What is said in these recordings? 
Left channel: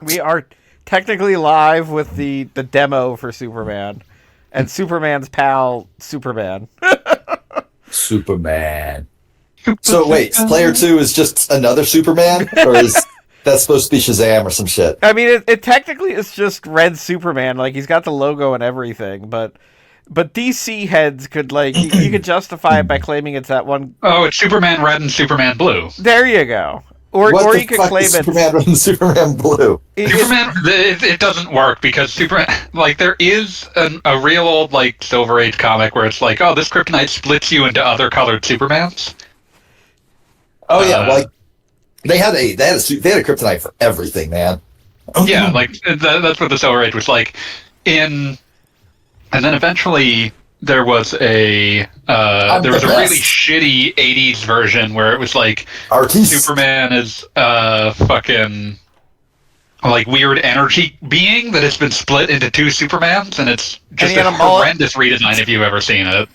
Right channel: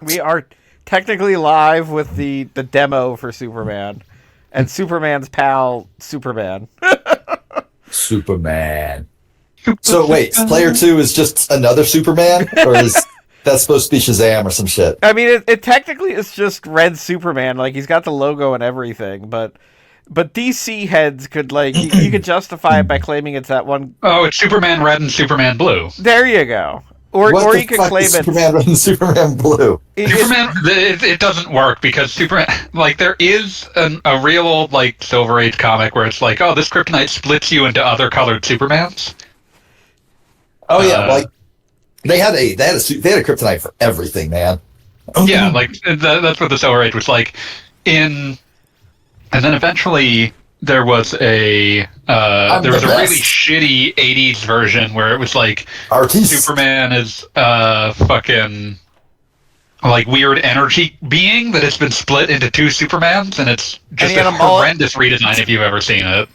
We are technically live with the demo for Superman, and Superman's pal, Superman. Superman. So wait, Player 2 is just another Superman? Or is that supposed to be Shazam or some shit? I mean, it technically is just Red Superman. Like, he's got the logo and everything, but DC heads could, like, you could justify it by claiming it's that one. Oh, it's Superman Red and Superman Blue. There you go. Or What you the could fuck claim is it's Superman Red and Superman Blue? Superman, it doesn't work because Superman, like, there is a real old, like, Silver Age comic where it's like, oh, this kryptonite splits you into other colored Supermans. Oh yeah, like they had a kryptonite for everything, man. Yeah, like that's what the Silver Age was like. And then eventually there was a really shitty '80s version where it was like Superman is fucking like weird energy being that has been split into two Supermans, and it's just a horrendous redesign if you've ever seen it.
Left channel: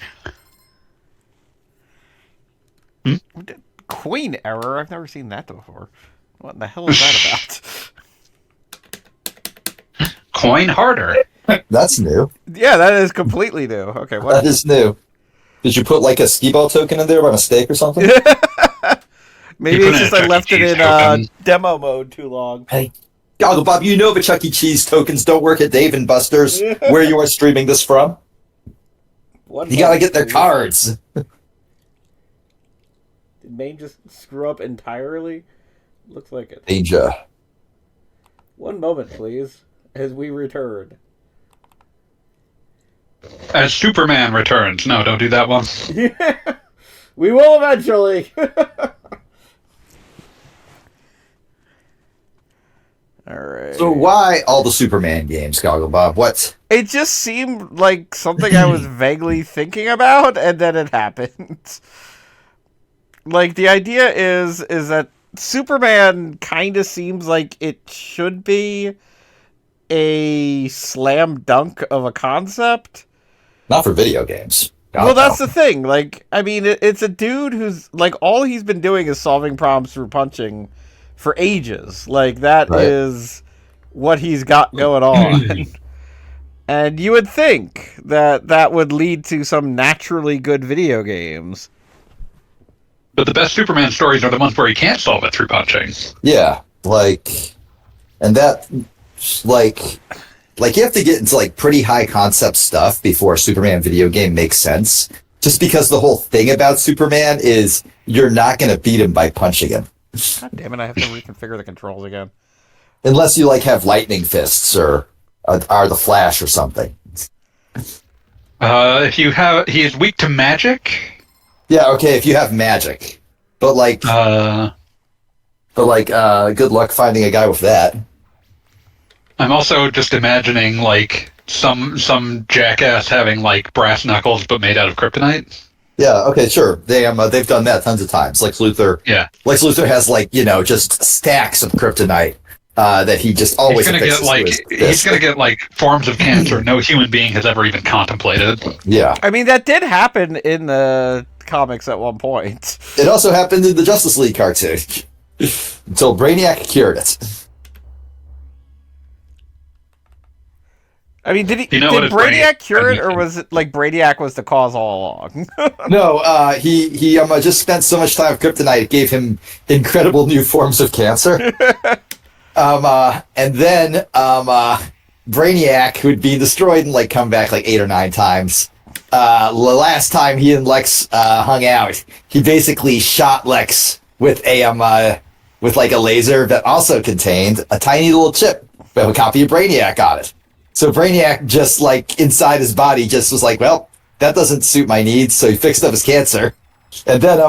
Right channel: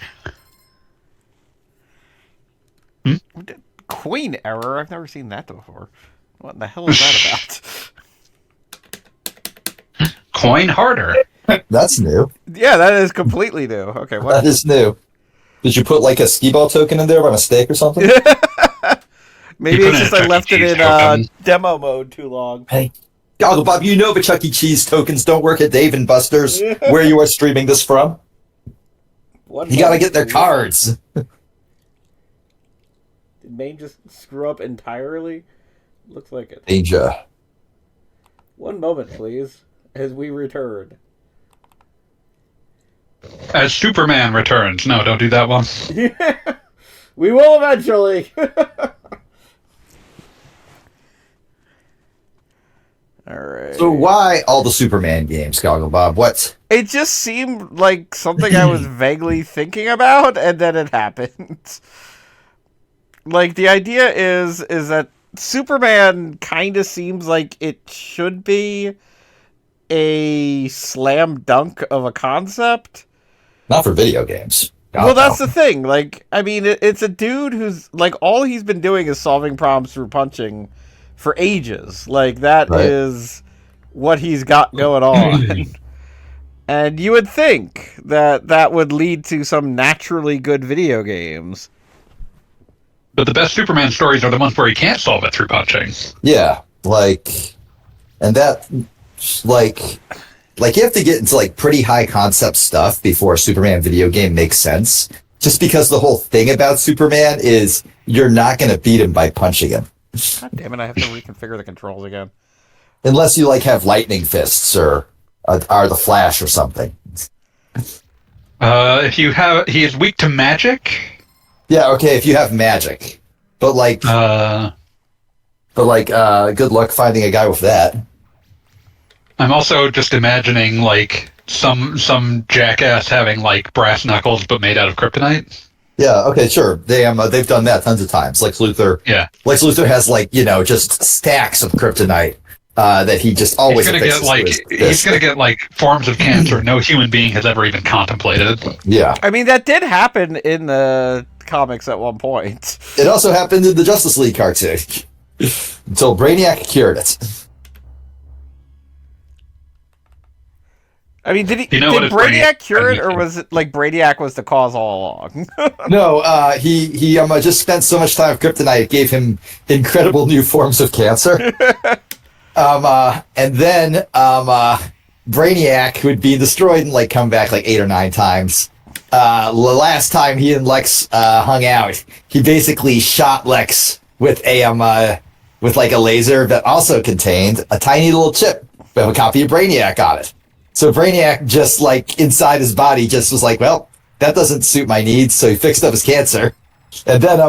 Queen error? I've never seen that before. What in the hell is that about? Coin harder. That's new. Yeah, that is completely new. Okay, what? That is new. Did you put like a skee-ball token in there by mistake or something? Maybe it's just I left it in demo mode too long. Hey, Goggle Bob, you know the Chuck E. Cheese tokens don't work at Dave and Buster's, where you are streaming this from. You gotta get their cards. Did Maine just screw up entirely? Looks like it. Danger. One moment, please, as we return. As Superman returns. No, don't do that one. We will eventually. Alright. So why all the Superman games, Goggle Bob? What? It just seemed like something I was vaguely thinking about, and then it happened. Like, the idea is that Superman kind of seems like it should be a slam dunk of a concept. Not for video games. Well, that's the thing. Like, I mean, it's a dude who's, like, all he's been doing is solving problems through punching for ages. Like, that is what he's got going on. And you would think that that would lead to some naturally good video games. But the best Superman stories are the ones where he can't solve it through punching. Yeah, like, and that, like you have to get into, like, pretty high concept stuff before a Superman video game makes sense. Just because the whole thing about Superman is you're not going to beat him by punching him. God damn it, I have to reconfigure the controls again. Unless you, like, have lightning fists or are the Flash or something. If you have, he is weak to magic. Yeah, okay, if you have magic. But good luck finding a guy with that. I'm also just imagining, like, some jackass having, like, brass knuckles but made out of kryptonite. Yeah, okay, sure. They've done that tons of times. Lex Luthor. Yeah. Lex Luthor has, like, just stacks of kryptonite that he just always he's gonna get like forms of cancer no human being has ever even contemplated. Yeah. I mean, that did happen in the comics at one point. It also happened in the Justice League cartoon. Until Brainiac cured it. I mean, did Brainiac cure it, or was it like Brainiac was the cause all along? No, he just spent so much time with kryptonite it gave him incredible new forms of cancer. And then Brainiac would be destroyed and like come back like 8 or 9 times. The last time he and Lex hung out, he basically shot Lex with a laser that also contained a tiny little chip with a copy of Brainiac on it. So Brainiac just like inside his body just was like, well, that doesn't suit my needs, so he fixed up his cancer. And then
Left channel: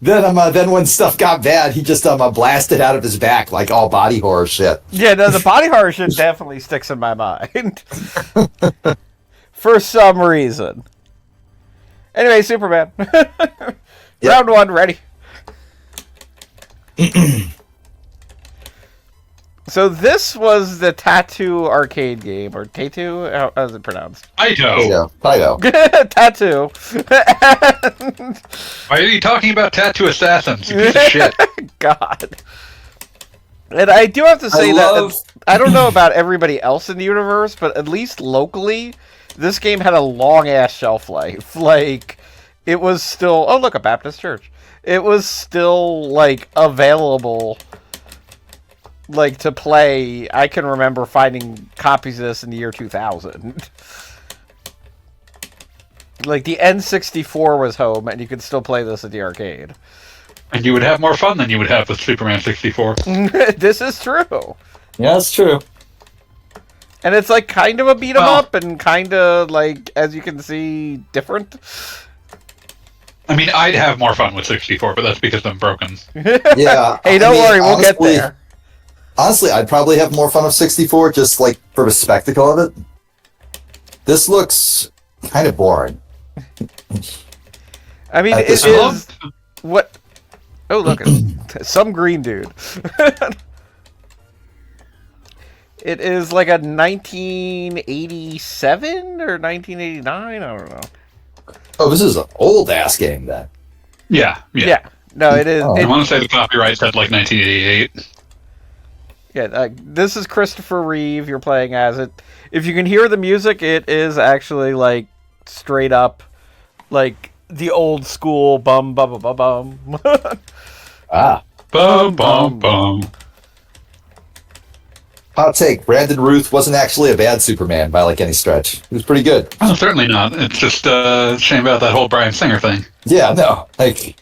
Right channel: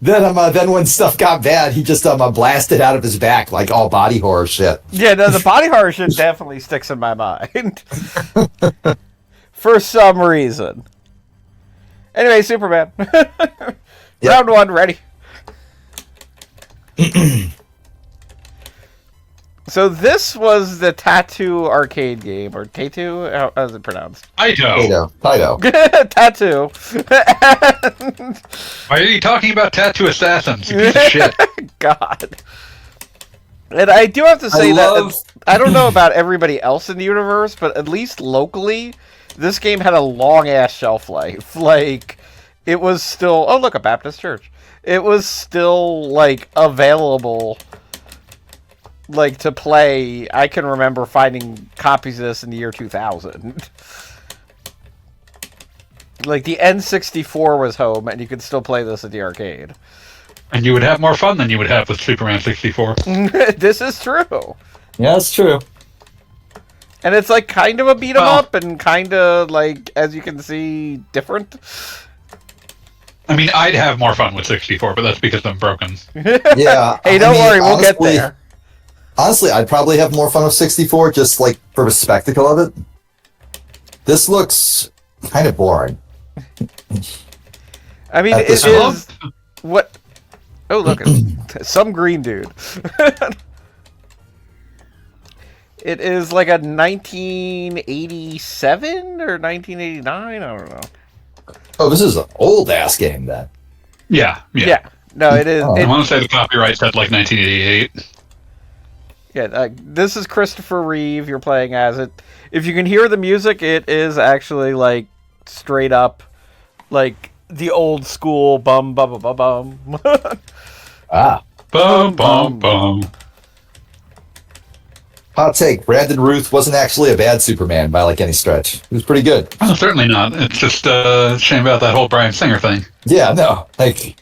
then when stuff got bad, he just blasted out of his back like all body horror shit. Yeah, no, the body horror shit definitely sticks in my mind. For some reason. Anyway, Superman. Round 1, ready. So this was the Tattoo arcade game, or Tattoo? How is it pronounced? Taito. Tattoo. Why are you talking about Tattoo Assassins? You piece of shit. God. And I do have to say love- that I don't know about everybody else in the universe, but at least locally, this game had a long ass shelf life. Like, it was still. Oh, look, a Baptist church. It was still like available, like to play. I can remember finding copies of this in the year 2000. Like the N64 was home, and you could still play this at the arcade. And you would have more fun than you would have with Superman 64. This is true. Yeah, that's true. And it's like kind of a beat 'em up, and kind of like, as you can see, different. I mean, I'd have more fun with 64, but that's because I'm broken. Yeah. Hey, don't worry, we'll get there. Honestly, I'd probably have more fun with 64, just like for the spectacle of it. This looks kind of boring. I mean, At it this is what. Oh, look, some green dude. It is like a 1987 or 1989. I don't know. Oh, this is an old ass game then. Yeah. Yeah. No, it is. Oh. I want to say the copyright said like 1988. Yeah, this is Christopher Reeve. You're playing as it. If you can hear the music, it is actually like straight up, like the old school bum bum bum bum bum. Ah. Bum, bum, bum. Hot take. Brandon Ruth wasn't actually a bad Superman by like any stretch. He was pretty good. Oh, certainly not. It's just a shame about that whole Bryan Singer thing. Yeah, no. Like,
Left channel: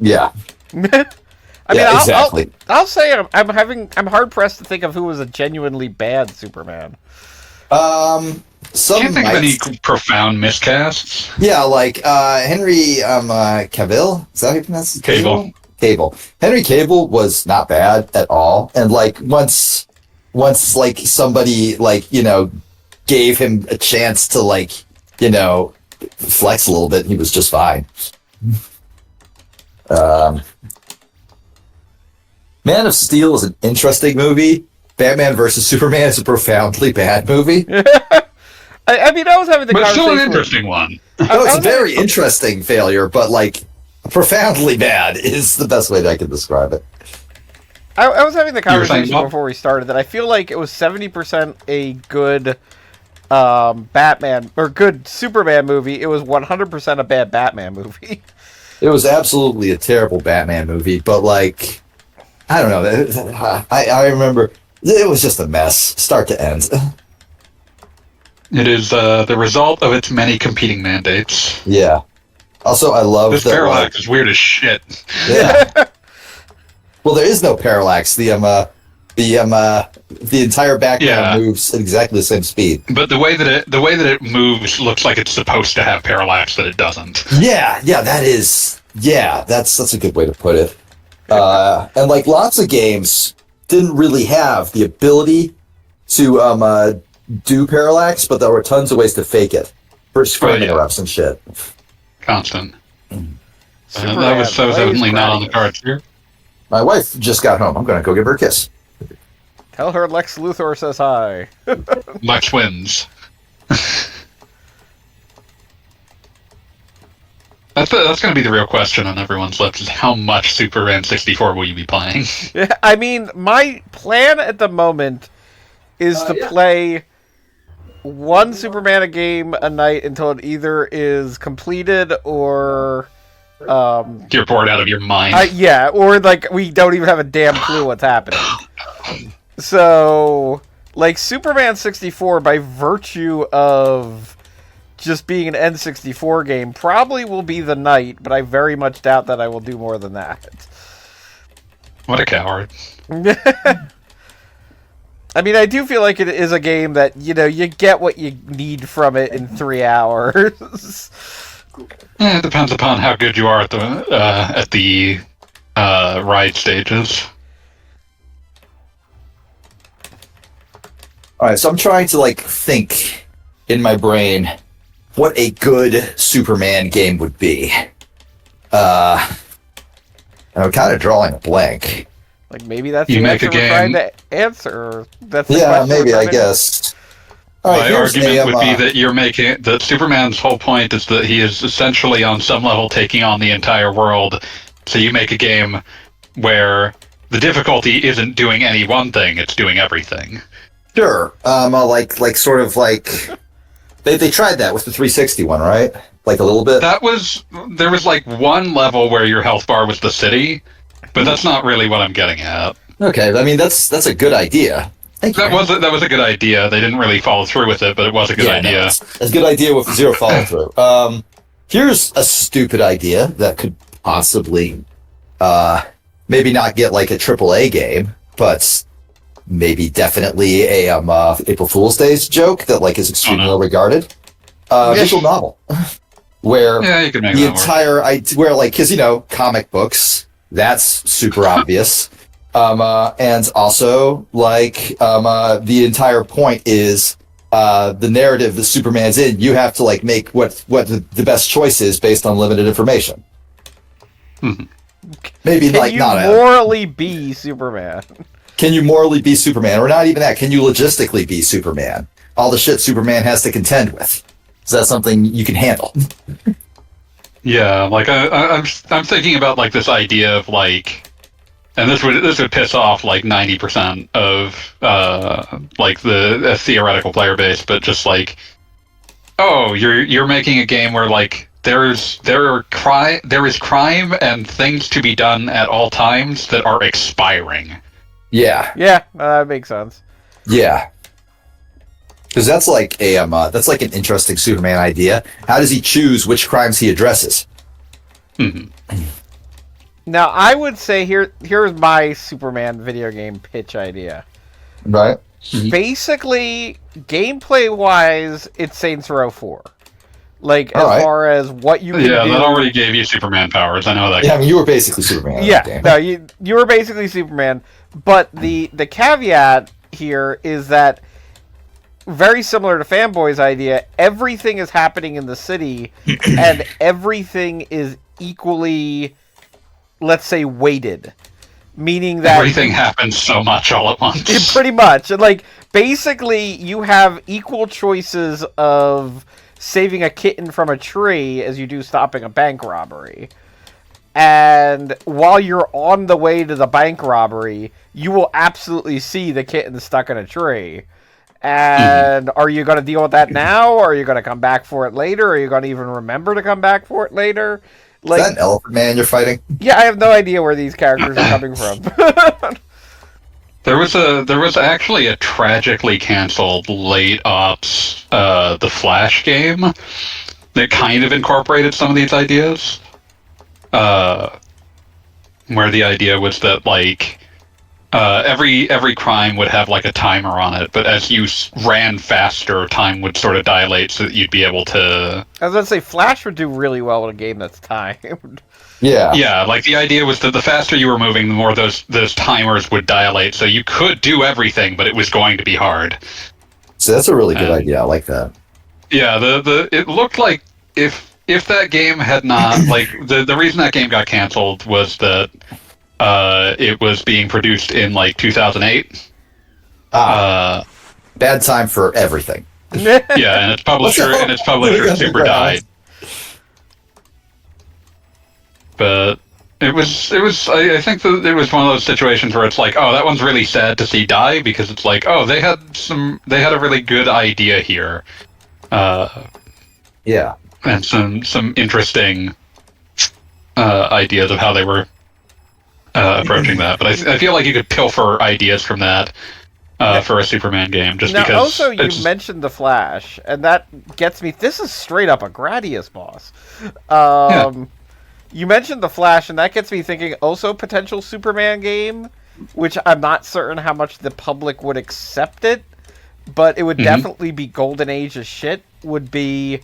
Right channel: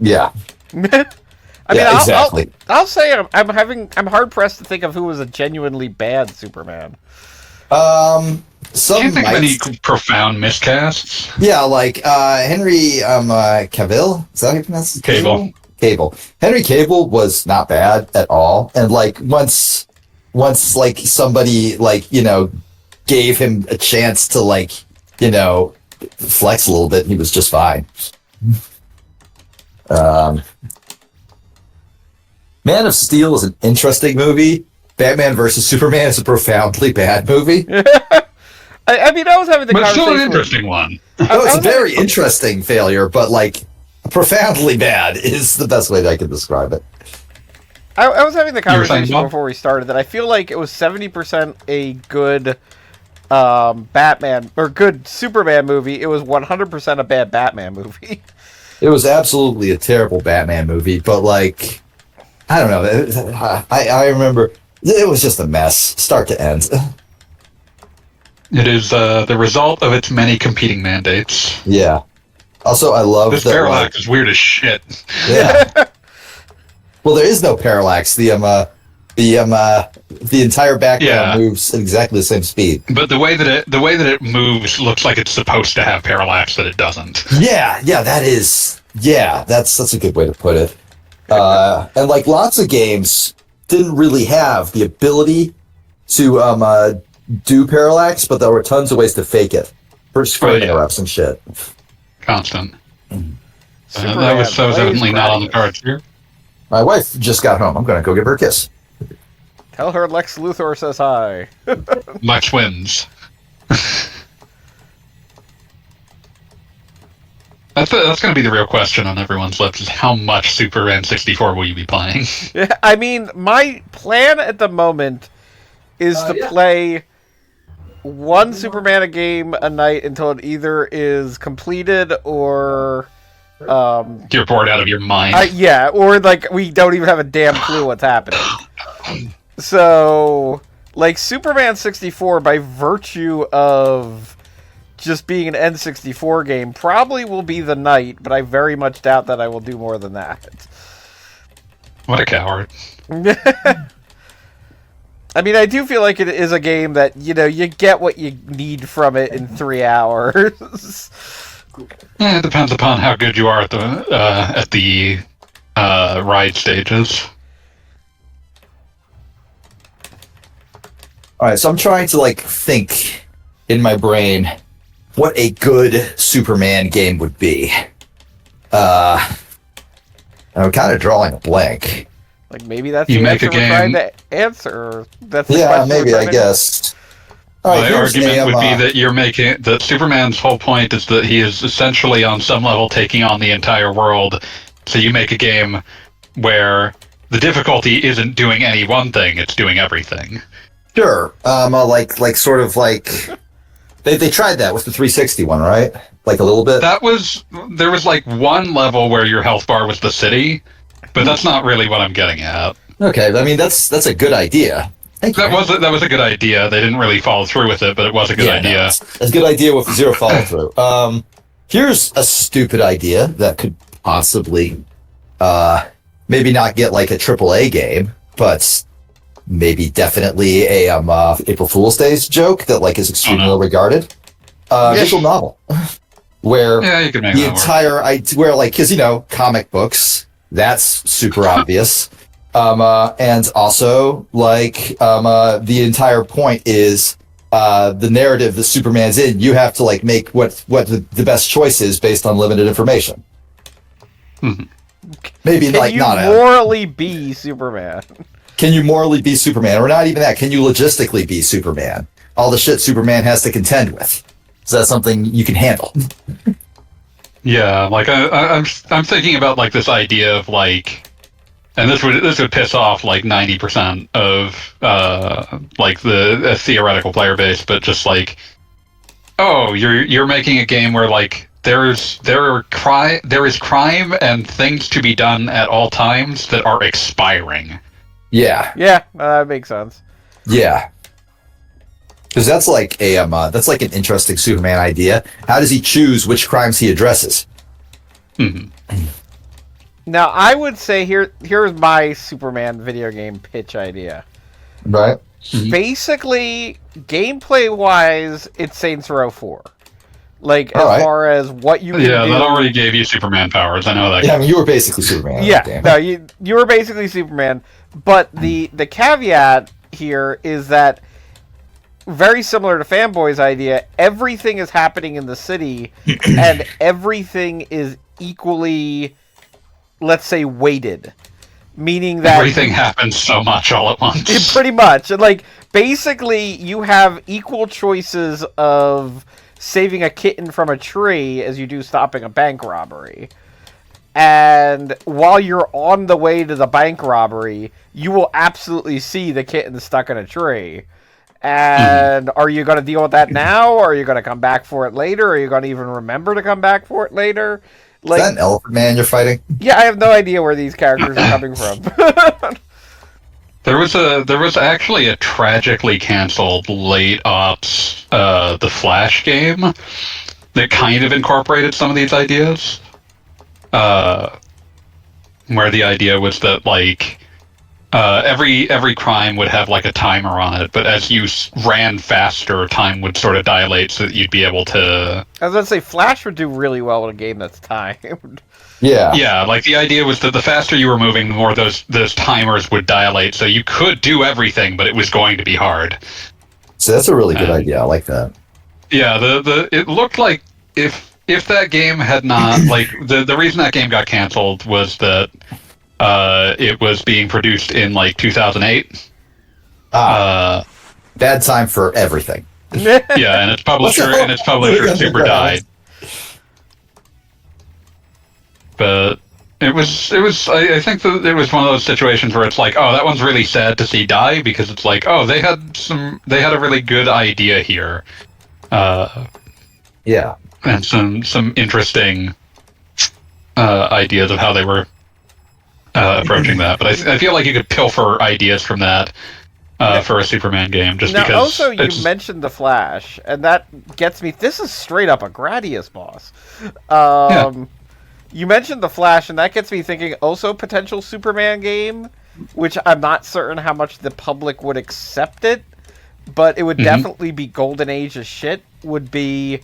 yeah. I mean, Yeah, exactly. I'll say I'm hard pressed to think of who was a genuinely bad Superman. Some Can't think of might- any profound miscasts. Yeah, like Henry Cavill. Is that how you pronounce it? Cable. Cable. Henry Cable was not bad at all, and like once like somebody like gave him a chance to like flex a little bit, he was just fine. Man of Steel is an interesting movie. Batman versus Superman is a profoundly bad movie. I mean, I was having the But conversation. still an interesting one. No, it's I a very interesting failure, but like profoundly bad is the best way that I can describe it. I was having the were saying, conversation Bob? before we started that I feel like it was 70% a good Batman or good Superman movie. It was 100% a bad Batman movie. It was absolutely a terrible Batman movie, but like, I don't know. I remember it was just a mess, start to end. It is the result of its many competing mandates. Yeah. Also, I love This that. parallax is weird as shit. Yeah. Well, there is no parallax. The entire background Yeah. moves at exactly the same speed. But the way that it moves looks like it's supposed to have parallax, but it doesn't. Yeah, that's a good way to put it. And like lots of games didn't really have the ability to do parallax, but there were tons of ways to fake it for screen yeah. interrupts and shit. Constant. Superman That was so plays certainly not on the Gradius. cards here. My wife just got home. I'm gonna go give her a kiss. Tell her Lex Luthor says hi. Lex wins. That's going to be the real question on everyone's lips: is how much Superman 64 will you be playing? Yeah, I mean, my plan at the moment is to play one Superman a game a night until it either is completed or You're bored out of your mind. yeah, or like we don't even have a damn clue what's happening. So, like Superman 64, by virtue of just being an N64 game, probably will be the night, but I very much doubt that I will do more than that. What a coward. I mean, I do feel like it is a game that, you get what you need from it in 3 hours. Yeah, it depends upon how good you are at the ride stages. All right, so I'm trying to like think in my brain what a good Superman game would be. I'm kind of drawing a blank. Like, maybe that's You the make answer a we're game. trying to answer. That's the Yeah, question we're maybe trying I to- guess. All right, My here's argument would a, be that you're making that Superman's whole point is that he is essentially on some level taking on the entire world. So you make a game where the difficulty isn't doing any one thing; it's doing everything. Sure. Like sort of like they tried that with the 360 one, right? Like a little bit. There was like one level where your health bar was the city, but that's not really what I'm getting at. Okay, I mean that's a good idea. Thank you. That was a good idea. They didn't really follow through with it, but it was a good idea. No, it's a good idea with zero follow through. Here's a stupid idea that could possibly, maybe not get like a AAA game, but maybe definitely a April Fool's Day's joke that like is extremely well regarded. Visual novel, where you could make the that entire where like because comic books, that's super obvious. And also, like, the entire point is the narrative that Superman's in. You have to like make what the best choice is based on limited information. Mm-hmm. Maybe Can like you not morally be Superman? Can you morally be Superman, or not even that? Can you logistically be Superman? All the shit Superman has to contend with. Is that something you can handle? Yeah, like I'm thinking about like this idea of like. And this would piss off like 90% of like the theoretical player base, but just like, oh, you're making a game where like there is crime and things to be done at all times that are expiring. Yeah. Yeah, that makes sense. Yeah. Because that's like that's like an interesting Superman idea. How does he choose which crimes he addresses? Mm-hmm. Now, I would say here's my Superman video game pitch idea. Right. Basically, gameplay-wise, it's Saints Row 4. Like, as far as what you can do... Yeah, that already gave you Superman powers. I know that. Yeah, I mean, you were basically Superman. Yeah, no, you were basically Superman. But the caveat here is that, very similar to Fanboy's idea, everything is happening in the city, and everything is equally... let's say weighted, meaning that everything happens so much all at once. Pretty much, and like basically, you have equal choices of saving a kitten from a tree as you do stopping a bank robbery. And while you're on the way to the bank robbery, you will absolutely see the kitten stuck in a tree. And are you going to deal with that now, or are you going to come back for it later? Or are you going to even remember to come back for it later? Like, is that an elephant man you're fighting? Yeah, I have no idea where these characters are coming from. There was actually a tragically canceled late ops The Flash game that kind of incorporated some of these ideas. Where the idea was that like every crime would have like a timer on it, but as you ran faster, time would sort of dilate so that you'd be able to... I was going to say, Flash would do really well in a game that's timed. Yeah. Yeah, like the idea was that the faster you were moving, the more those timers would dilate, so you could do everything, but it was going to be hard. So that's a really good idea. I like that. Yeah, it looked like if that game had not... like, the reason that game got canceled was that it was being produced in like 2008. Bad time for everything. Yeah, and its publisher super died. But it was I think that it was one of those situations where it's like, oh, that one's really sad to see die, because it's like, oh, they had a really good idea here. Yeah. And some interesting ideas of how they were approaching that, but I feel like you could pilfer ideas from that for a Superman game, just now, because. Also, you mentioned the Flash, and that gets me. This is straight up a Gradius boss. You mentioned the Flash, and that gets me thinking. Also, potential Superman game, which I'm not certain how much the public would accept it, but it would definitely be Golden Age as shit. Would be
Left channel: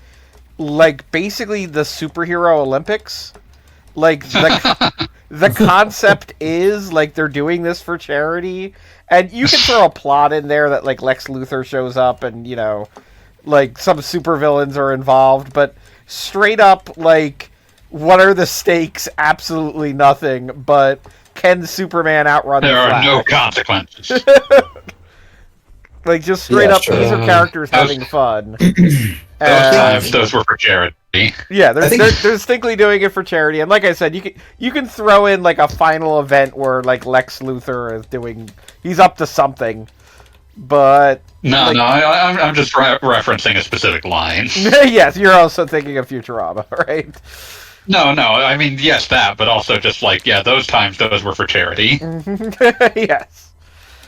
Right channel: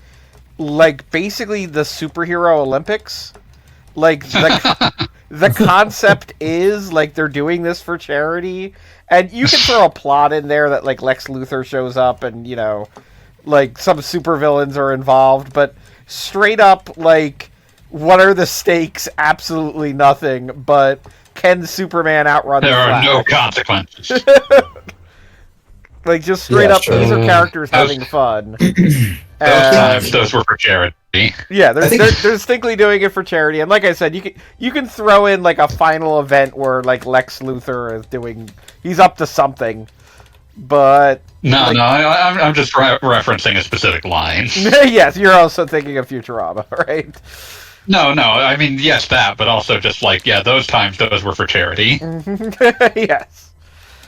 like basically the superhero Olympics. Like, the concept is, like, they're doing this for charity, and you can throw a plot in there that, like, Lex Luthor shows up and, you know, like, some supervillains are involved, but straight up, like, what are the stakes? Absolutely nothing, but can Superman outrun the Flash? There are no consequences. Like, just straight up, these are characters having fun. Those were for charity. Yeah, they're distinctly doing it for charity, and like I said, you can throw in like a final event where like Lex Luthor is he's up to something, but I'm just referencing a specific line. Yes, you're also thinking of Futurama, right? No, I mean yes that, but also just like those times those were for charity. Yes.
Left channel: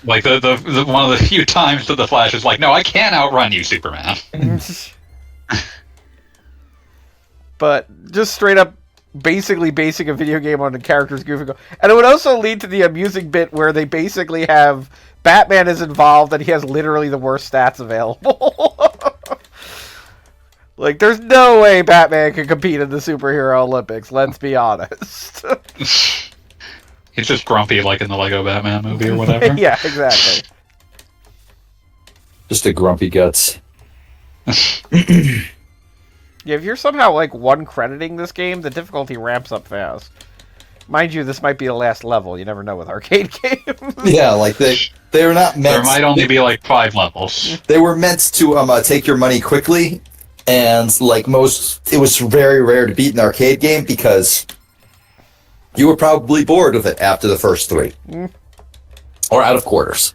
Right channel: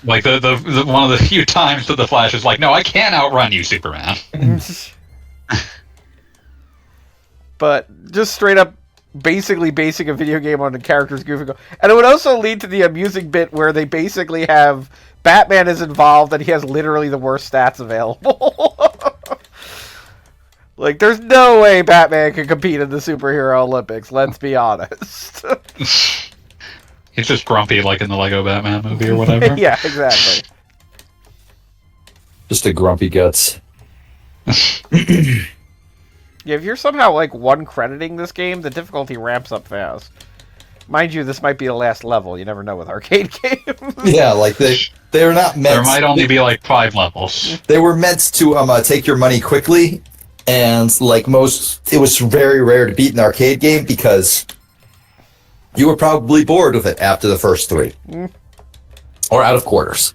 Like the one of the few times that the Flash is like, no, I can't outrun you, Superman. But just straight up basically basing a video game on the characters goofing. And it would also lead to the amusing bit where they basically have Batman is involved and he has literally the worst stats available. Like, there's no way Batman can compete in the superhero Olympics, let's be honest. He's just grumpy like in the Lego Batman movie or whatever. Yeah, exactly. Just a grumpy guts. Yeah, if you're somehow, like, one-crediting this game, the difficulty ramps up fast. Mind you, this might be the last level. You never know with arcade games. Yeah, like, they're not meant... There might only be, like, 5 levels. They were meant to take your money quickly, and, like, it was very rare to beat an arcade game because you were probably bored with it after the first 3. Or out of quarters.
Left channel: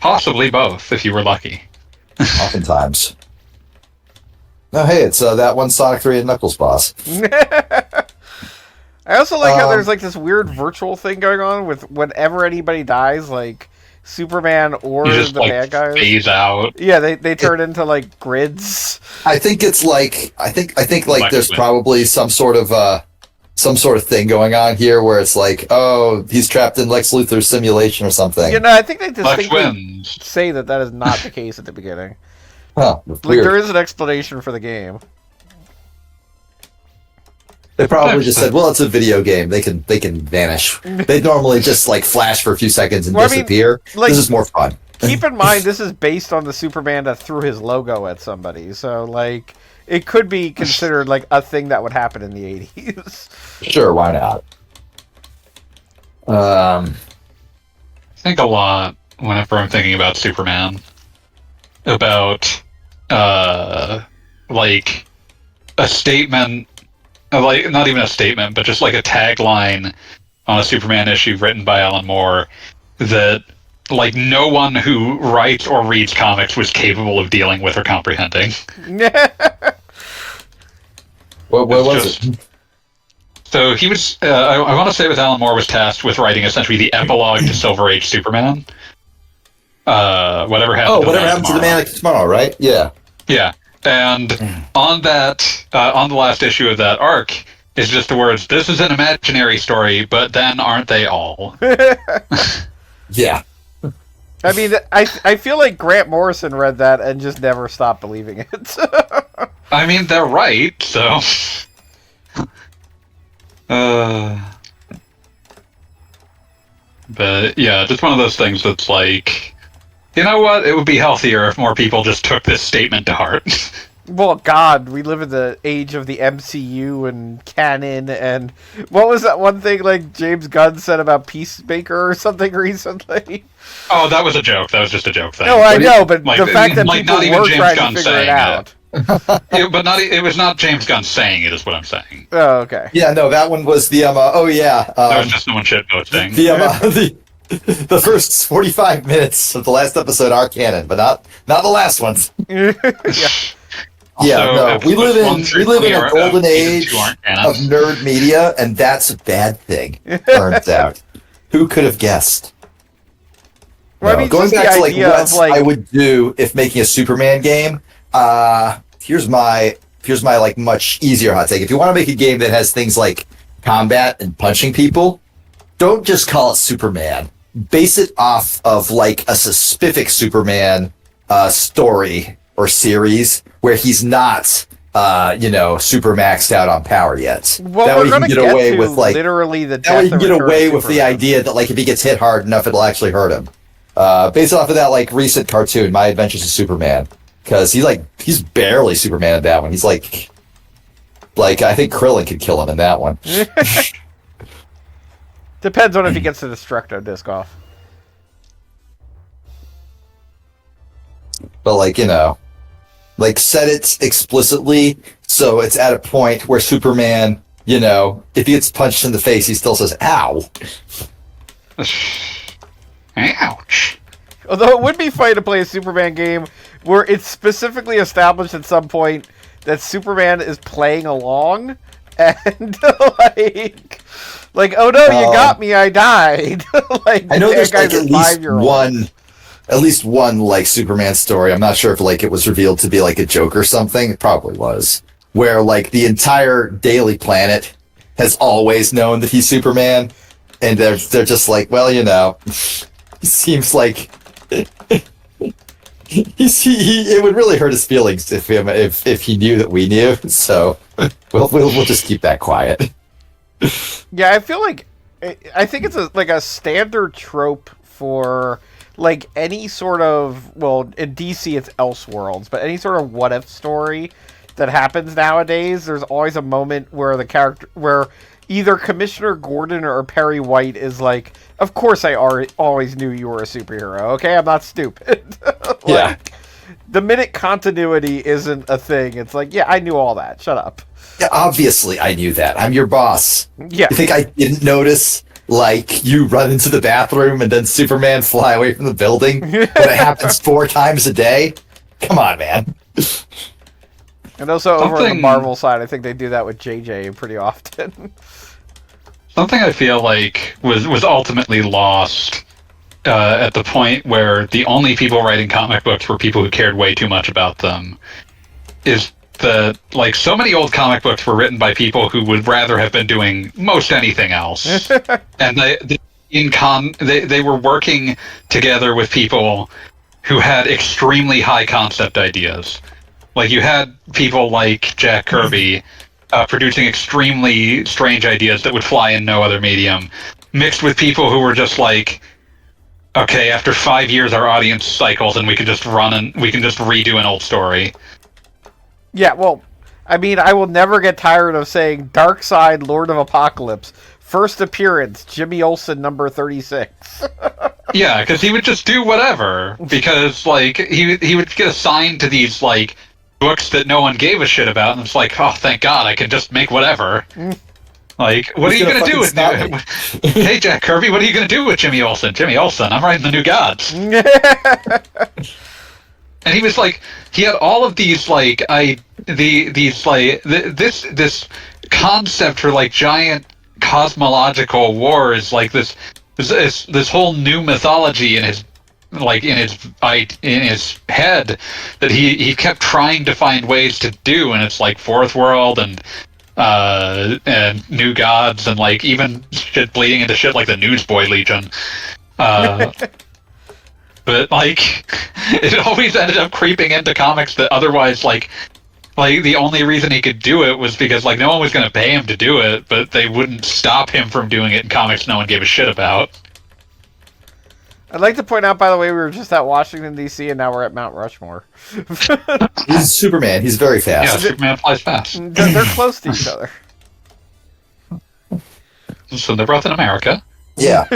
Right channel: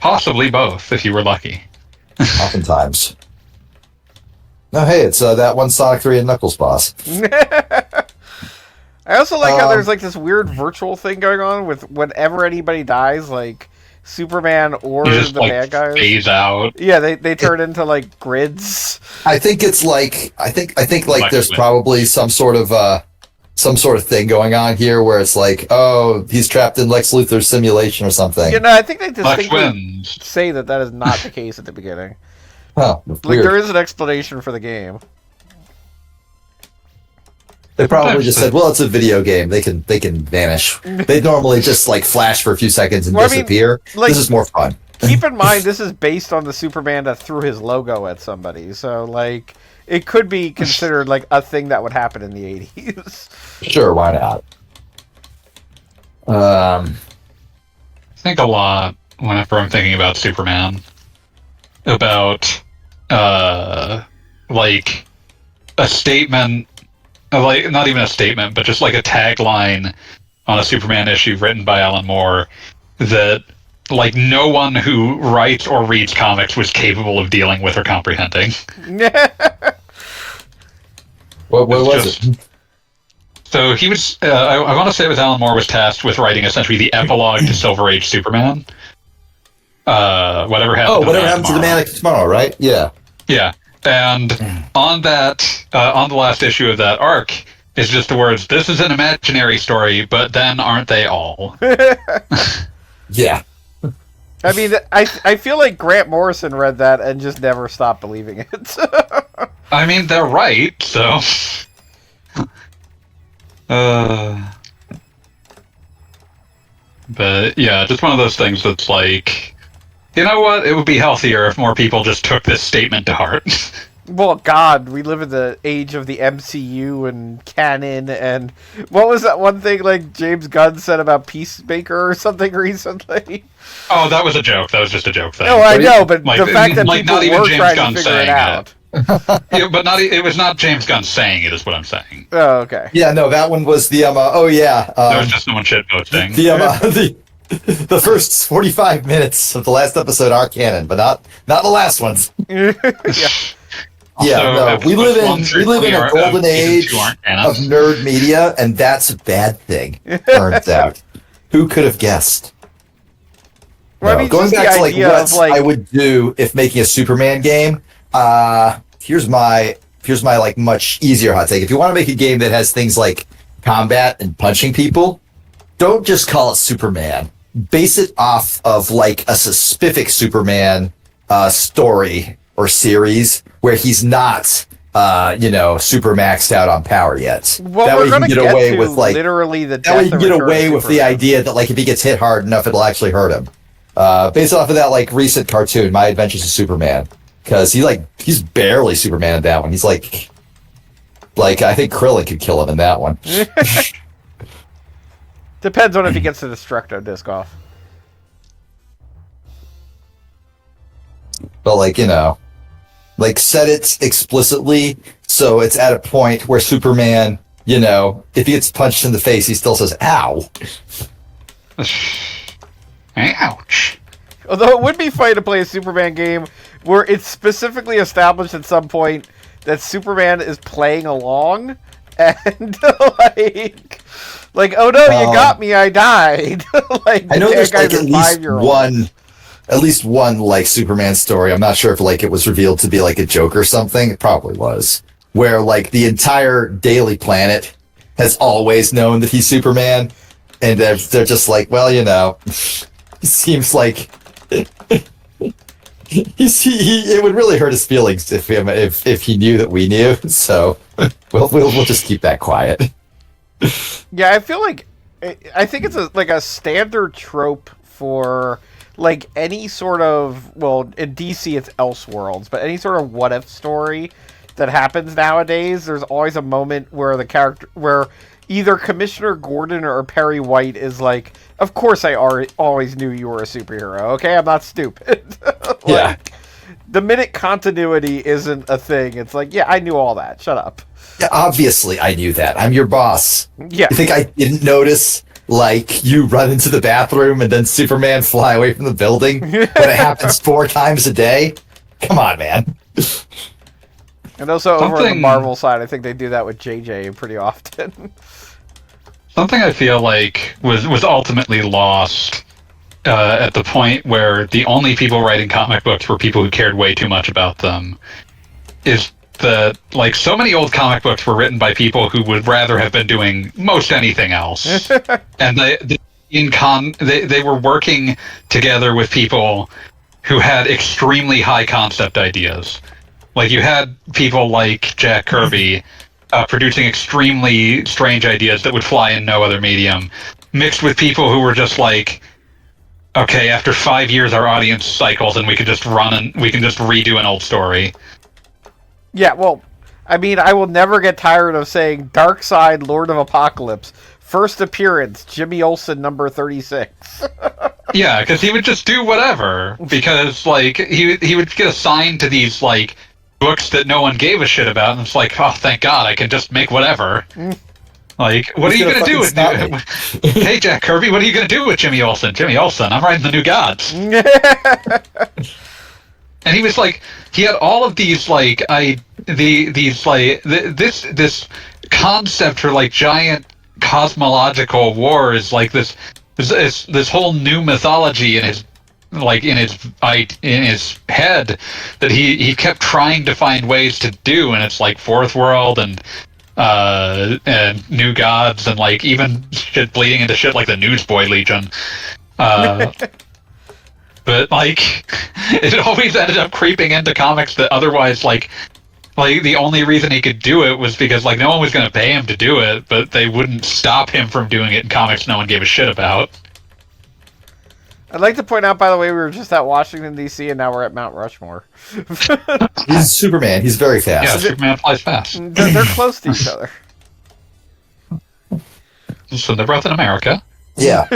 Possibly both, if you were lucky. Oftentimes. No, hey, it's that one Sonic 3 and Knuckles boss. I also like how there's like this weird virtual thing going on with whenever anybody dies, like Superman or just, the like, bad guys phase out. Yeah, they turn into like grids. I think it's like I think like there's Wins. probably some sort of thing going on here where it's like, oh, he's trapped in Lex Luthor's simulation or something. You know, I think they distinctly wins. say that is not the case at the beginning. Huh, Like, weird. there is an explanation for the game. They probably just said, well, it's a video game. They can vanish. They normally just like flash for a few seconds and Well, I mean, disappear. like- This is more fun. Keep in mind, this is based on the Superman that threw his logo at somebody, so like it could be considered like a thing that would happen in the 80s. Sure, why not? I think a lot whenever I'm thinking about Superman. About, like, a statement, like, not even a statement, but just like a tagline on a Superman issue written by Alan Moore that, like, no one who writes or reads comics was capable of dealing with or comprehending. What was it? So he was, I want to say it was Alan Moore was tasked with writing essentially the epilogue to Silver Age Superman. Whatever happened to the Man of Tomorrow, right? Yeah. Yeah. And on that, on the last issue of that arc, is just the words, this is an imaginary story, but then aren't they all? Yeah. I mean, I feel like Grant Morrison read that and just never stopped believing it. I mean, they're right, so... But, yeah, just one of those things that's like... You know what? It would be healthier if more people just took this statement to heart. Well, God, we live in the age of the MCU and canon, and what was that one thing like James Gunn said about Peacemaker or something recently? Oh, that was a joke. That was just a joke thing. No, I know, but like, the fact that like, people not even were James trying Gunn to figure it saying out. Yeah, but it was not James Gunn saying it, is what I'm saying. Oh, okay. Yeah, no, that one was the That was just someone shitposting. The first 45 minutes of the last episode are canon, but not the last ones. Yeah. Yeah, no, we live in a golden age of of nerd media, and that's a bad thing. Turns out, who could have guessed? Well, No, I mean, going just back the to idea what of like I would do if making a Superman game. Here's my like much easier hot take. If you want to make a game that has things like combat and punching people, don't just call it Superman. Base it off of like a specific Superman story or series where he's not, super maxed out on power yet. well, That we're way you going can to get get away to with like literally the that way you death can and get return away of with the Superman. idea that like if he gets hit hard enough, it'll actually hurt him. Based off of that like recent cartoon, My Adventures of Superman, because he's barely Superman in that one. He's like I think Krillin could kill him in that one. Depends on if he gets the Destructo disc off. But like Like, set it explicitly so it's at a point where Superman, if he gets punched in the face, he still says, ow. Ouch. Although it would be funny to play a Superman game where it's specifically established at some point that Superman is playing along, and like, oh no, you got me, I died. Like, I know there's like at least one like Superman story. I'm not sure if like it was revealed to be like a joke or something. It probably was. Where like the entire Daily Planet has always known that he's Superman, and they're just like, well, it seems like it would really hurt his feelings if he knew that we knew. So we'll just keep that quiet. Yeah, I feel like I think it's a standard trope for like any sort of, well, in DC it's Elseworlds, but any sort of what if story that happens nowadays, there's always a moment where where either Commissioner Gordon or Perry White is like, of course I always knew you were a superhero, okay? I'm not stupid. Yeah. The minute continuity isn't a thing, it's like, yeah, I knew all that. Shut up. Yeah, obviously I knew that. I'm your boss. Yeah. You think I didn't notice, like, you run into the bathroom and then Superman fly away from the building? But it happens 4 times a day? Come on, man. And also over on the Marvel side, I think they do that with JJ pretty often. Something I feel like was ultimately lost at the point where the only people writing comic books were people who cared way too much about them is that, like, so many old comic books were written by people who would rather have been doing most anything else. And they were working together with people who had extremely high concept ideas. Like, you had people like Jack Kirby producing extremely strange ideas that would fly in no other medium, mixed with people who were just like, okay, after 5 years our audience cycles and we can just redo an old story. Yeah, well, I mean, I will never get tired of saying Darkseid, Lord of Apocalypse, first appearance, Jimmy Olsen, number 36. Yeah, because he would just do whatever, because, like, he would get assigned to these, like, books that no one gave a shit about, and it's like, oh, thank God, I can just make whatever. Like, what are you going to do with Hey, Jack Kirby, what are you going to do with Jimmy Olsen? Jimmy Olsen, I'm writing the New Gods. And he was like, he had all of these, like, this concept for, like, giant cosmological wars, like this whole new mythology in his head that he kept trying to find ways to do, and it's like Fourth World and New Gods, and like even shit bleeding into shit like the Newsboy Legion. But like it always ended up creeping into comics that otherwise like the only reason he could do it was because like no one was going to pay him to do it, but they wouldn't stop him from doing it in comics no one gave a shit about. I'd like to point out, by the way, we were just at Washington, D.C., and now we're at Mount Rushmore. He's Superman. He's very fast. Yeah, Superman flies fast. They're close to each other. So they're both in America. Yeah.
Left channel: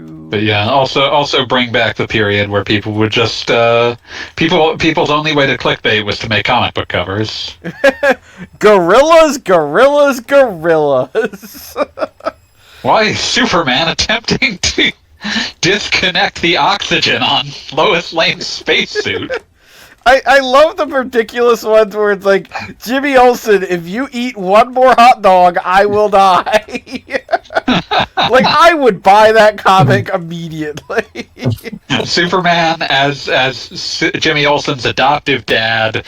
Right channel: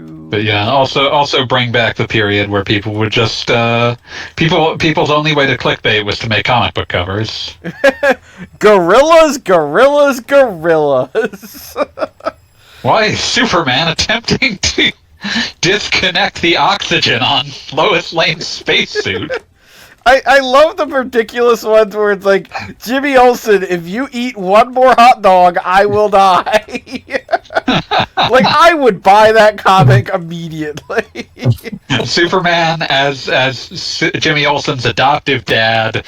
But yeah, also bring back the period where people would just people's only way to clickbait was to make comic book covers. Gorillas. Why is Superman attempting to disconnect the oxygen on Lois Lane's spacesuit? I love the ridiculous ones where it's like, Jimmy Olsen, if you eat one more hot dog, I will die. Like, I would buy that comic immediately. Superman as Jimmy Olsen's adoptive dad,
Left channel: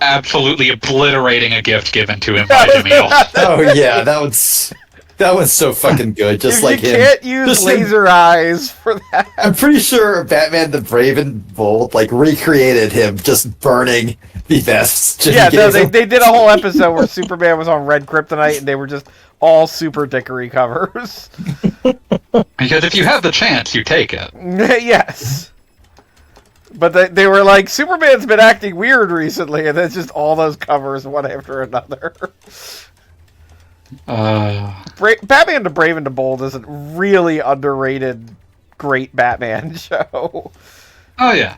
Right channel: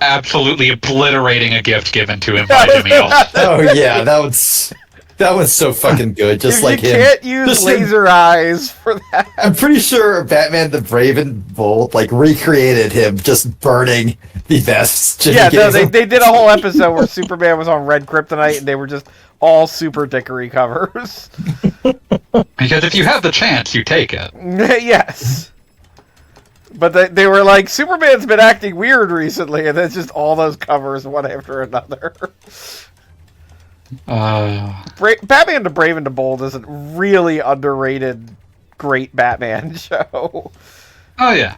absolutely obliterating a gift given to him by Jimmy Olsen. Oh yeah, that was so fucking good. Just if like you him. Can't use laser eyes for that. I'm pretty sure Batman the Brave and Bold like recreated him just burning the vests. Yeah, no, they did a whole episode where Superman was on red kryptonite and they were just all super dickery covers. Because if you have the chance, you take it. Yes. But they were like, Superman's been acting weird recently, and it's just all those covers one after another. Batman the Brave and the Bold is a really underrated, great Batman show. Oh yeah.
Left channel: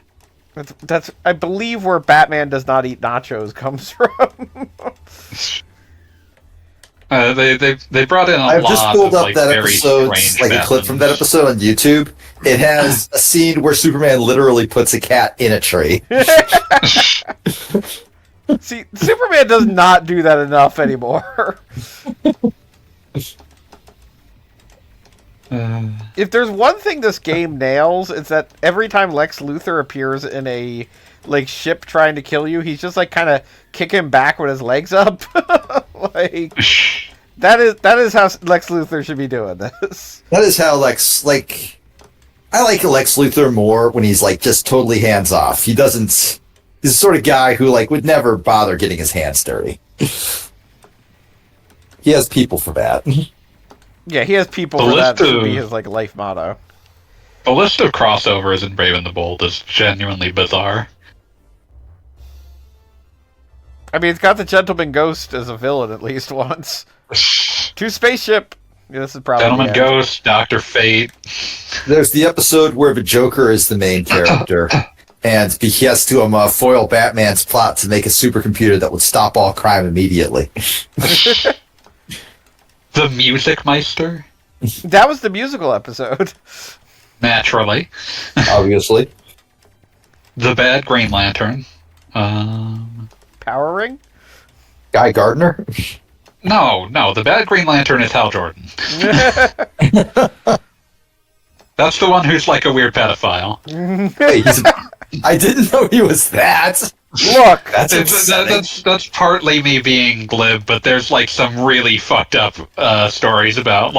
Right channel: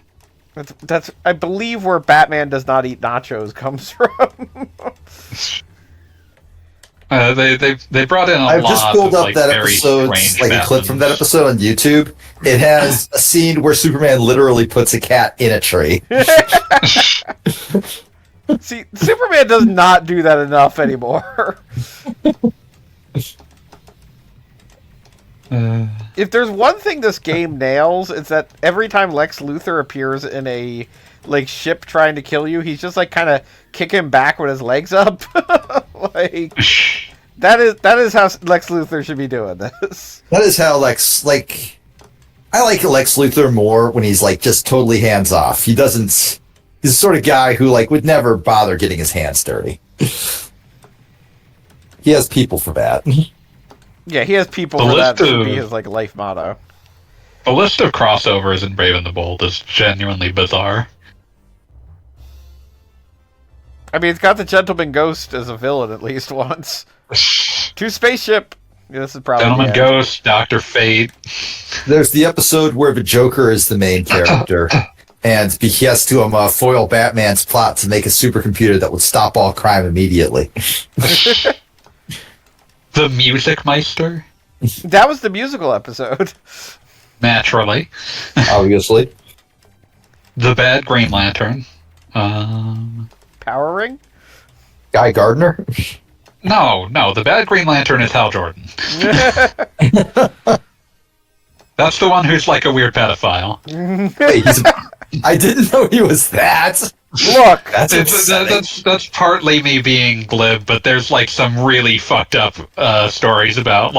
That's I believe where Batman does not eat nachos comes from. They brought in a I've lot just pulled of, up like, that very episode, strange like a clip from that Batmans. episode on YouTube. It has a scene where Superman literally puts a cat in a tree. See, Superman does not do that enough anymore. If there's one thing this game nails, it's that every time Lex Luthor appears in a ship trying to kill you, he's just kind of kicking back with his legs up. That is how Lex Luthor should be doing this. That is how Lex, I like Lex Luthor more when he's just totally hands off. He's the sort of guy who would never bother getting his hands dirty. He has people for that. Yeah, he has people for that. Should be his life motto. The list of crossovers in Brave and the Bold is genuinely bizarre. I mean, it's got the Gentleman Ghost as a villain at least once. To Spaceship. Yeah, this is probably Gentleman Ghost, Dr. Fate. There's the episode where the Joker is the main character, and he has to foil Batman's plot to make a supercomputer that would stop all crime immediately. The Music Meister. That was the musical episode. Naturally. Obviously. The Bad Green Lantern. Power Ring? Guy Gardner? No, the Bad Green Lantern is Hal Jordan. That's the one who's a weird pedophile. Wait, I didn't know he was that. Look, that's partly me being glib, but there's some really fucked up stories about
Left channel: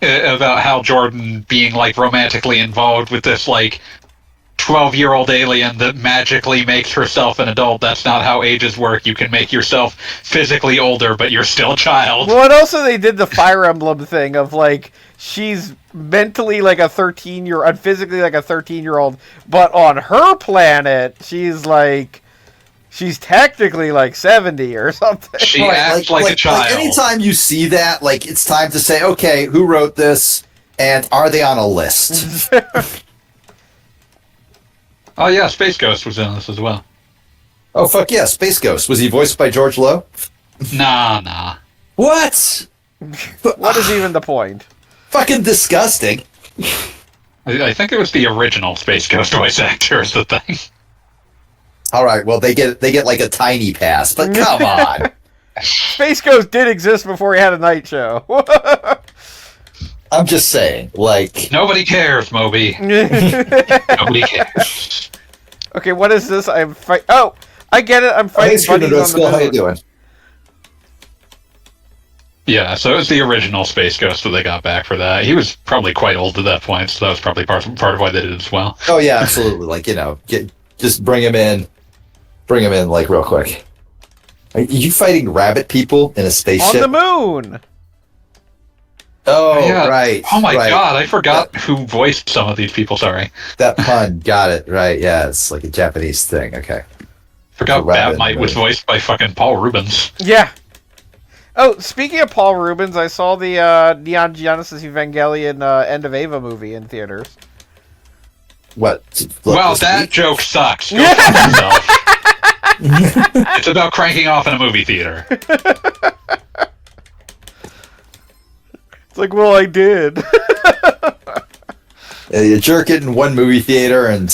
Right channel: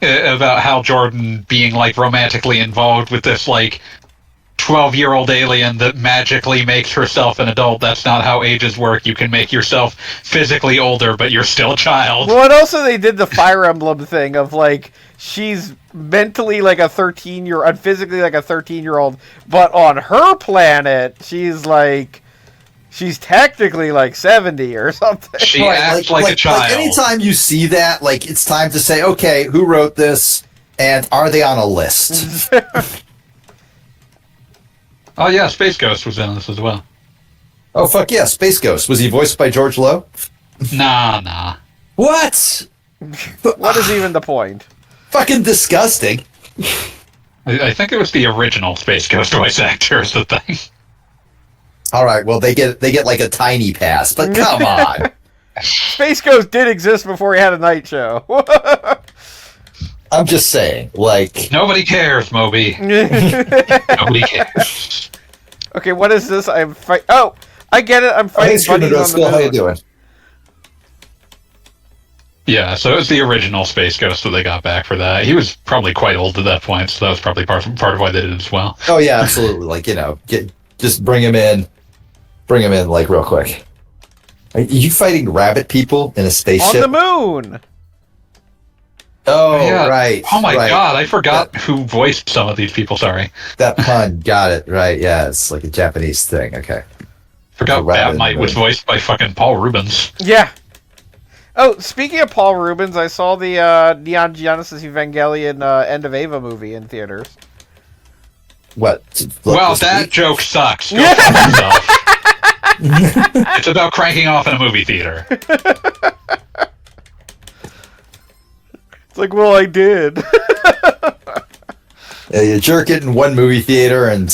about Hal Jordan being romantically involved with this 12-year-old alien that magically makes herself an adult. That's not how ages work. You can make yourself physically older, but you're still a child. Well, and also they did the Fire Emblem thing of she's mentally a 13-year-old, physically a 13-year-old, but on her planet she's technically 70 or something. She acts like a child. Anytime you see that, it's time to say, okay, who wrote this, and are they on a list? Oh yeah, Space Ghost was in this as well. Oh fuck yeah, Space Ghost. Was he voiced by George Lowe? Nah. What? What is even the point? Fucking disgusting. I think it was the original Space Ghost voice actor is the thing. All right, well they get a tiny pass, but come on. Space Ghost did exist before he had a night show. I'm just saying, Nobody cares, Moby. Nobody cares. Okay, what is this? Oh, I get it. I'm fighting buddies on the moon. How you doing? Yeah, so it was the original Space Ghost that they got back for that. He was probably quite old at that point, so that was probably part of why they did it as well. Oh yeah, absolutely. Just bring him in real quick. Are you fighting rabbit people in a spaceship? On the moon! Oh, yeah. Right. Oh my right. god, I forgot who voiced some of these people, sorry. That pun, got it, right, yeah, it's a Japanese thing, okay. Forgot Batmite was voiced by fucking Paul Rubens. Yeah. Oh, speaking of Paul Rubens, I saw the Neon Genesis Evangelion End of Ava movie in theaters. What? Well, that joke sucks. Go fuck yourself. It's about cranking off in a movie theater. It's well, I did. Yeah, you jerk it in one movie theater and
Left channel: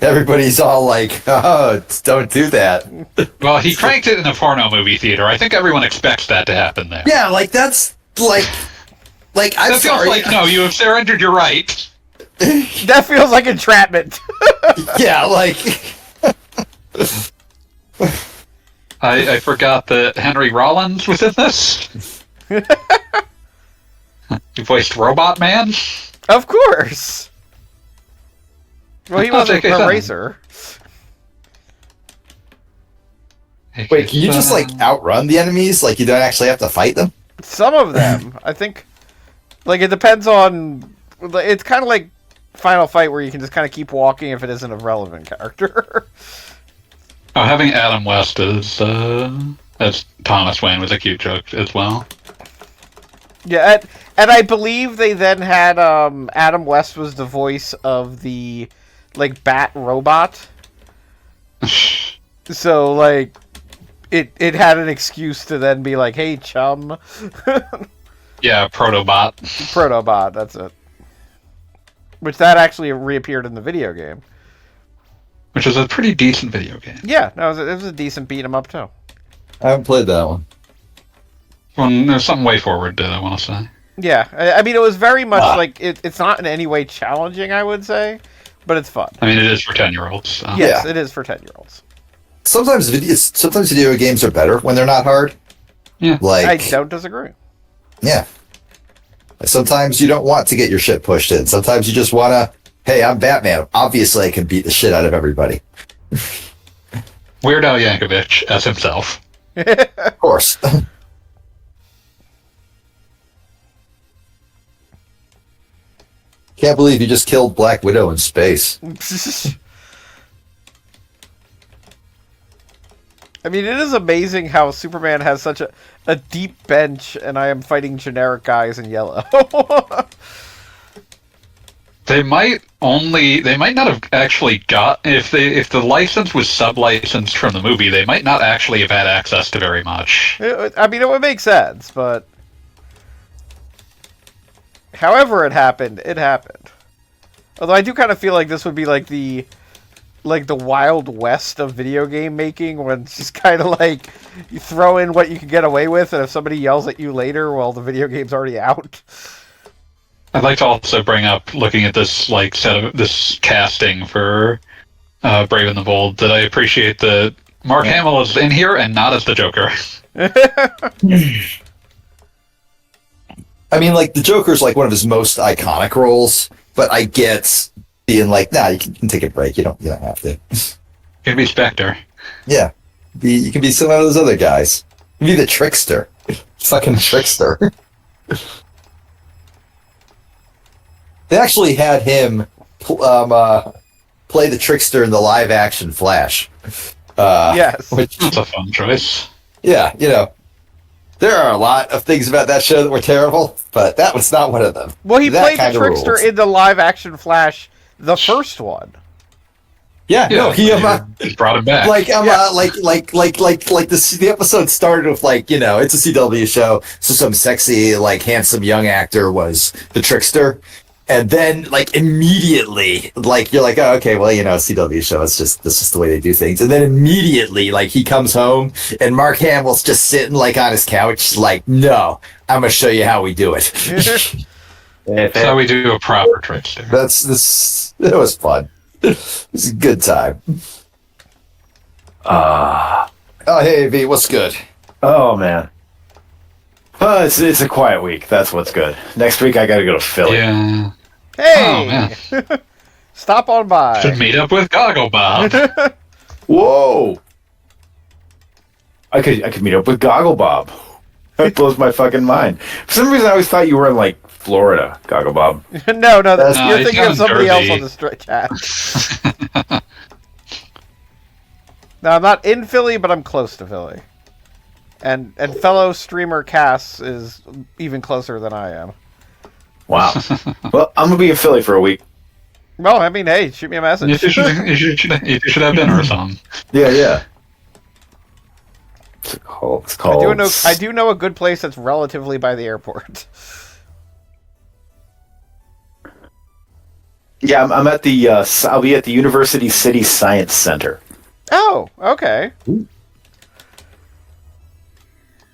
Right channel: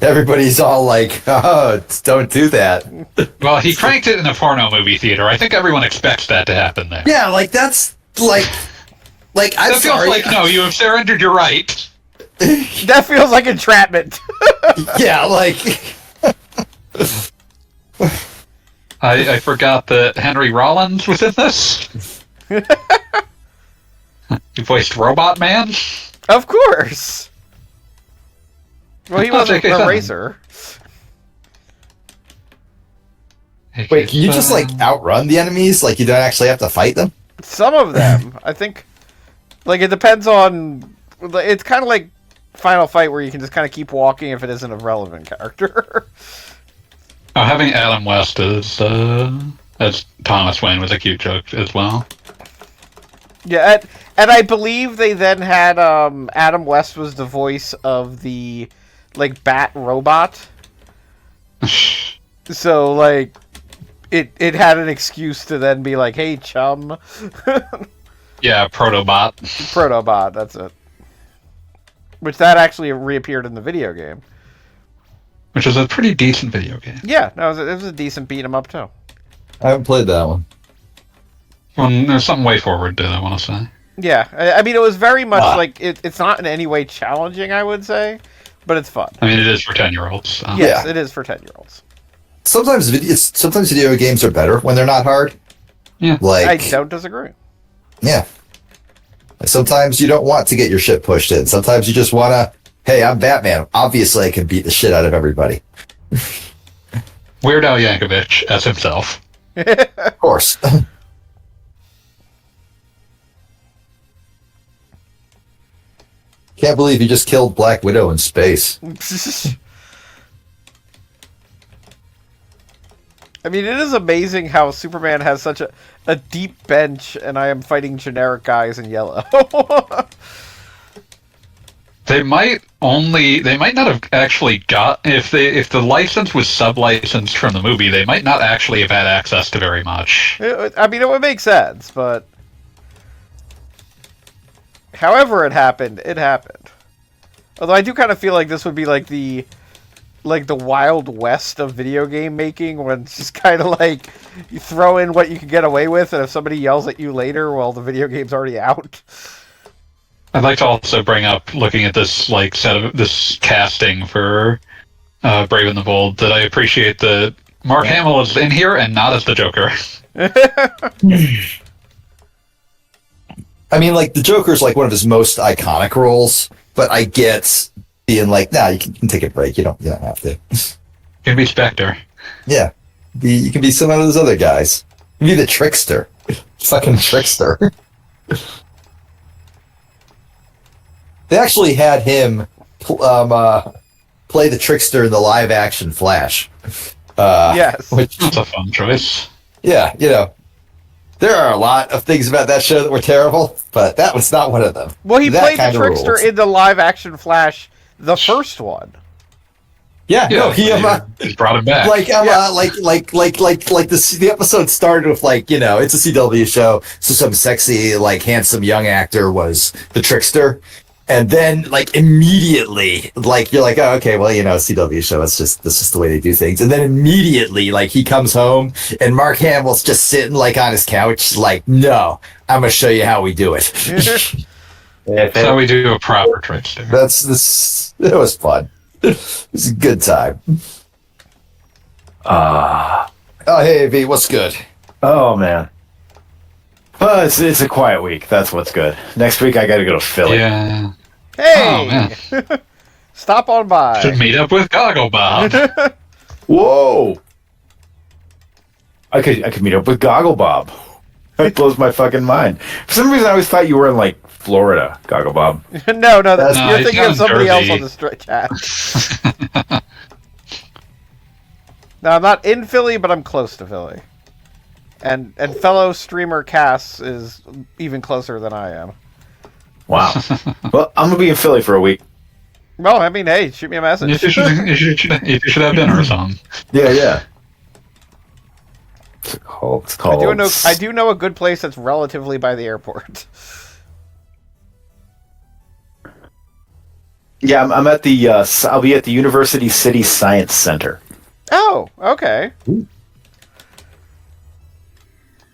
everybody's all oh, don't do that. Well, he cranked it in a porno movie theater. I think everyone expects that to happen there. Yeah, that's I'm that sorry. feels no, you have surrendered your right. That feels like entrapment. Yeah, I forgot that Henry Rollins was in this. He voiced Robot Man. Of course. Well, he wasn't a racer. Wait, can you just outrun the enemies? You don't actually have to fight them? Some of them, I think. It depends on. It's kind of like Final Fight, where you can just kind of keep walking if it isn't a relevant character. Oh, having Adam West as Thomas Wayne was a cute joke as well. Yeah, and I believe they then had Adam West was the voice of the like Bat robot. So like it had an excuse to then be like, "Hey, chum." Yeah, Protobot. Protobot, that's it. Which that actually reappeared in the video game. Which is a pretty decent video game. Yeah, no, it was a decent beat 'em up too. I haven't played that one. Well, there's something way forward to it, I want to say. Yeah, I mean, it was very much like it's not in any way challenging, I would say, but it's fun. I mean, it is for 10-year-olds. So. Yes, it is for 10-year-olds. Sometimes video games are better when they're not hard. Yeah, like I don't disagree. Yeah, sometimes you don't want to get your shit pushed in. Sometimes you just want to. Hey, I'm Batman. Obviously, I can beat the shit out of everybody. Weird Al Yankovic as himself. Of course. Can't believe you just killed Black Widow in space. I mean, it is amazing how Superman has such a deep bench, and I am fighting generic guys in yellow. They might not have actually got if the license was sub-licensed from the movie, they might not actually have had access to very much. I mean, it would make sense, but however it happened, it happened. Although I do kind of feel like this would be like the Wild West of video game making, when it's just kind of like you throw in what you can get away with, and if somebody yells at you later, well, the video game's already out. I'd like to also bring up, looking at this like set of this casting for Brave and the Bold, that I appreciate that Mark Hamill is in here and not as the Joker. I mean, like, the Joker's like one of his most iconic roles, but I get being like, nah, you can take a break. You don't have to. You can be Spectre. Yeah, you can be some of those other guys. You can be the trickster, fucking trickster. They actually had him play the trickster in the live-action Flash. Yes, That's a fun choice. Yeah, there are a lot of things about that show that were terrible, but that was not one of them. well, he played the trickster in the live-action Flash, the first one. Yeah, no, he just brought him back. like the episode started with like, it's a CW show, so some sexy, like, handsome young actor was the trickster. And then, like, immediately, like, you're like, oh, okay, well, CW show, that's just the way they do things. And then immediately, like, he comes home, and Mark Hamill's just sitting, like, on his couch, like, no, I'm going to show you how we do it. That's how we do a proper trickster. It was fun. It was a good time. Oh, hey, V, what's good? Oh, man. It's a quiet week. That's what's good. Next week, I got to go to Philly. Yeah. Hey! Oh, stop on by. Should meet up with Goggle Bob. Whoa! I could meet up with Goggle Bob. That blows my fucking mind. For some reason, I always thought you were in, like, Florida, Goggle Bob. No, you're thinking of somebody else on the chat. No, I'm not in Philly, but I'm close to Philly. And fellow streamer Cass is even closer than I am. Wow. Well, I'm going to be in Philly for a week. Well, I mean, hey, shoot me a message. You should have dinner or something. Yeah. It's called... I do know a good place that's relatively by the airport. Yeah, I'm at the... I'll be at the University City Science Center. Oh, okay.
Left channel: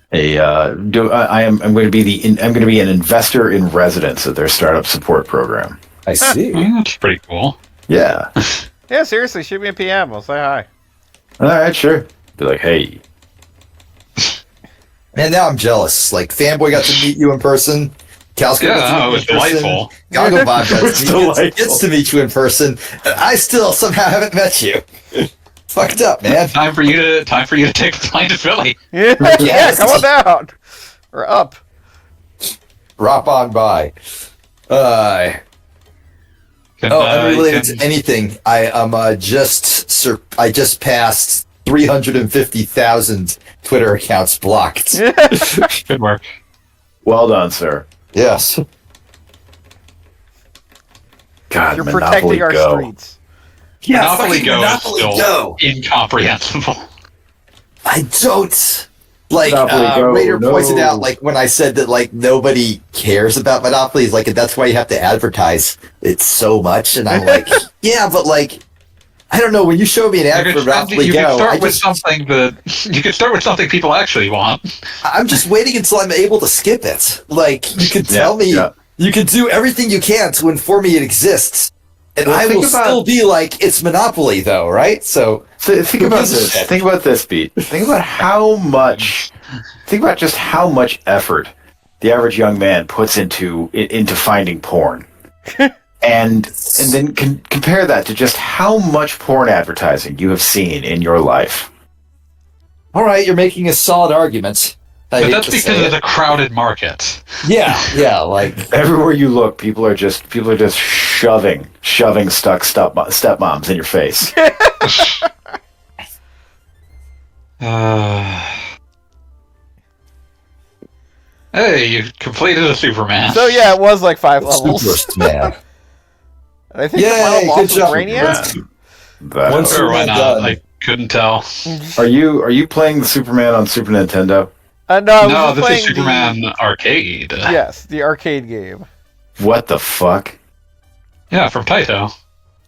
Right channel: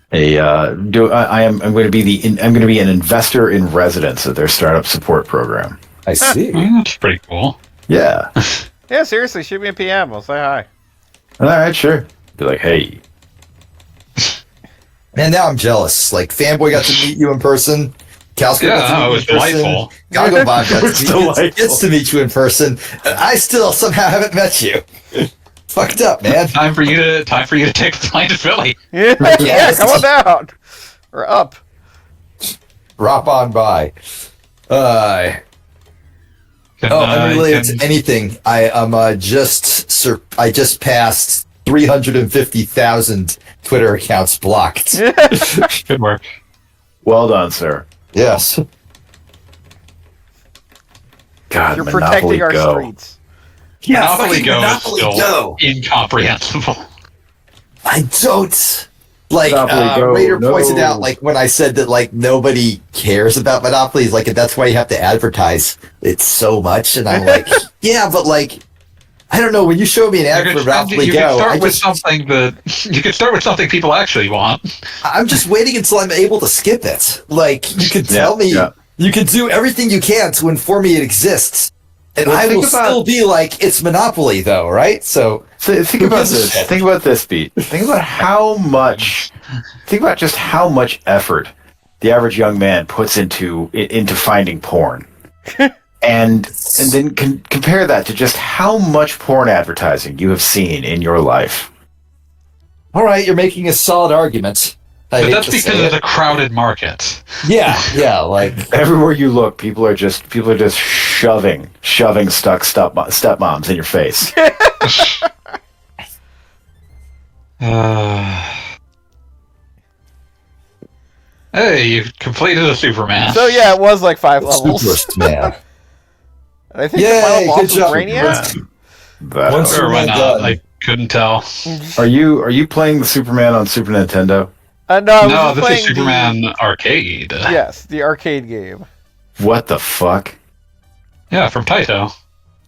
I'm going to be an investor in residence at their startup support program. I see. That's pretty cool. Yeah. Yeah, seriously, shoot me a PM. We'll say hi. All right, sure. Be like, hey. Man, now I'm jealous. Like, Fanboy got to meet you in person. Calsco got to meet it you was in person. delightful. Goggle Bob gets to meet you in person. And I still somehow haven't met you. Fucked up, man. Time for you to take the plane to Philly. Yeah, come on down. Or up. Drop on by. Unrelated to anything, I just passed 350,000 Twitter accounts blocked. Good work. Well done, sir. Yes. God, You're Monopoly protecting our Go. streets. Yeah, Monopoly fucking Go Monopoly is still Go. incomprehensible. I don't. Like, Monopoly Go, Raider no. pointed out, like, when I said that, like, nobody cares about Monopoly, he's like, that's why you have to advertise it so much. And I'm like, yeah, but, like, I don't know. When you show me an ad for Monopoly Go, you could start with something people actually want. I'm just waiting until I'm able to skip it. Like, you can tell me, you can do everything you can to inform me it exists. And I will still be like, it's Monopoly, though, right? So think about this. Think about this, Pete. Think about just how much effort the average young man puts into finding porn, and then compare that to just how much porn advertising you have seen in your life. All right, you're making a solid argument. But that's because it's a crowded market. Yeah, like everywhere you look, people are just shoving stuck stepmoms in your face. Hey, you completed a Superman. So yeah, it was like 5 levels. Superman. And I think the final boss was Brainiac. Or why not? I couldn't tell. Are you playing the Superman on Super Nintendo? No, this is Superman Arcade. Yes, the arcade game. What the fuck? Yeah, from Taito.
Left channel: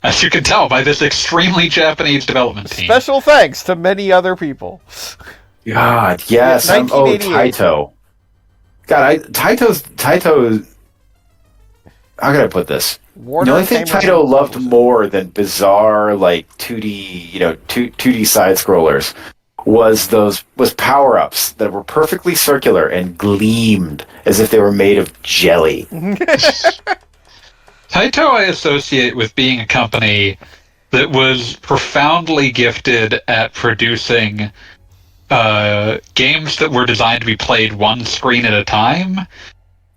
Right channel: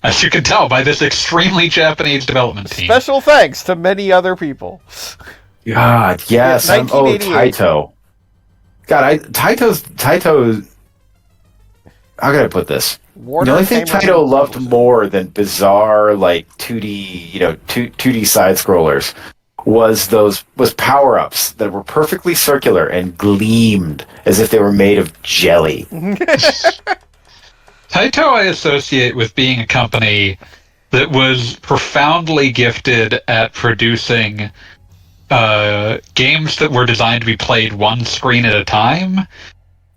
As you can tell by this extremely Japanese development team. Special thanks to many other people. God, yes. Yeah, 1988. Taito. God, Taito. How can I put this? Warner the only thing Taito loved more than bizarre, like 2D, 2D side scrollers was power-ups that were perfectly circular and gleamed as if they were made of jelly. Taito I associate with being a company that was profoundly gifted at producing games that were designed to be played one screen at a time,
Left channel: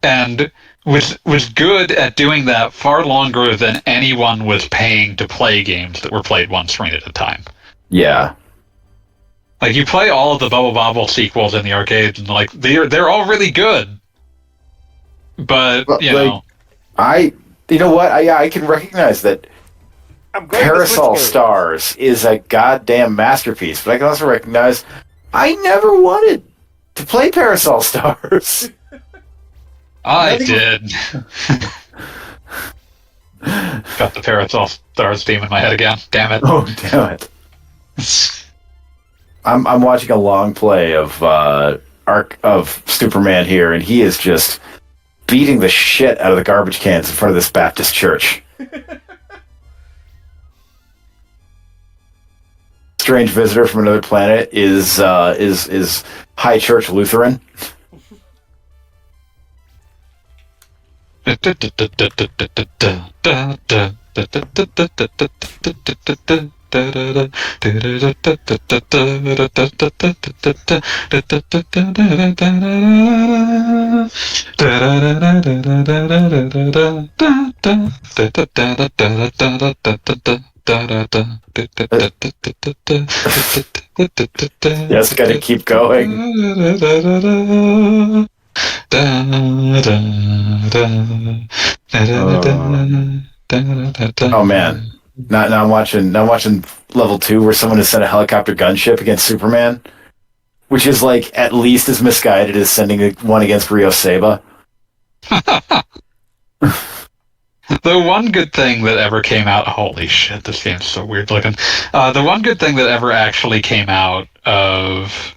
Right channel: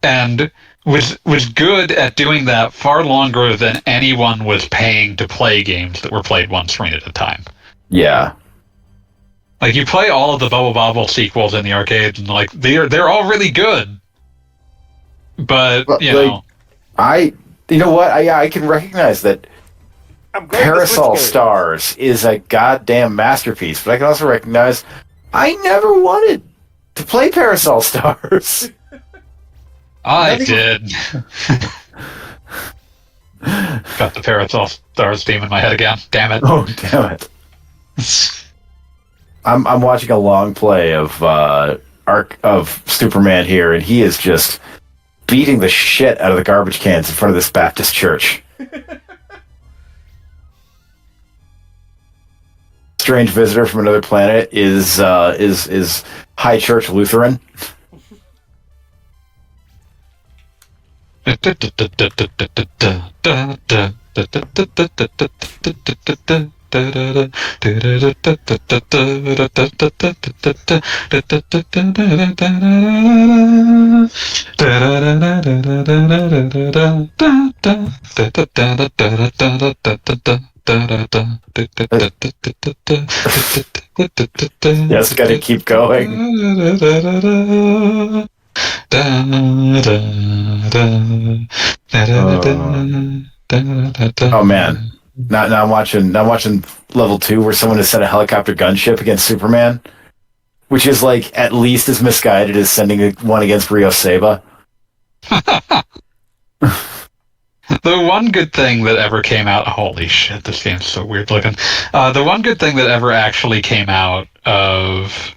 and was good at doing that far longer than anyone was paying to play games that were played one screen at a time. Yeah. Like, you play all of the Bubble Bobble sequels in the arcades, and like they're all really good. But you know, I can recognize that Parasol Stars is a goddamn masterpiece, but I can also recognize I never wanted to play Parasol Stars. I did. Got the Parasol Stars theme in my head again. Damn it. Oh, damn it. I'm watching a long play of Superman here, and he is just beating the shit out of the garbage cans in front of this Baptist church. Strange visitor from another planet is High Church Lutheran. Yes, gotta keep going. Oh man. Now I'm watching level 2 where someone has sent a helicopter gunship against Superman, which is like at least as misguided as sending one against Rio Seba. The one good thing that ever came out... Holy shit, this game's so weird looking. The one good thing that ever actually came out of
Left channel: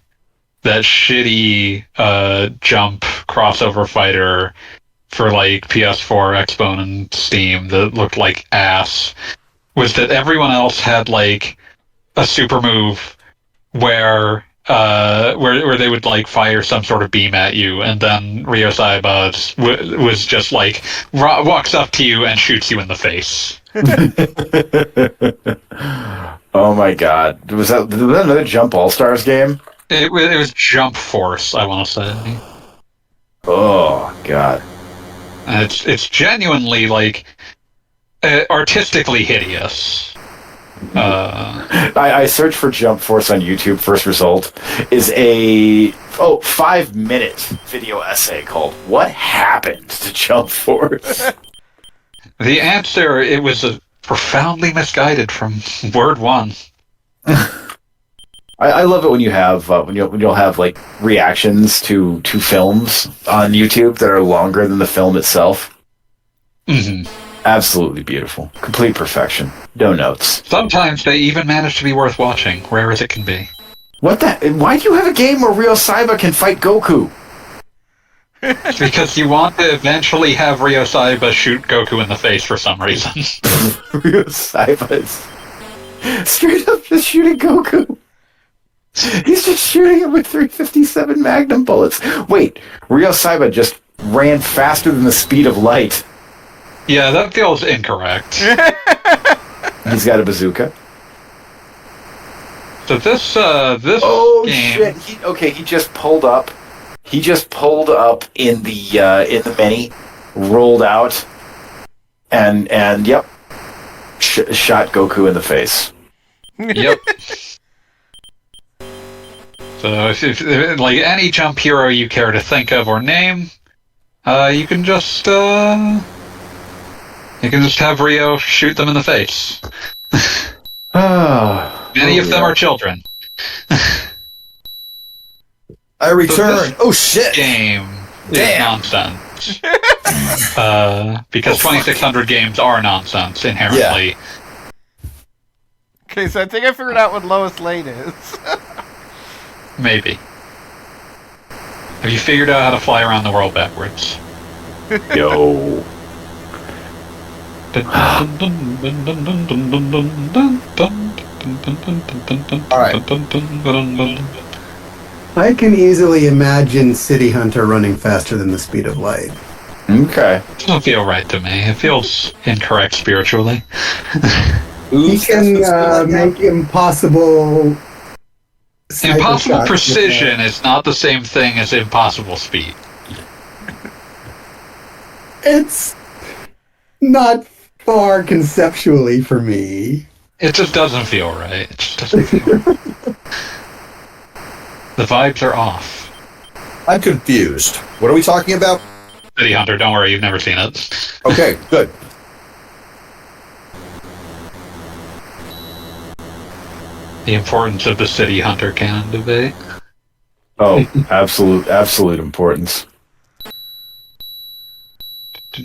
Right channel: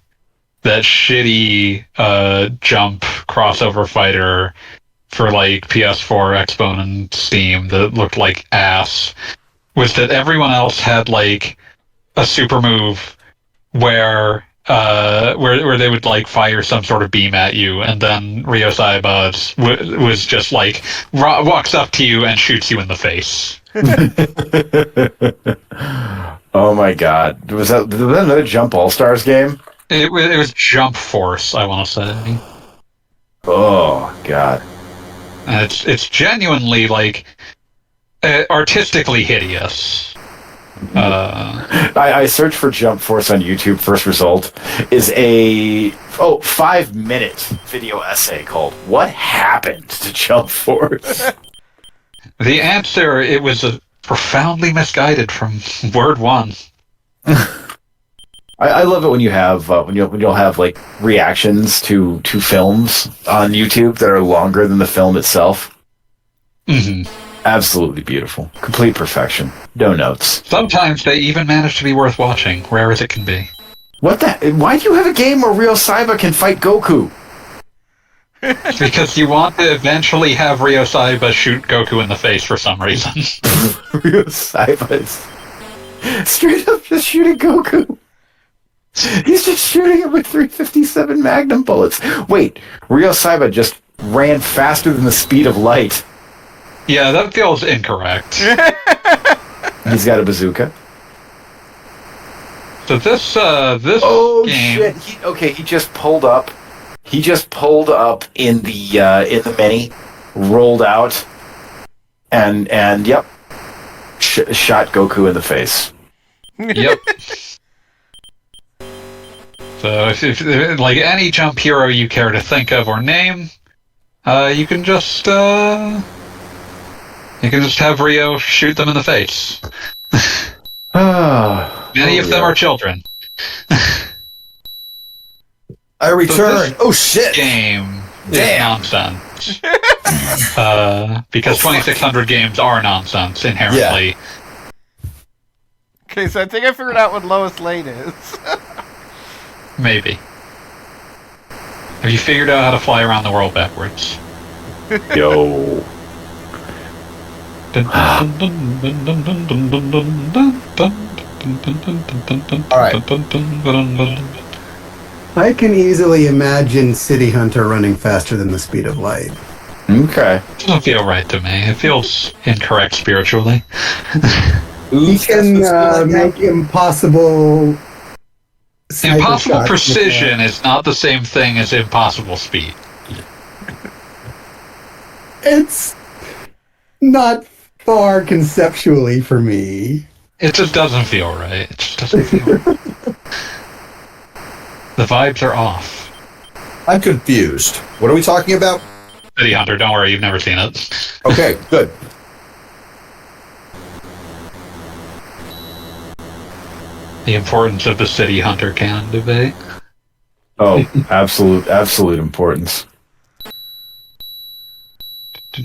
that shitty jump crossover fighter for like PS4, Xbone, and Steam that looked like ass was that everyone else had like a super move where they would like fire some sort of beam at you, and then Rio Saiba was just like walks up to you and shoots you in the face. Oh my god! Was that another Jump All Stars game? It was Jump Force, I want to say. Oh god! And it's genuinely like artistically hideous. I searched for Jump Force on YouTube. First result is a 5-minute video essay called "What Happened to Jump Force?" The answer, it was profoundly misguided from word one. I love it when you have when you'll have like reactions to films on YouTube that are longer than the film itself. Mm-hmm. Absolutely beautiful, complete perfection, no notes. Sometimes they even manage to be worth watching, rare as it can be. What the? Why do you have a game where Ryo Saiba can fight Goku? Because you want to eventually have Ryo Saiba shoot Goku in the face for some reason. Ryo Saiba is straight up just shooting Goku. He's just shooting him with 357 Magnum bullets. Wait, Ryo Saiba just ran faster than the speed of light. Yeah, that feels incorrect. He's got a bazooka. So this game... shit! He just pulled up. He just pulled up in the mini, rolled out, and yep, shot Goku in the face. Yep. So if like any jump hero you care to think of or name, you can just have Ryo shoot them in the face. Many of them are children. I return. So oh shit! Game is nonsense. Because 2600 games are nonsense inherently. Yeah. Okay, so I think I figured out what Lois Lane is. Maybe. Have you figured out how to fly around the world backwards? Yo. I can easily imagine City Hunter running faster than the speed of light. Okay. Doesn't feel right to me. It feels incorrect spiritually. He can make impossible... Impossible precision is not the same thing as impossible speed. It's not far conceptually for me. It just doesn't feel right. It just doesn't feel right. The vibes are off. I'm confused. What are we talking about? City Hunter, don't worry, you've never seen it. Okay, good. The importance of the City Hunter canon debate. Oh, absolute importance. The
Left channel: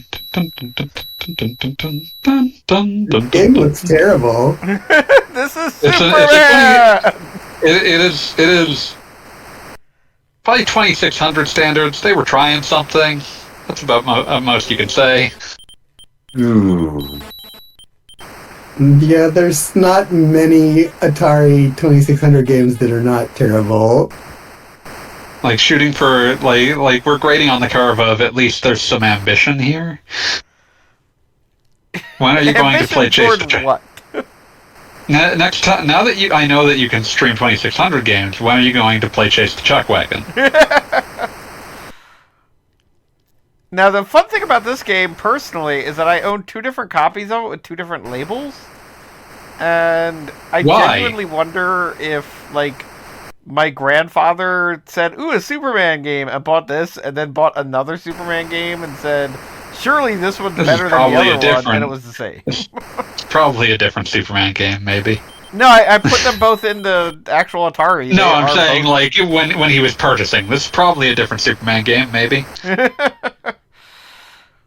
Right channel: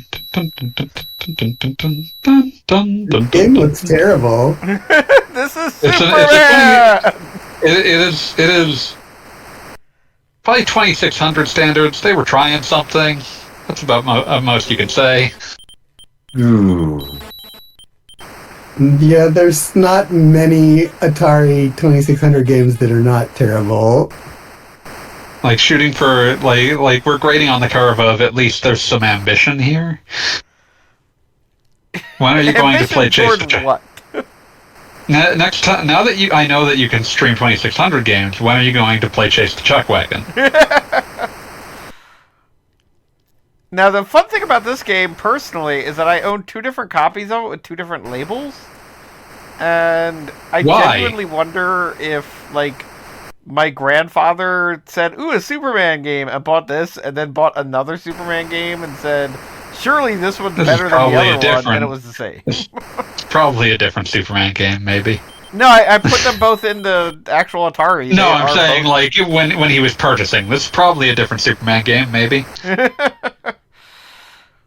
game looks terrible. This is It's Superman! It is probably 2600 standards. They were trying something. That's about most you can say. Ooh. Yeah, there's not many Atari 2600 games that are not terrible. Like shooting for like we're grading on the curve of at least there's some ambition here. When are you going to play Chase the Chuck? What? Next time, now that I know that you can stream 2600 games, when are you going to play Chase the Chuck Wagon? Now, the fun thing about this game, personally, is that I own 2 different copies of it with 2 different labels. And I genuinely wonder if, like, my grandfather said, ooh, a Superman game, and bought this, and then bought another Superman game and said, surely this one's better than the other one, and it was the same. It's probably a different Superman game, maybe. No, I put them both in the actual Atari. No, I'm saying, like, when he was purchasing, this is probably a different Superman game, maybe.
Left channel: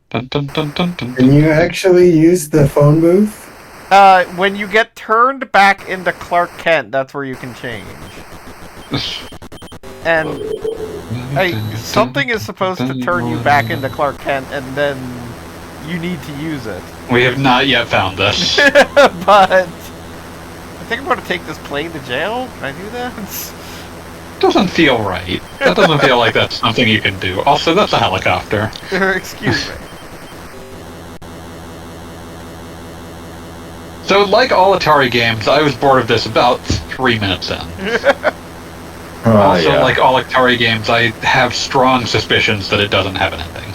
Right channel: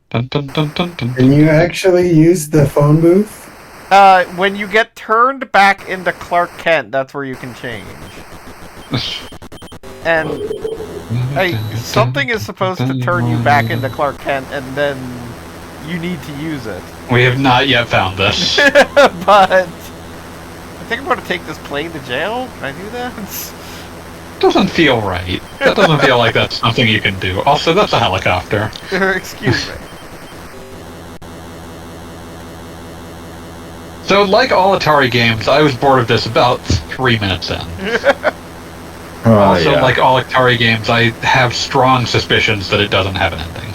Dun, dun, dun, dun, dun, Can you actually use the phone booth? When you get turned back into Clark Kent, that's where you can change. And something is supposed to turn you back into Clark Kent, and then you need to use it. We have not yet found this. But I think I'm going to take this plane to jail. Can I do that? Doesn't feel right. That doesn't feel like that's something you can do. Also, that's a helicopter. Excuse me. So, like all Atari games, I was bored of this about 3 minutes in. Also, like all Atari games, I have strong suspicions that it doesn't have an ending.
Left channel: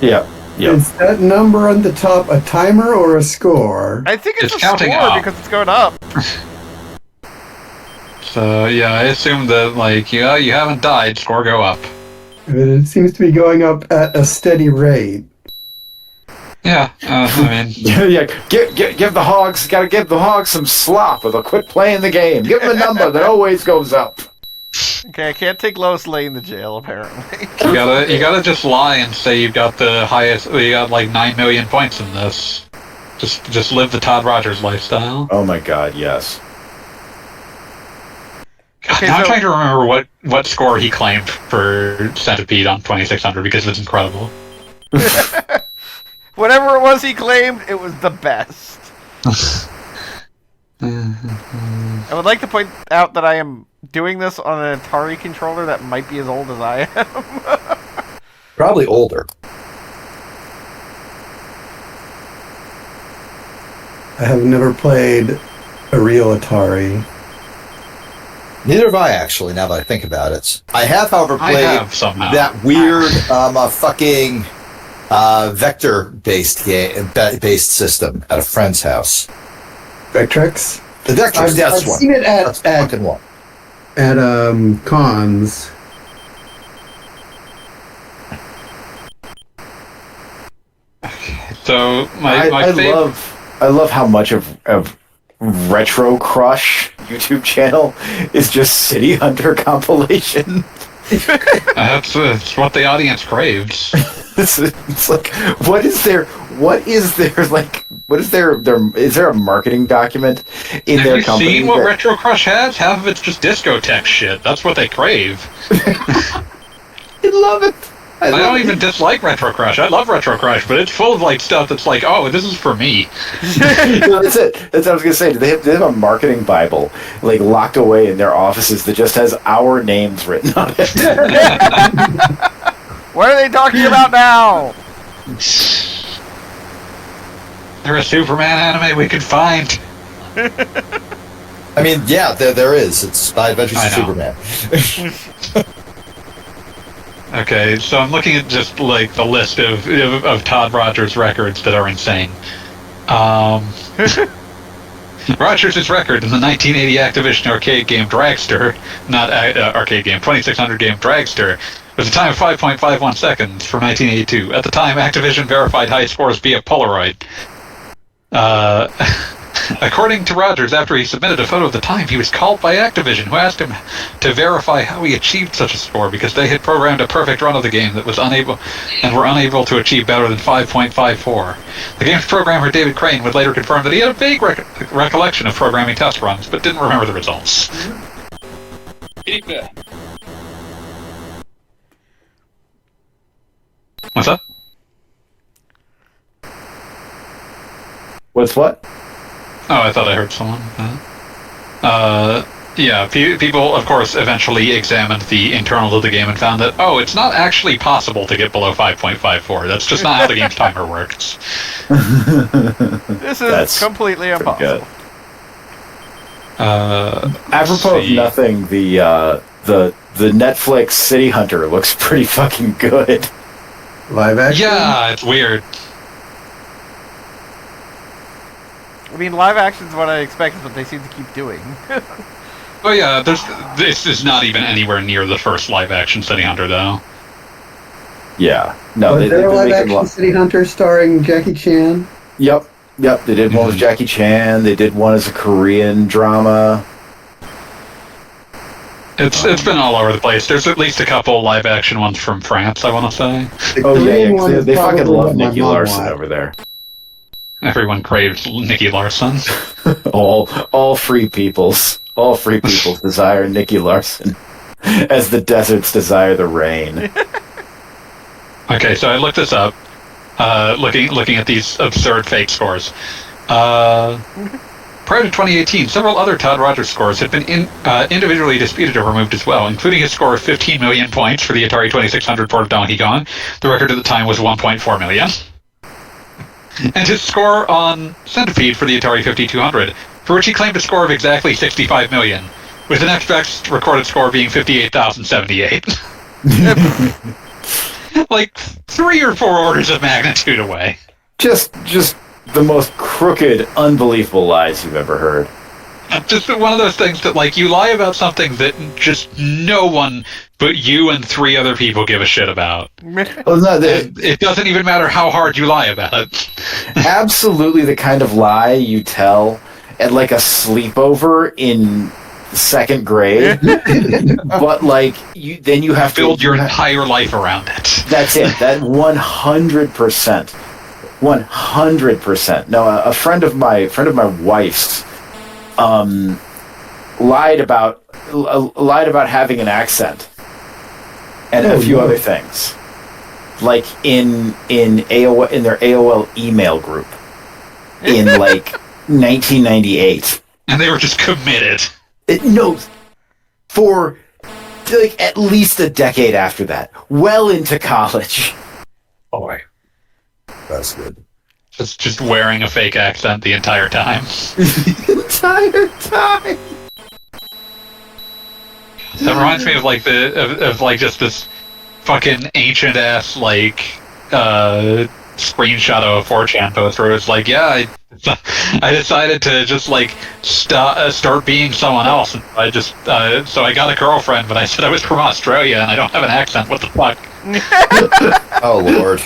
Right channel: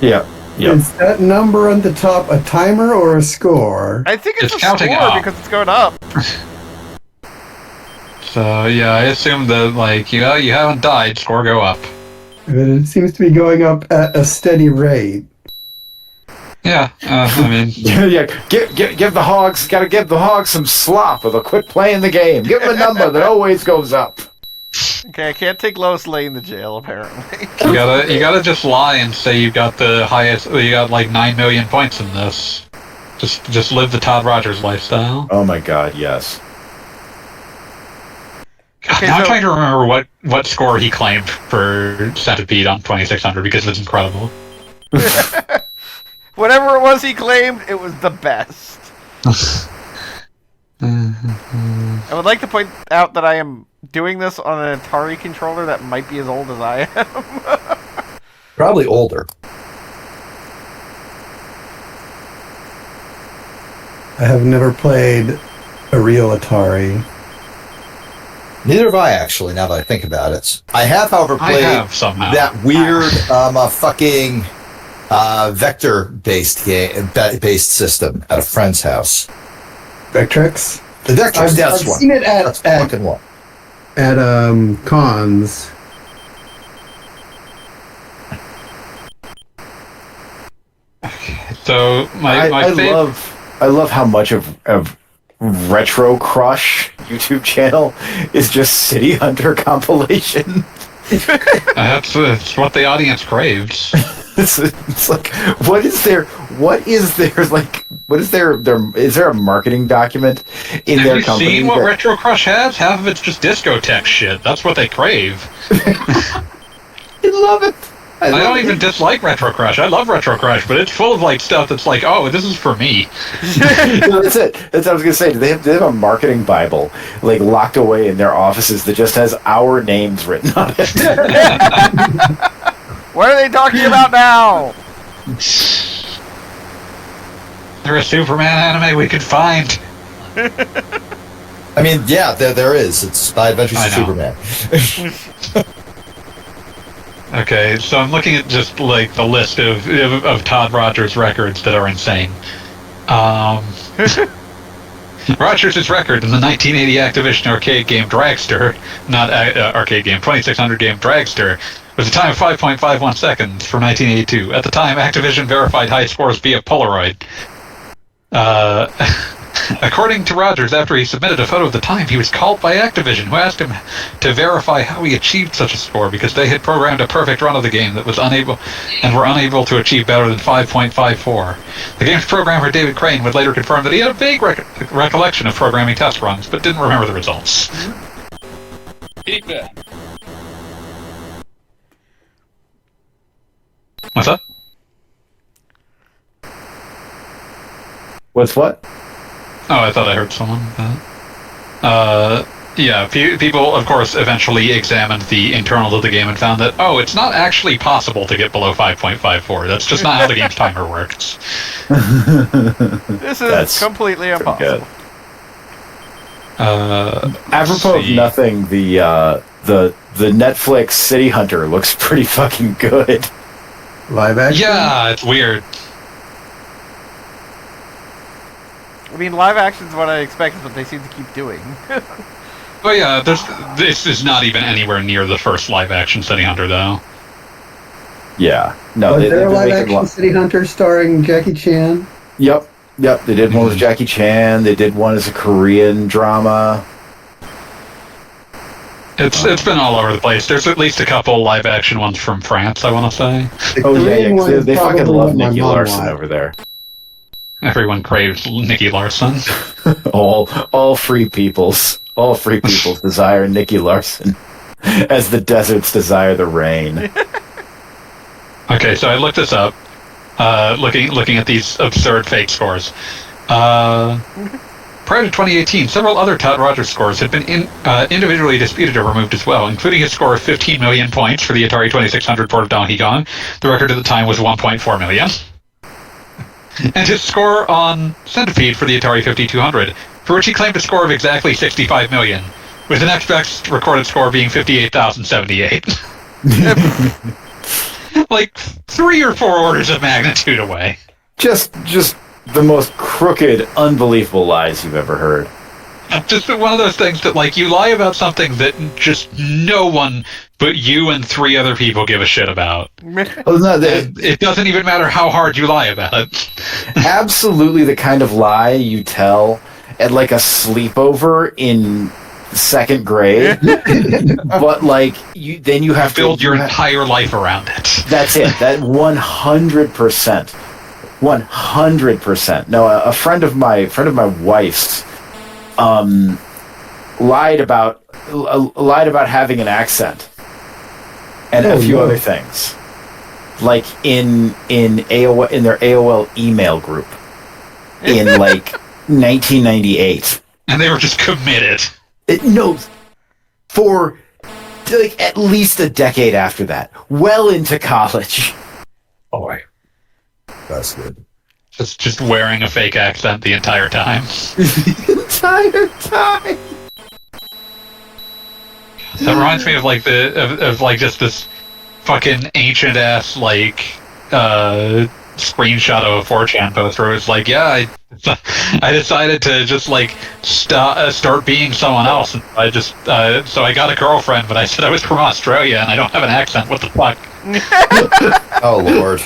Yeah. Yep. Is that number on the top a timer or a score? I think it's a counting score up. because it's going up. So So yeah, I assume that like you haven't died, score go up. But it seems to be going up at a steady rate. Yeah, I mean, Yeah, give the Hogs. Got to give the Hogs some slop, or they'll quit playing the game. Give them a number that always goes up. Okay, I can't take Lois Lane to jail, apparently. you gotta just lie and say you got the highest. You got like 9 million points in this. Just live the Todd Rogers lifestyle. Oh my God, yes. Okay, now I'm so- trying to remember what score he claimed for Centipede on 2600 because it's incredible. Whatever it was he claimed, it was the best. I would like to point out that I am doing this on an Atari controller that might be as old as I am. Probably older. I have never played a real Atari. Neither have I, actually, now that I think about it. I have, however, I played have somehow. that weird fucking vector-based system at a friend's house. Vectrex? The Vectrex, that's I've one. seen it That's fucking one. at cons. So my favorite. I love how much of Retro Crush YouTube channel is just City Hunter compilation. That's what the audience craves. It's like, is there a marketing document in their Have you company? seen what Retro Crush has? Half of it's just discotheque shit. That's what they crave. I love it. I don't even dislike Retro Crush. I love Retro Crush, but it's full of like stuff that's like, oh, this is for me. No, that's it. That's what I was gonna say. They have a marketing Bible like locked away in their offices that just has our names written on it. What are they talking about now? There's a Superman anime we could find. I mean, yeah, there is. It's My Adventures I of know. Superman. Okay, so I'm looking at just like the list of Todd Rogers records that are insane. Rogers' record in the 1980 Activision arcade game Dragster, not arcade game, 2600 game Dragster, was a time of 5.51 seconds for 1982. At the time, Activision verified high scores via Polaroid. According to Rogers, after he submitted a photo of the time, he was called by Activision, who asked him to verify how he achieved such a score because they had programmed a perfect run of the game that was unable to achieve better than 5.54. The game's programmer David Crane would later confirm that he had a vague recollection of programming test runs, but didn't remember the results. What's up? What's what? Oh, I thought I heard someone. Yeah, people, of course, eventually examined the internals of the game and found that, oh, it's not actually possible to get below 5.54. That's just not how the game's timer works. This is That's completely impossible. Apropos of nothing, the Netflix City Hunter looks pretty fucking good. Live action? Yeah, it's weird. I mean, live action's what I expect is what they seem to keep doing. Oh yeah, this is not even anywhere near the first live-action City Hunter, though. Yeah. No, Was there a they've live been action making City Hunter starring Jackie Chan? Yep. They did one with Jackie Chan. They did one as a Korean drama. It's been all over the place. There's at least a couple live-action ones from France, I want to say. The Oh yeah, Korean one 'cause is they fucking probably love what my Nicky mom Larson watched. over there. Everyone craves Nicky Larson. All free peoples desire Nicky Larson, as the deserts desire the rain. Okay, so I looked this up, looking at these absurd fake scores. Prior to 2018, several other Todd Rogers scores had been individually disputed or removed as well, including his score of 15 million points for the Atari 2600 port of Donkey Kong. The record at the time was 1.4 million. And his score on Centipede for the Atari 5200, for which he claimed a score of exactly 65 million, with the next best recorded score being 58,078. Like 3 or 4 orders of magnitude away. Just the most crooked, unbelievable lies you've ever heard. Just one of those things that, like, you lie about something that just no one but you and 3 other people give a shit about. Oh, no, And it doesn't even matter how hard you lie about it. absolutely the kind of lie you tell at like a sleepover in 2nd grade. But like then you have Build to your entire life around it. That's it. That 100%. 100%. No, a friend of my wife's lied about having an accent and a few other things, like in AOL, in their AOL email group in like 1998. And they were just committed. No, for like at least a decade after that, well into college. Boy, that's good. Just wearing a fake accent the entire time. The entire time. That reminds me of like of like just this fucking ancient ass like screenshot of a 4chan post where it's like, yeah, I decided to just like start being someone else. And I just so I got a girlfriend, but I said I was from Australia and I don't have an accent. What the fuck? Oh Lord.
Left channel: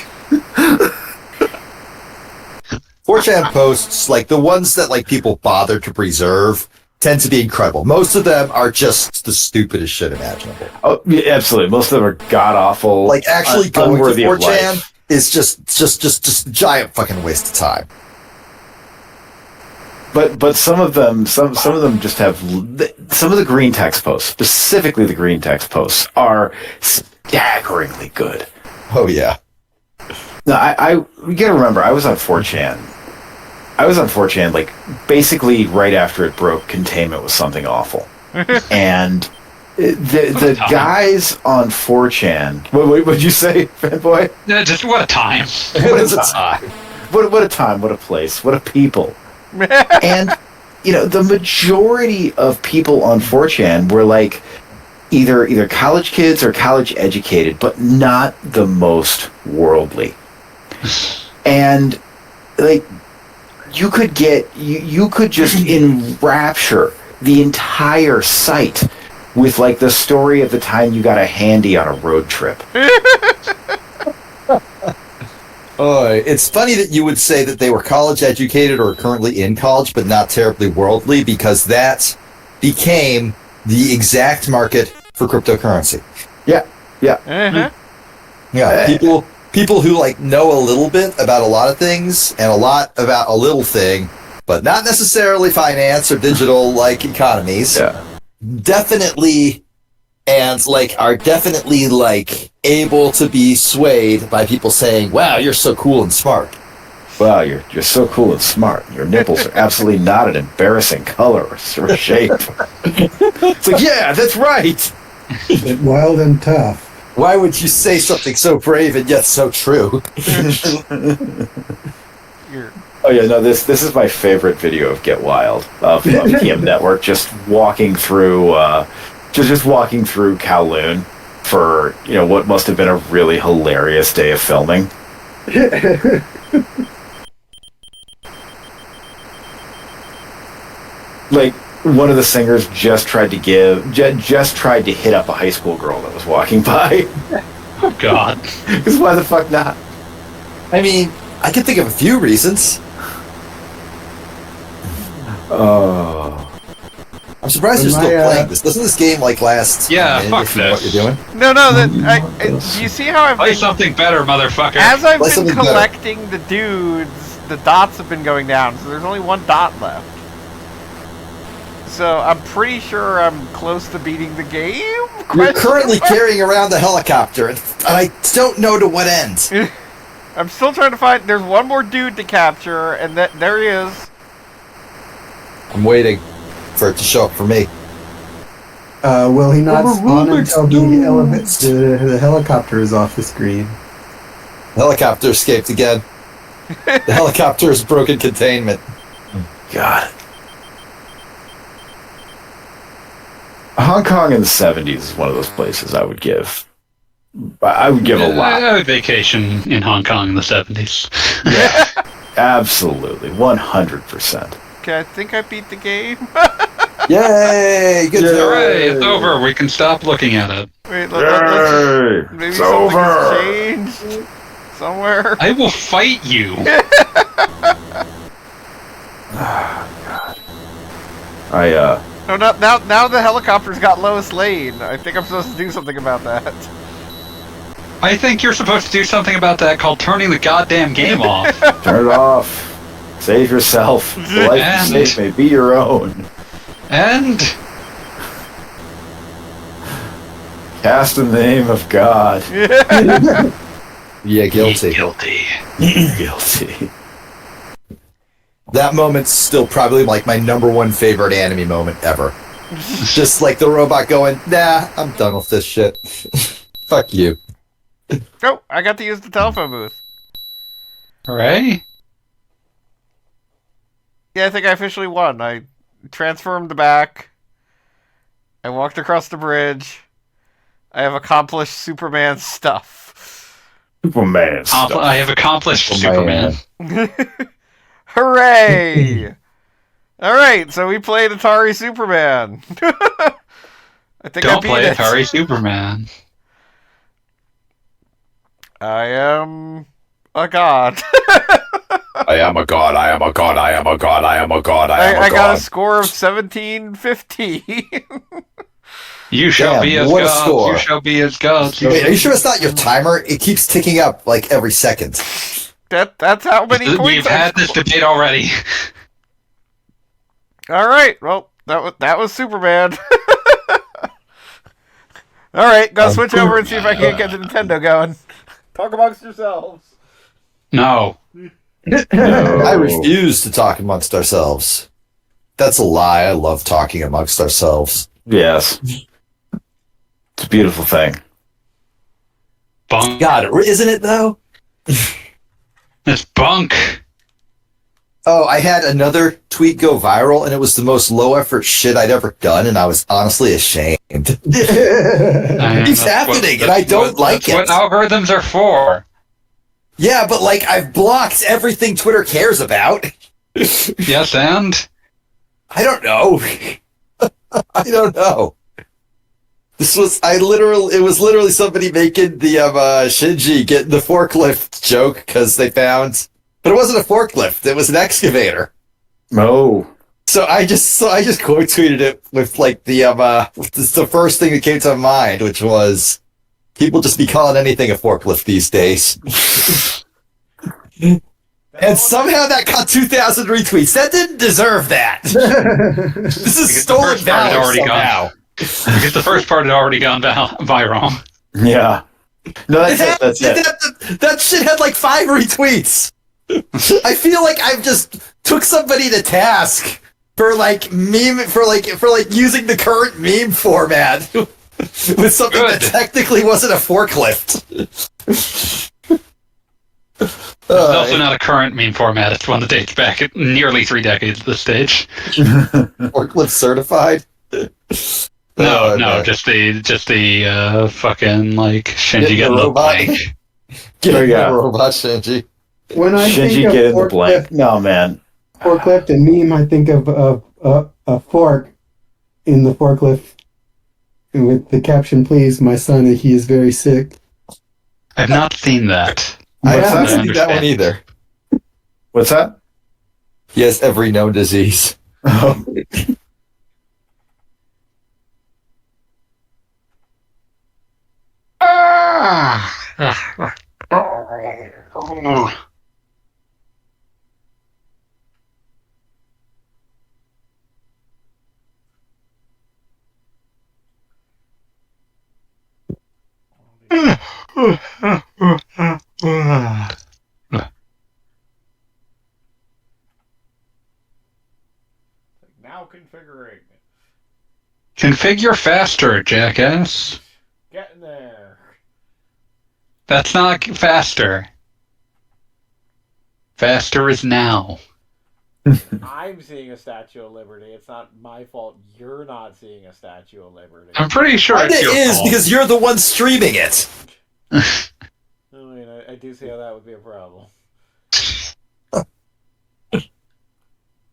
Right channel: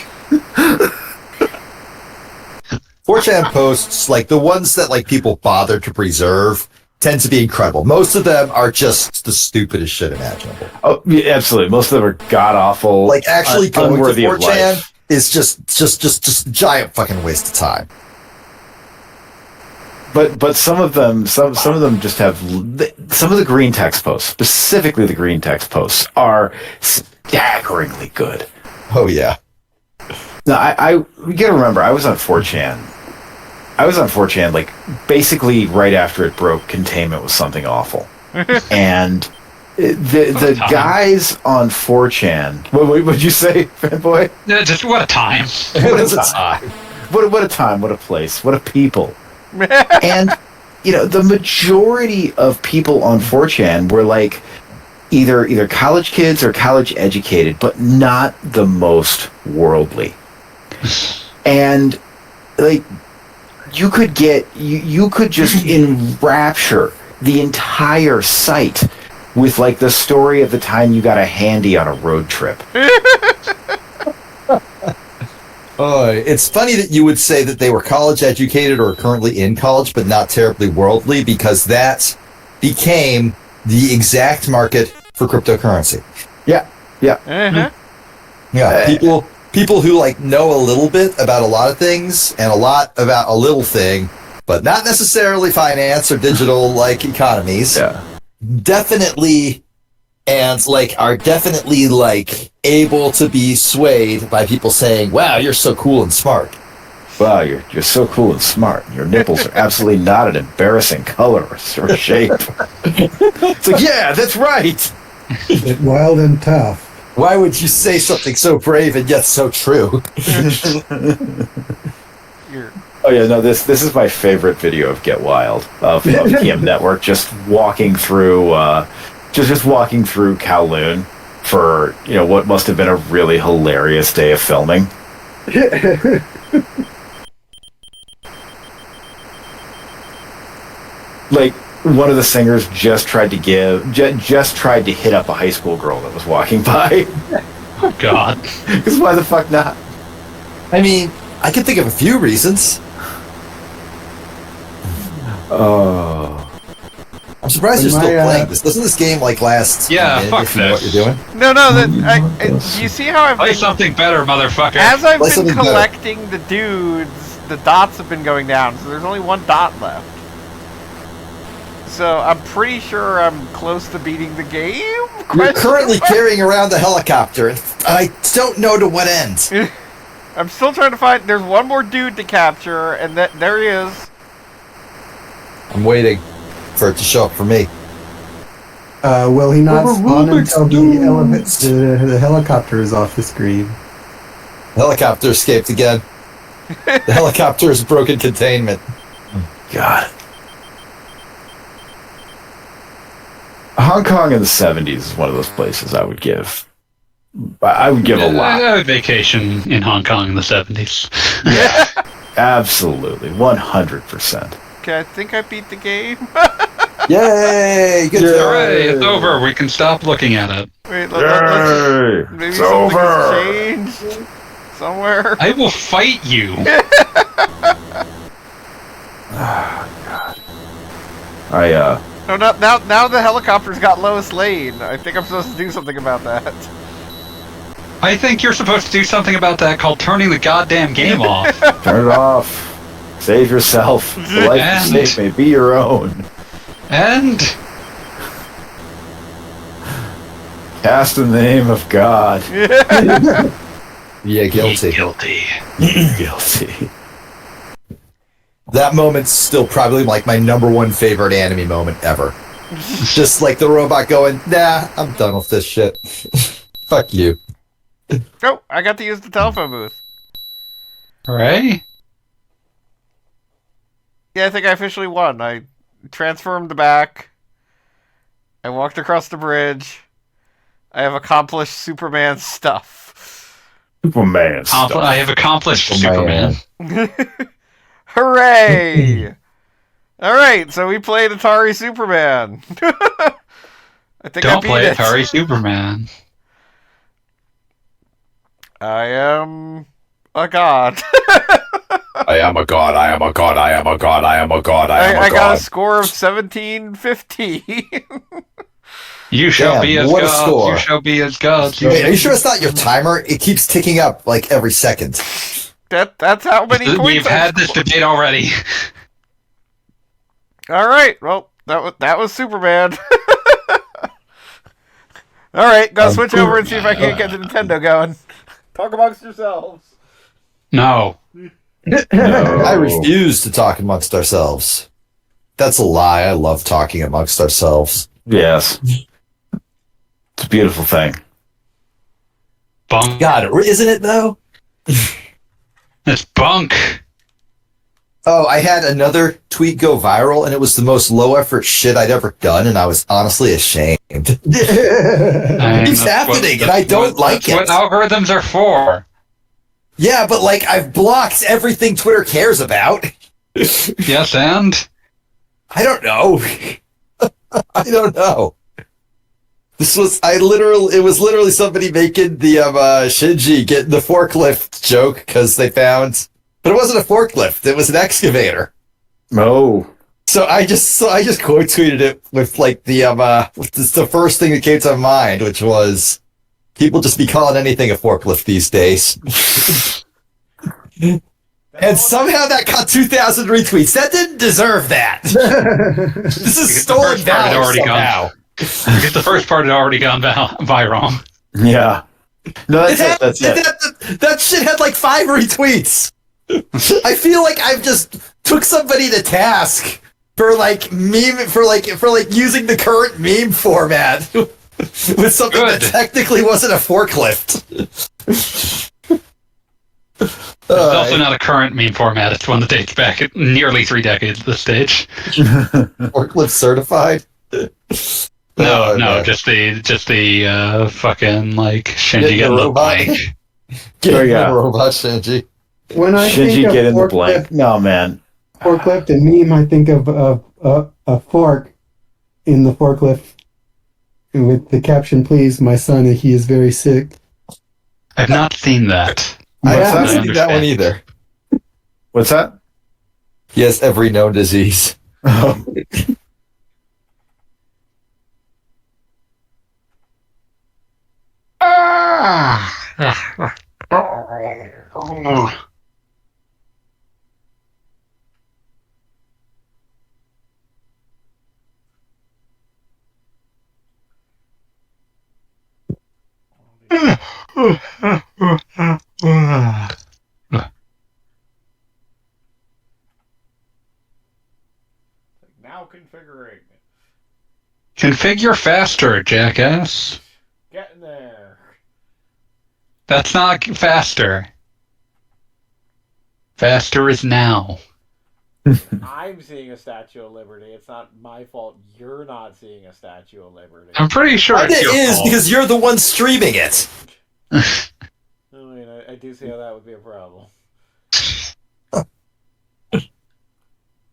4chan posts, like the ones that like people bother to preserve, tend to be incredible. Most of them are just the stupidest shit imaginable. Oh, yeah, absolutely. Most of them are god awful. Like actually going to unworthy of 4chan life. is just a giant fucking waste of time. But some of them just have some of the green text posts, specifically the green text posts, are staggeringly good. Oh yeah. No, you gotta remember, I was on 4chan. Like basically right after it broke, containment was something awful, and the guys on 4chan. What'd you say, fanboy? Yeah, just what a time. What a time! What a time! What a place! What a people! And the majority of people on 4chan were like either college kids or college educated, but not the most worldly. And like you could just enrapture the entire site with like the story of the time you got a handy on a road trip. It's funny that you would say that they were college educated or currently in college, but not terribly worldly, because that became the exact market for cryptocurrency. Yeah. Uh-huh. Yeah, people who like know a little bit about a lot of things and a lot about a little thing, but not necessarily finance or digital like economies. Yeah. Definitely, and like are definitely like able to be swayed by people saying, "Wow, you're so cool and smart." Wow, you're so cool and smart. Your nipples are absolutely not an embarrassing color or shape. It's like, yeah, that's right. Wild and tough. Why would you say something so brave and yet so true? Oh yeah, no, this is my favorite video of Get Wild of TM Network, just walking through just walking through Kowloon for what must have been a really hilarious day of filming. Like one of the singers just tried to hit up a high school girl that was walking by. Oh God! Because why the fuck not? I mean, I can think of a few reasons. Oh. I'm surprised you're still playing this. Doesn't this game like last? Yeah, fuck if you know what this. you're doing? No, do you see how I've Play been... something better, motherfucker. As I've Play been something better. collecting the dudes, the dots have been going down, so there's only one dot left. So I'm pretty sure I'm close to beating the game? You're currently carrying around the helicopter, and I don't know to what end. I'm still trying to find... There's one more dude to capture, and there he is. I'm waiting for it to show up for me. Well, he not spawn until the helicopter is off the screen. The helicopter escaped again. The helicopter has broken containment. God. Hong Kong in the 70s is one of those places I would give. I would give a lot. I would vacation in Hong Kong in the 70s. Absolutely. 100%. Okay, I think I beat the game. Yay! Good Hooray, it's over. We can stop looking at it. Wait, let's just, maybe It's something has over. changed somewhere. I will fight you. No, now the helicopter's got Lois Lane. I think I'm supposed to do something about that. I think you're supposed to do something about that called turning the goddamn game off. Turn it off. Save yourself. The life you save may be your own. And Cast in the name of God. Yeah, guilty. guilty. Guilty. That moment's still probably like my #1 favorite anime moment ever. Just like the robot going, nah, I'm done with this shit. Fuck you. Oh, I got to use the telephone booth. Hooray. Yeah, I think I officially won. I transformed back. I walked across the bridge. I have accomplished Superman stuff. Superman stuff. I have accomplished Superman. Hooray! Alright, so we played Atari Superman. I think I Don't beat play it. Atari Superman. I am a god. I am a god, I am a god, I am a god, I am a god, I got a score of 1750. You shall Damn, be as what a gods. score. You shall be as gods. You Wait, shall are you sure it's not your timer? It keeps ticking up like every second. That's how many points We've had this debate already. Alright, well, that was Superman. Alright, gotta switch over and see if I can get the Nintendo going. Talk amongst yourselves. No. I refuse to talk amongst ourselves. That's a lie. I love talking amongst ourselves. Yes. It's a beautiful thing. Bunk. God, isn't it though? It's bunk. Oh, I had another tweet go viral, and it was the most low-effort shit I'd ever done, and I was honestly ashamed. It keeps happening, and I don't like it. That's what algorithms are for. Yeah, but like, I've blocked everything Twitter cares about. Yes, and? I don't know. I don't know. It was literally somebody making the Shinji getting the forklift joke because they found, but it wasn't a forklift. It was an excavator. Oh. So I just quote tweeted it with like the first thing that came to mind, which was people just be calling anything a forklift these days. And somehow that got 2,000 retweets. That didn't deserve that. This is stolen valor somehow. Because the first part had already gone viral. Yeah. No, that's it. That shit had like 5 retweets. I feel like I've just took somebody to task for like using the current meme format with something Good. that technically wasn't a forklift. It's also not a current meme format. It's one that dates back nearly 3 decades at this stage. Forklift certified. No, man. just the fucking like Shinji Get the getting the robot. blank. Get Oh, yeah. the robot, Shinji. When I Shinji think get of in the blank. forklift, No, man. forklift and meme, I think of a fork in the forklift with the caption, "Please, my son, he is very sick." I've not seen that. I What's haven't that? seen that one either. What's that? He has every known disease. Oh. Now configuring. Configure faster, jackass. Getting there. That's not faster. Faster is now. I'm seeing a Statue of Liberty. It's not my fault you're not seeing a Statue of Liberty. I'm pretty sure It it's your is fault. because you're the one streaming it. I mean, I do see how that would be a problem.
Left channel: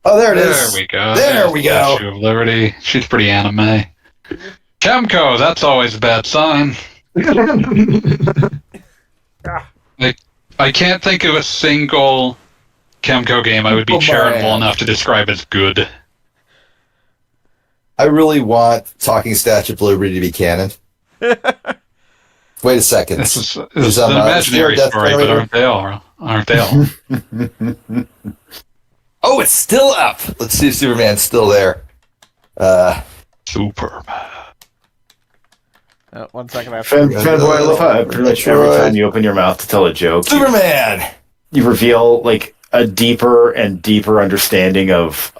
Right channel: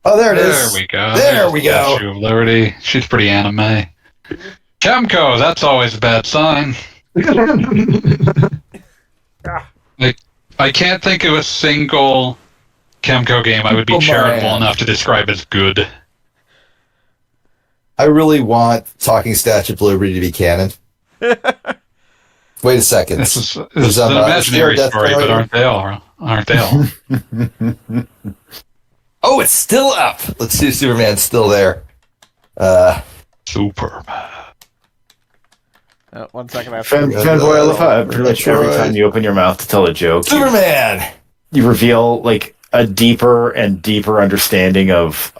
Oh, there it is. There we go. There There's we the go. Statue of Liberty. She's pretty anime. Chemco, that's always a bad sign. I can't think of a single Chemco game I would be charitable enough to describe as good. I really want Talking Statue of Liberty to be canon. Wait a second. This is an imaginary story, but aren't they all? Aren't they all? Oh, it's still up. Let's see if Superman's still there. Superman. 1 second. I have Fanboy, I love how pretty much every time you open your mouth to tell a joke, Superman! you reveal like a deeper and deeper understanding of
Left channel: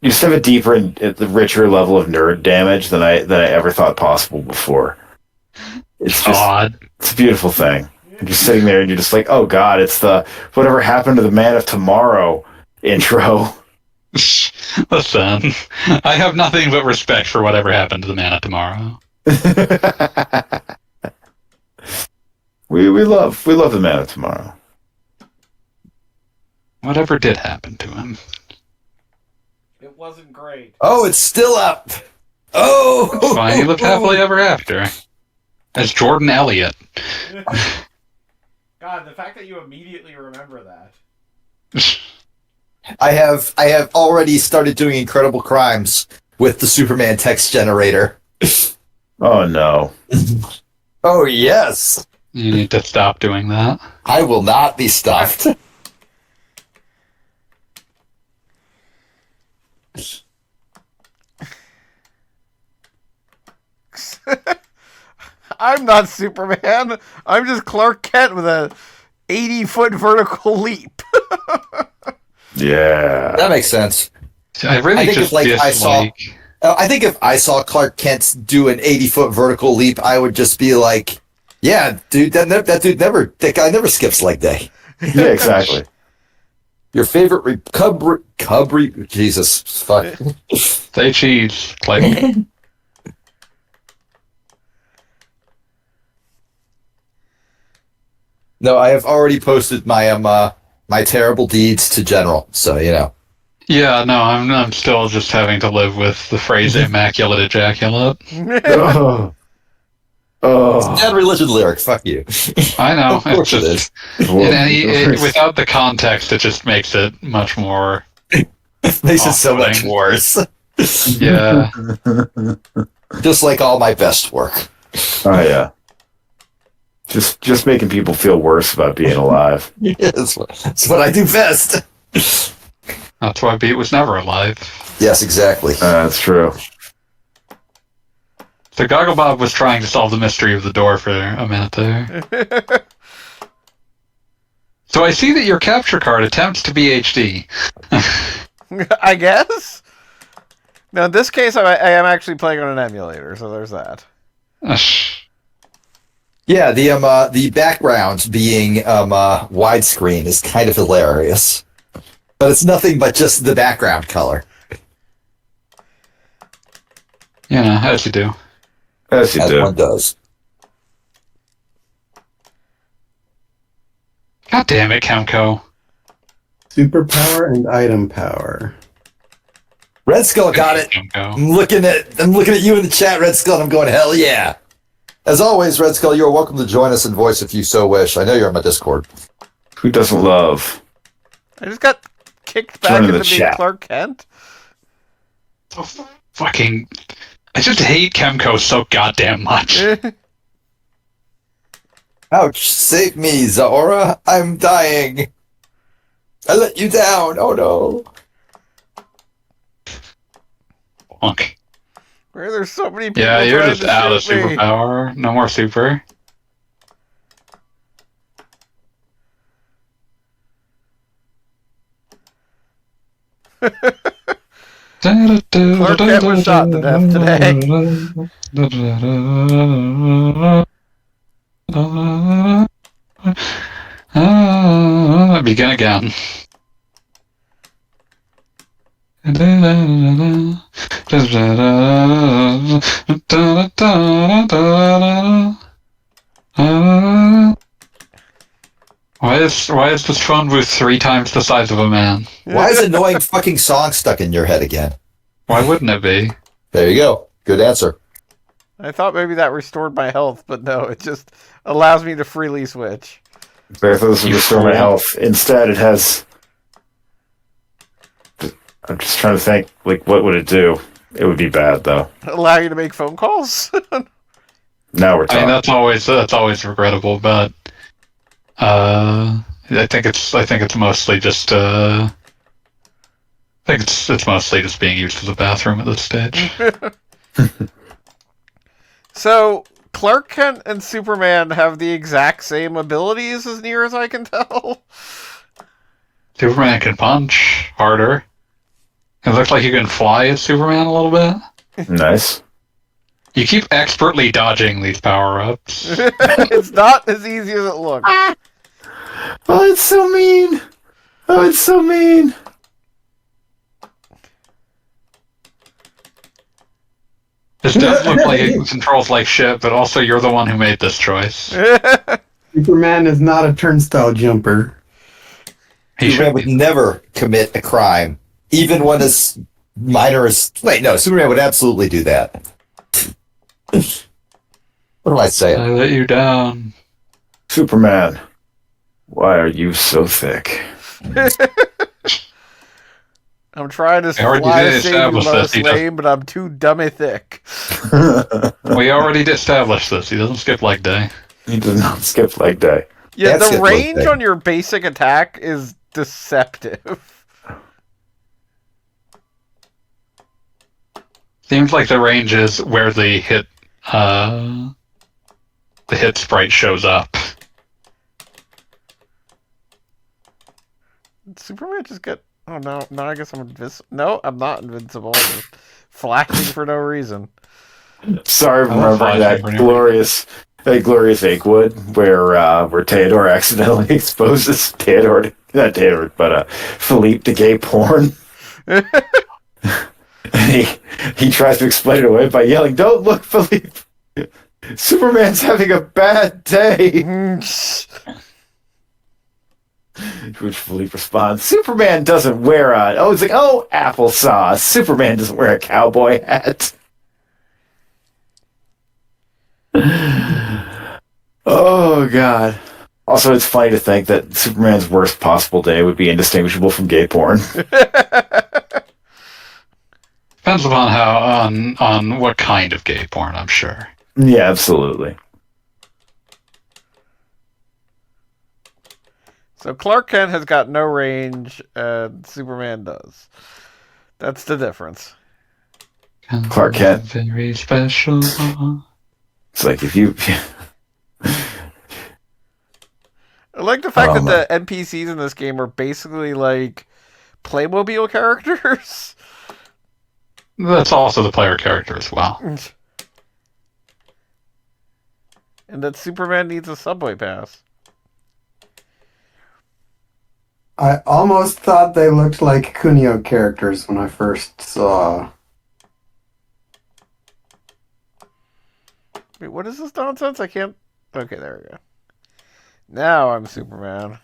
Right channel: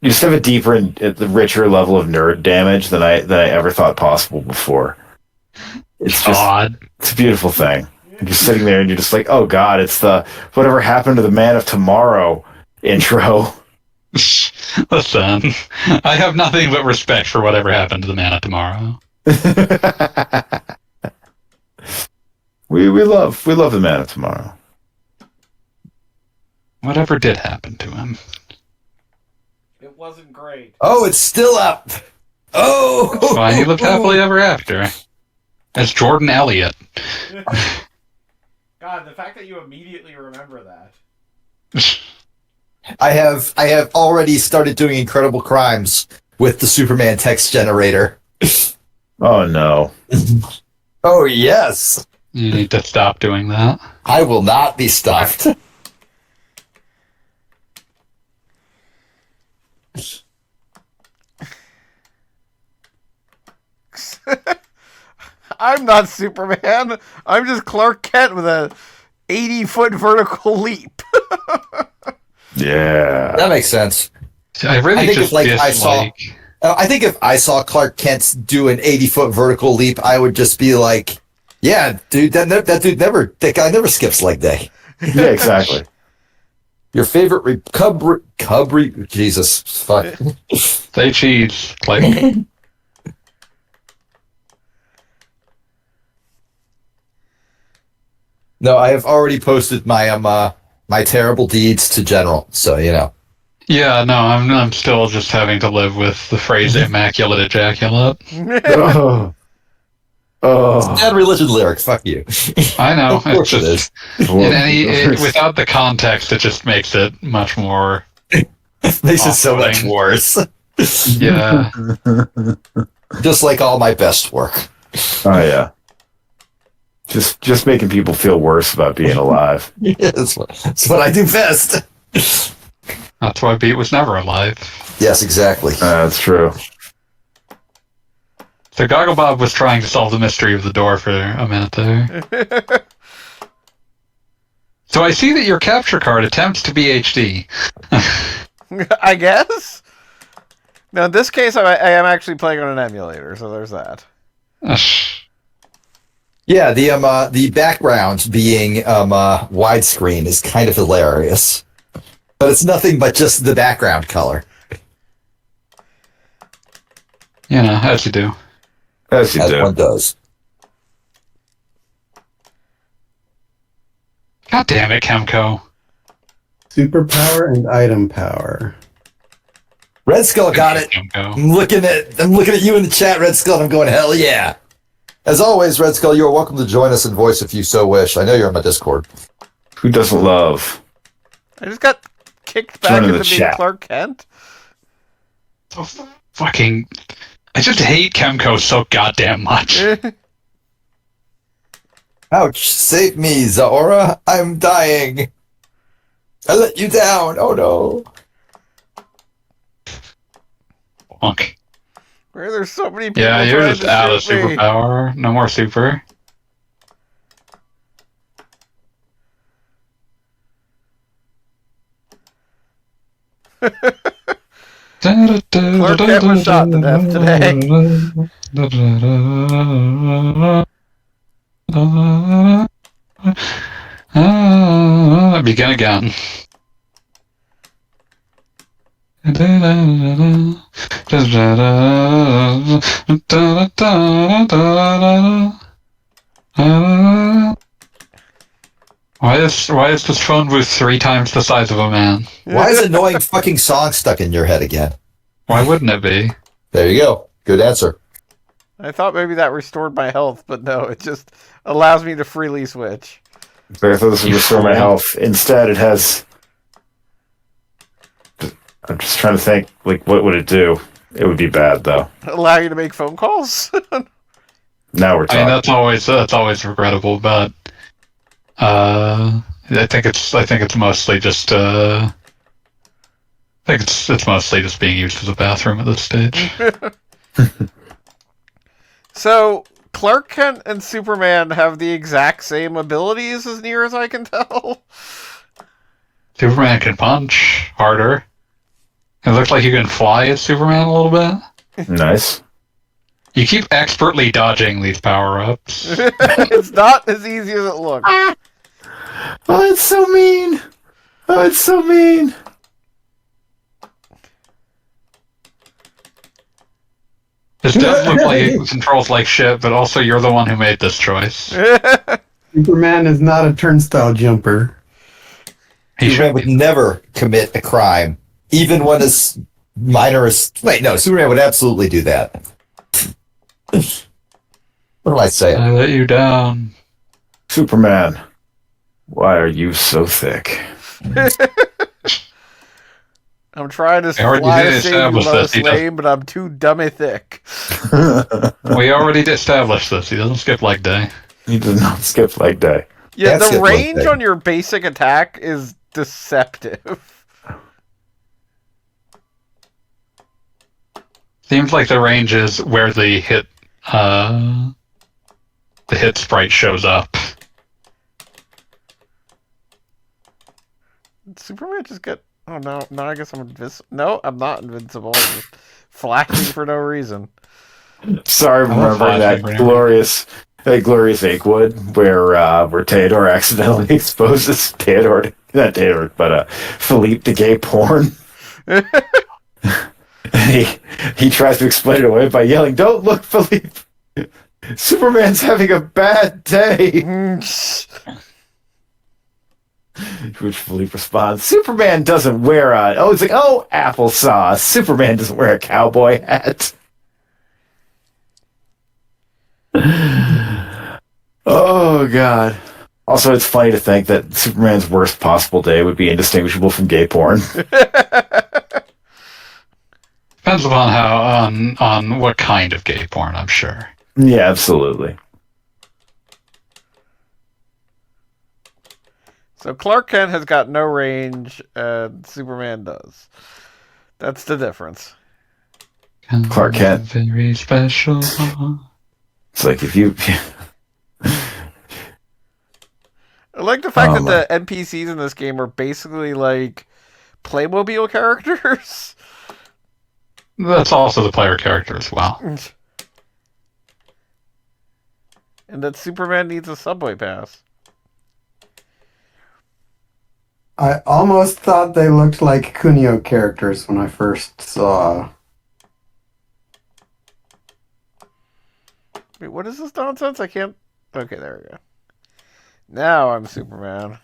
you just have a deeper and richer level of nerd damage than I ever thought possible before. It's just God. It's a beautiful thing. You're just sitting there and you're just like, oh God, it's the whatever happened to the Man of Tomorrow intro. Listen, I have nothing but respect for whatever happened to the Man of Tomorrow. we love the Man of Tomorrow. Whatever did happen to him. It wasn't great. Oh, it's still up. Oh! It's fine. He lived happily ever after. As Jordan Elliott. God, the fact that you immediately remember that. I have already started doing incredible crimes with the Superman text generator. Oh no. Oh yes. You need to stop doing that. I will not be stopped. I'm not Superman. I'm just Clark Kent with a 80-foot vertical leap. Yeah. That makes sense. I really think just if, dislike... I think if I saw Clark Kent do an 80-foot vertical leap, I would just be like, "Yeah, dude, that guy never skips leg day." Yeah, exactly. Your favorite Jesus, fuck. Say cheese. Click. No, I have already posted my my terrible deeds to General, so you know. Yeah, no, I'm still just having to live with the phrase immaculate ejaculate. Oh. Oh. Bad religion lyric, fuck you. I know. Of course it is. Without the context, it just makes it much more. Makes it so much worse. Yeah. Just like all my best work. Oh yeah. Just making people feel worse about being alive. Yeah, that's what I do best. That's why Beat was never alive. Yes, exactly. That's true. So Gogglebob was trying to solve the mystery of the door for a minute there. So I see that your capture card attempts to be HD. I guess? No, in this case, I am actually playing on an emulator, so there's that. Yeah, the background being widescreen is kind of hilarious. But it's nothing but just the background color. You know, as you do. As you As do. one does. God damn it, Chemco. Superpower and item power. Red Skull got it. Chemco. I'm looking at you in the chat, Red Skull, and I'm going, hell yeah. As always, Red Skull, you're welcome to join us in voice if you so wish. I know you're on my Discord. Who doesn't love? I just got kicked back Join in into the being chat. Clark Kent. So fucking... I just hate Chemco so goddamn much. Ouch, save me, Zaora. I'm dying. I let you down. Oh no. Honk. Where there's so many people Yeah, you're trying just to out of shoot me. superpower. No more super. Clark Kent was shot to death today. Begin again. Why is this phone booth 3 times the size of a man? Why is annoying fucking song stuck in your head again? Why wouldn't it be? There you go. Good answer. I thought maybe that restored my health, but no, it just allows me to freely switch. But this You restore my fool. health. Instead, it has. I'm just trying to think. Like, what would it do? It would be bad, though. Allow you to make phone calls? Now we're I mean, talking. that's always regrettable, but I think it's mostly just I think it's mostly just being used as a bathroom at this stage. So, Clark Kent and Superman have the exact same abilities as near as I can tell. Superman can punch harder. It looks like you can fly as Superman a little bit. Nice. You keep expertly dodging these power-ups. It's not as easy as it looks. Oh, it's so mean. Oh, it's so mean. This does look like it controls like shit, but also you're the one who made this choice. Superman is not a turnstile jumper. He Superman should would be. never commit a crime, even when as minor as. Wait, no, Superman would absolutely do that. What am I saying? I let you down. Superman, why are you so thick? I'm trying to I already fly did to save you, establish Lois this. He does- Lane, but I'm too dummy thick. We already established this. He doesn't skip leg day. He does not skip leg day. Yeah, That's the it, range look, on your basic attack is deceptive. Seems like the range is where the hit sprite shows up. Superman just got... Oh, no, I guess I'm invincible. No, I'm not invincible. I'm just flashing for no reason. Sorry, I love remembering that flashing for glorious Achewood where Theodore accidentally exposes not Theodore, but Philippe to gay porn. And he tries to explain it away by yelling, "Don't look, Philippe! Superman's having a bad day." To which Philippe responds, "Superman doesn't wear a..." Oh, it's like, oh, applesauce. Superman doesn't wear a cowboy hat. Oh, God. Also, it's funny to think that Superman's worst possible day would be indistinguishable from gay porn. Depends upon on what kind of gay porn, I'm sure. Yeah, absolutely. So Clark Kent has got no range, and Superman does. That's the difference. Clark Kent. Very special. It's like if you... I like the fact that the NPCs in this game are basically like Playmobil characters. That's also the player character as well. And that Superman needs a subway pass. I almost thought they looked like Kunio characters when I first saw. Wait, what is this nonsense? I can't... Okay, there we go. Now I'm Superman.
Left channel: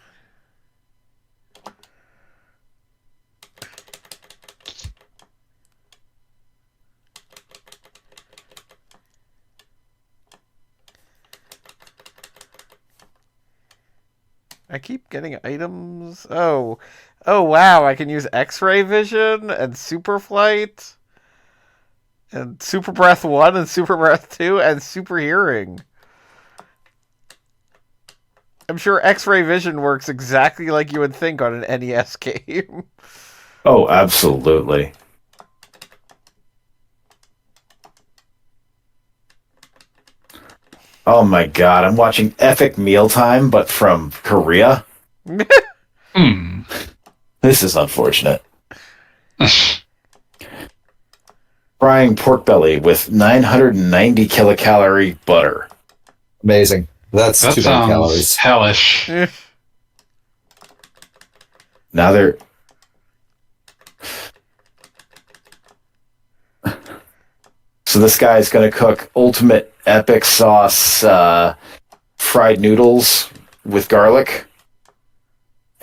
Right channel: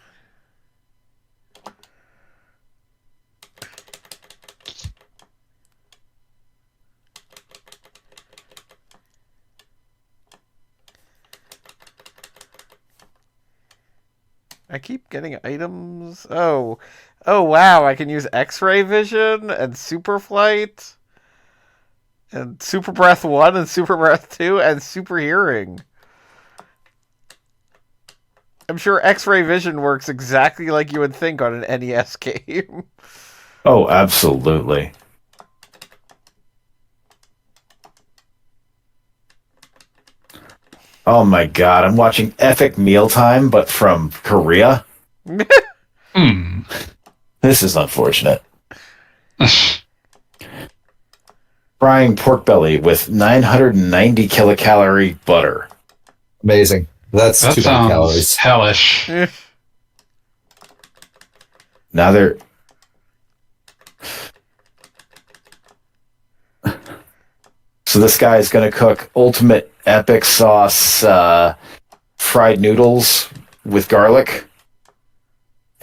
I keep getting items. Oh, wow! I can use X-ray vision and super flight, and super breath 1 and super breath 2 and super hearing. I'm sure X-ray vision works exactly like you would think on an NES game. Oh, absolutely. Oh my God, I'm watching Epic Mealtime, but from Korea. Hmm. This is unfortunate. Frying pork belly with 990 kilocalorie butter. Amazing. That's That too many sounds calories. hellish. Now they're... So this guy's going to cook ultimate epic sauce fried noodles with garlic.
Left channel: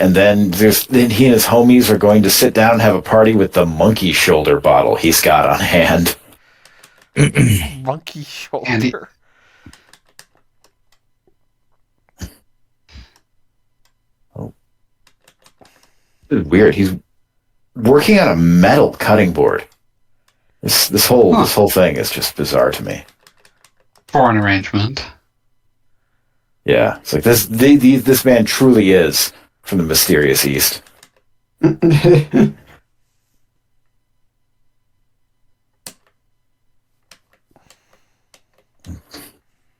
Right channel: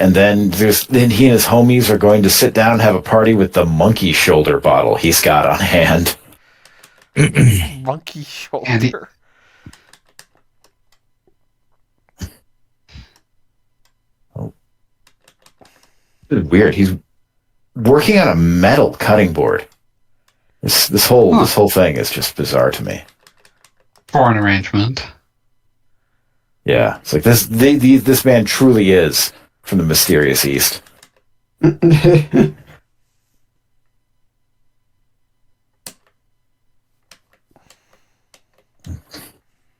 And then he and his homies are going to sit down and have a party with the monkey shoulder bottle he's got on hand. Monkey shoulder. This is weird. He's working on a metal cutting board. This whole thing is just bizarre to me. Foreign arrangement. Yeah, it's like this man truly is from the mysterious East.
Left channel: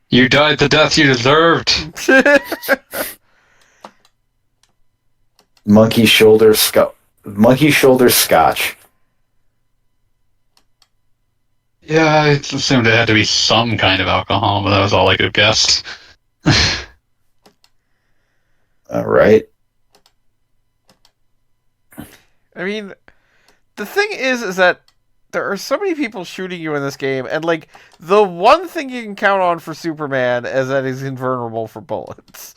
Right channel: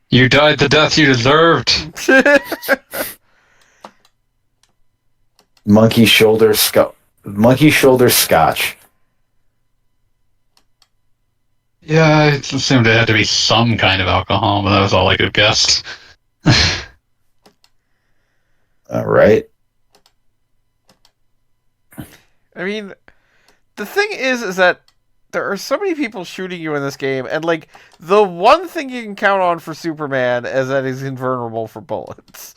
You died the death you deserved. Monkey shoulder scotch. Yeah, I assumed it had to be some kind of alcohol, but that was all I could guess. All right. I mean, the thing is that there are so many people shooting you in this game, and like the one thing you can count on for Superman is that he's invulnerable for bullets.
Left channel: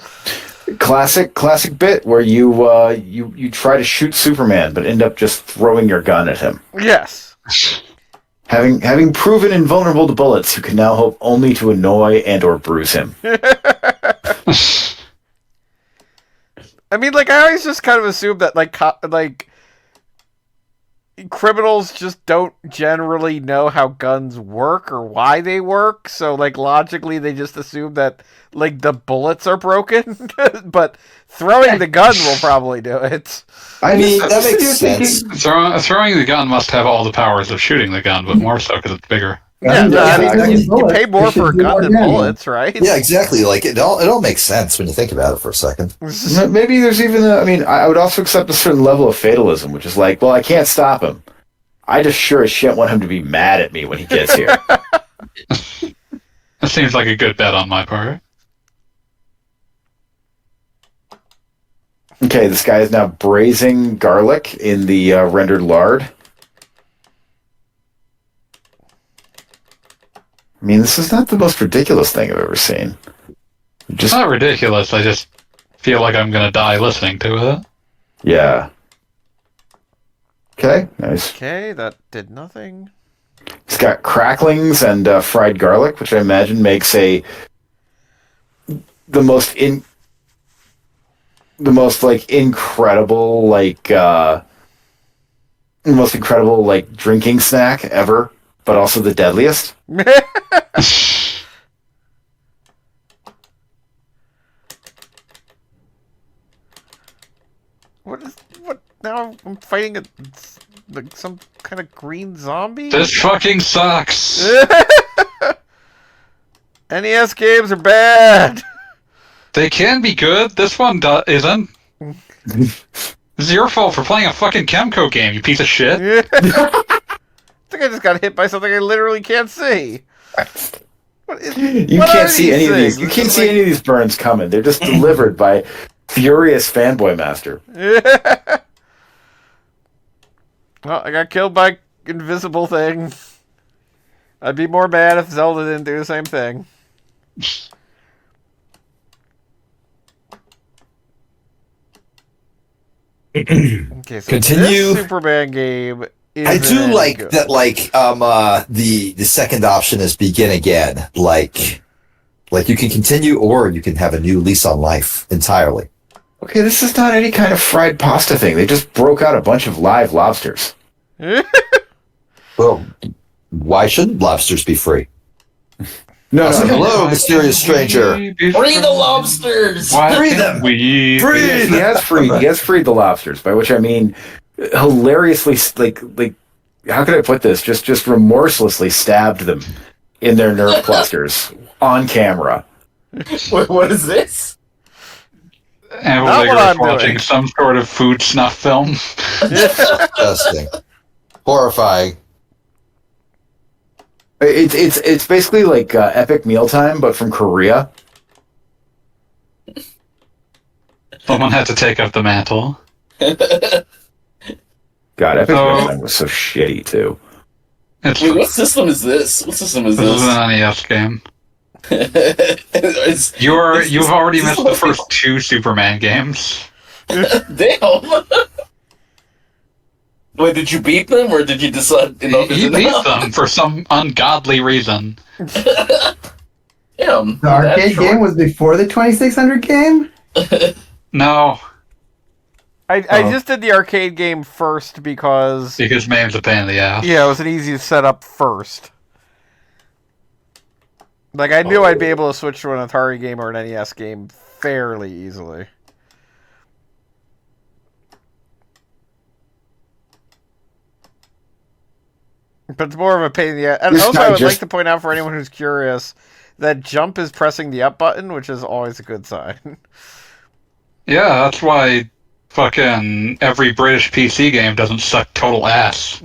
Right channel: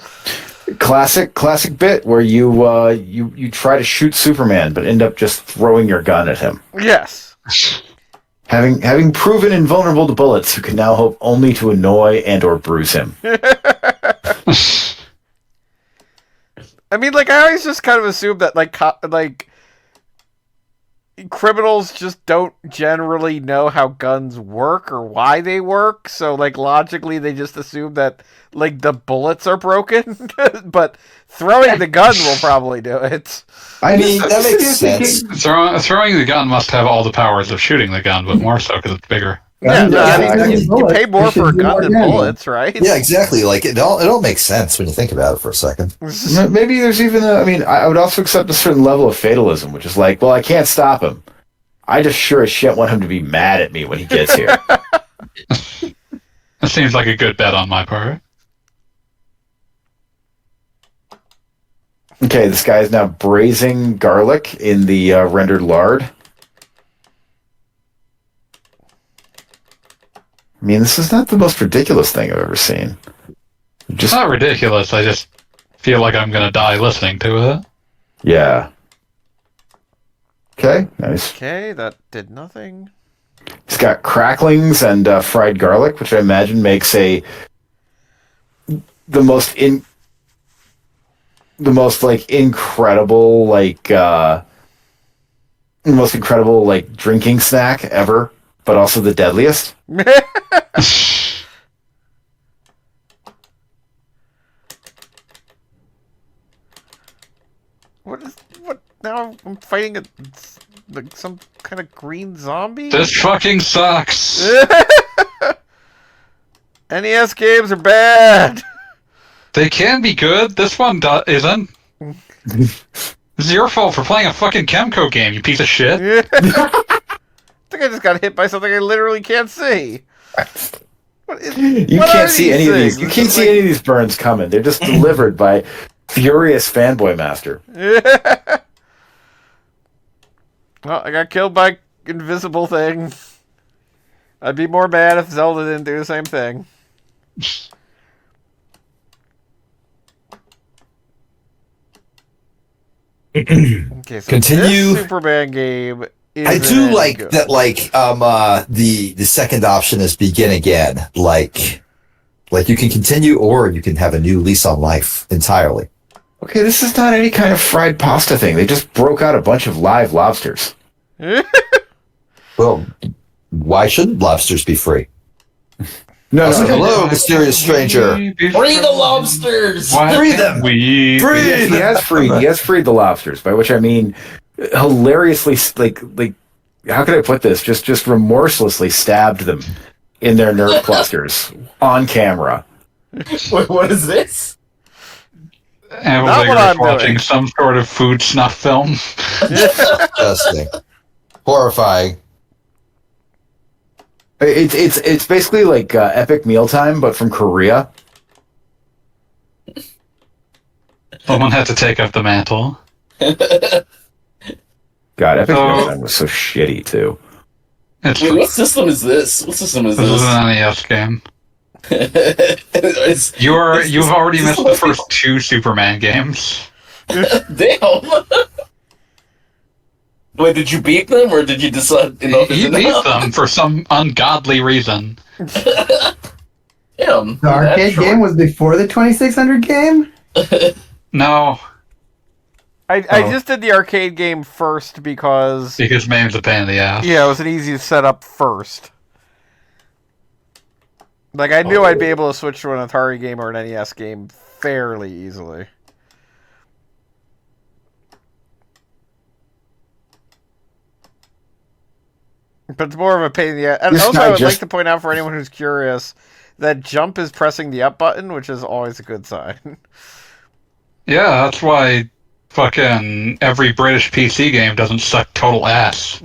Classic bit where you try to shoot Superman but end up just throwing your gun at him. Yes. Having proven invulnerable to bullets, you can now hope only to annoy and or bruise him. I mean, like, I always just kind of assume that, like criminals just don't generally know how guns work or why they work, so, like, logically they just assume that, like, the bullets are broken, but throwing the gun will probably do it. I mean, that makes sense. Throwing the gun must have all the powers of shooting the gun, but more so because it's bigger. Yeah, no, I mean, you pay more for a gun than bullets, right? Yeah, exactly. Like, it all makes sense when you think about it for a second. Maybe there's even I would also accept a certain level of fatalism, which is like, well, I can't stop him. I just sure as shit want him to be mad at me when he gets here. That seems like a good bet on my part. Okay, this guy is now braising garlic in the rendered lard. I mean, this is not the most ridiculous thing I've ever seen. It's not ridiculous, I just feel like I'm gonna die listening to it. Yeah. Okay, nice. Okay, that did nothing. It's got cracklings and fried garlic, which I imagine makes the most incredible drinking snack ever, but also the deadliest. What now? I'm fighting some kind of green zombie? This fucking sucks! NES games are bad! They can be good, this one isn't. This is your fault for playing a fucking Chemco game, you piece of shit. I think I just got hit by something I literally can't see. You can't see any of these. You can't see any of these burns coming. They're just delivered by furious fanboy master. Well, I got killed by invisible thing. I'd be more mad if Zelda didn't do the same thing. Okay, so Continue. This Superman game is I do like good. That. Like, the second option is begin again. Like you can continue, or you can have a new lease on life entirely. Okay, this is not any kind of fried pasta thing. They just broke out a bunch of live lobsters. Well, why shouldn't lobsters be free? No. Hello, mysterious stranger. Free the lobsters! Free them! Free! He has freed the lobsters, by which I mean hilariously, like how could I put this? Just remorselessly stabbed them in their nerve clusters on camera. Wait, what is this? And Not what I'm watching doing. some sort of food snuff film. Disgusting. Horrifying. It's basically like Epic Mealtime, but from Korea. Someone had to take up the mantle. God, Epic Mealtime was so shitty too. It's, Wait, what system is this? What system is this is this? an NES game. It's- You've already Is this missed the first two Superman games. Damn. Wait, did you beat them, or did you decide enough is He beat enough? them for some ungodly reason. Damn. The arcade game was before the 2600 game? No, I just did the arcade game first because MAME's a pain in the ass. it was an easy setup first. Like I knew I'd be able to switch to an Atari game or an NES game fairly easily. But it's more of a pain in the ass. And This also, guy I would just- like to point out for anyone who's curious that jump is pressing the up button, which is always a good sign. Yeah, that's why fucking every British PC game doesn't suck total ass.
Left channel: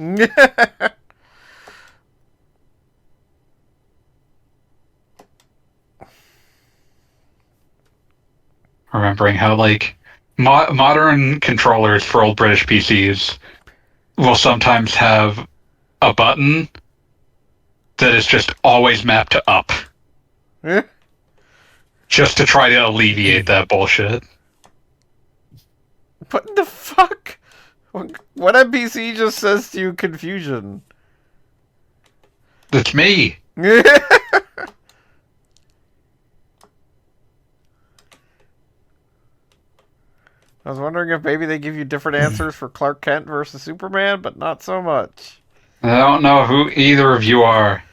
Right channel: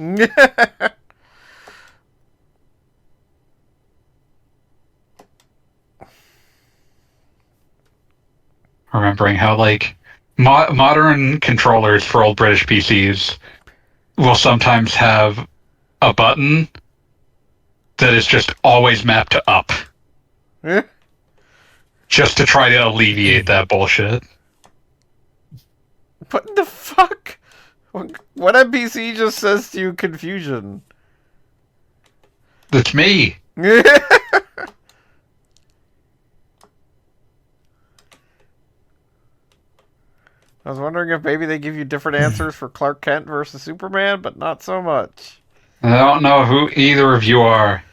Remembering how, like, modern controllers for old British PCs will sometimes have a button that is just always mapped to up. Just to try to alleviate that bullshit. What the fuck? What NPC just says to you confusion? That's me. I was wondering if maybe they give you different answers for Clark Kent versus Superman, but not so much. I don't know who either of you are.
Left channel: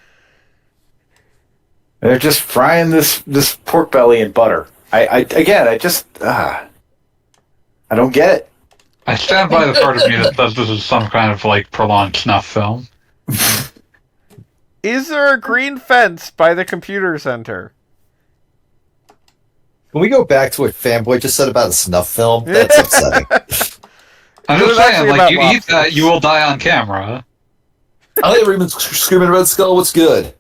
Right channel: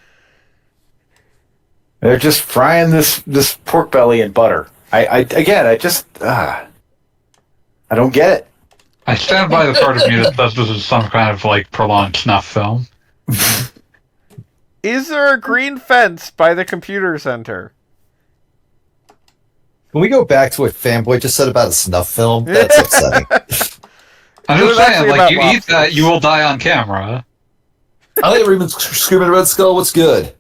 They're just frying this pork belly in butter. I don't get it. I stand by the part of me that says this is some kind of, like, prolonged snuff film. Is there a green fence by the computer center? Can we go back to what Fanboy just said about a snuff film? That's upsetting. I'm It was just saying, actually like, about you eat lobsters. that, you will die on camera. I think everyone's screaming Red Skull. What's good?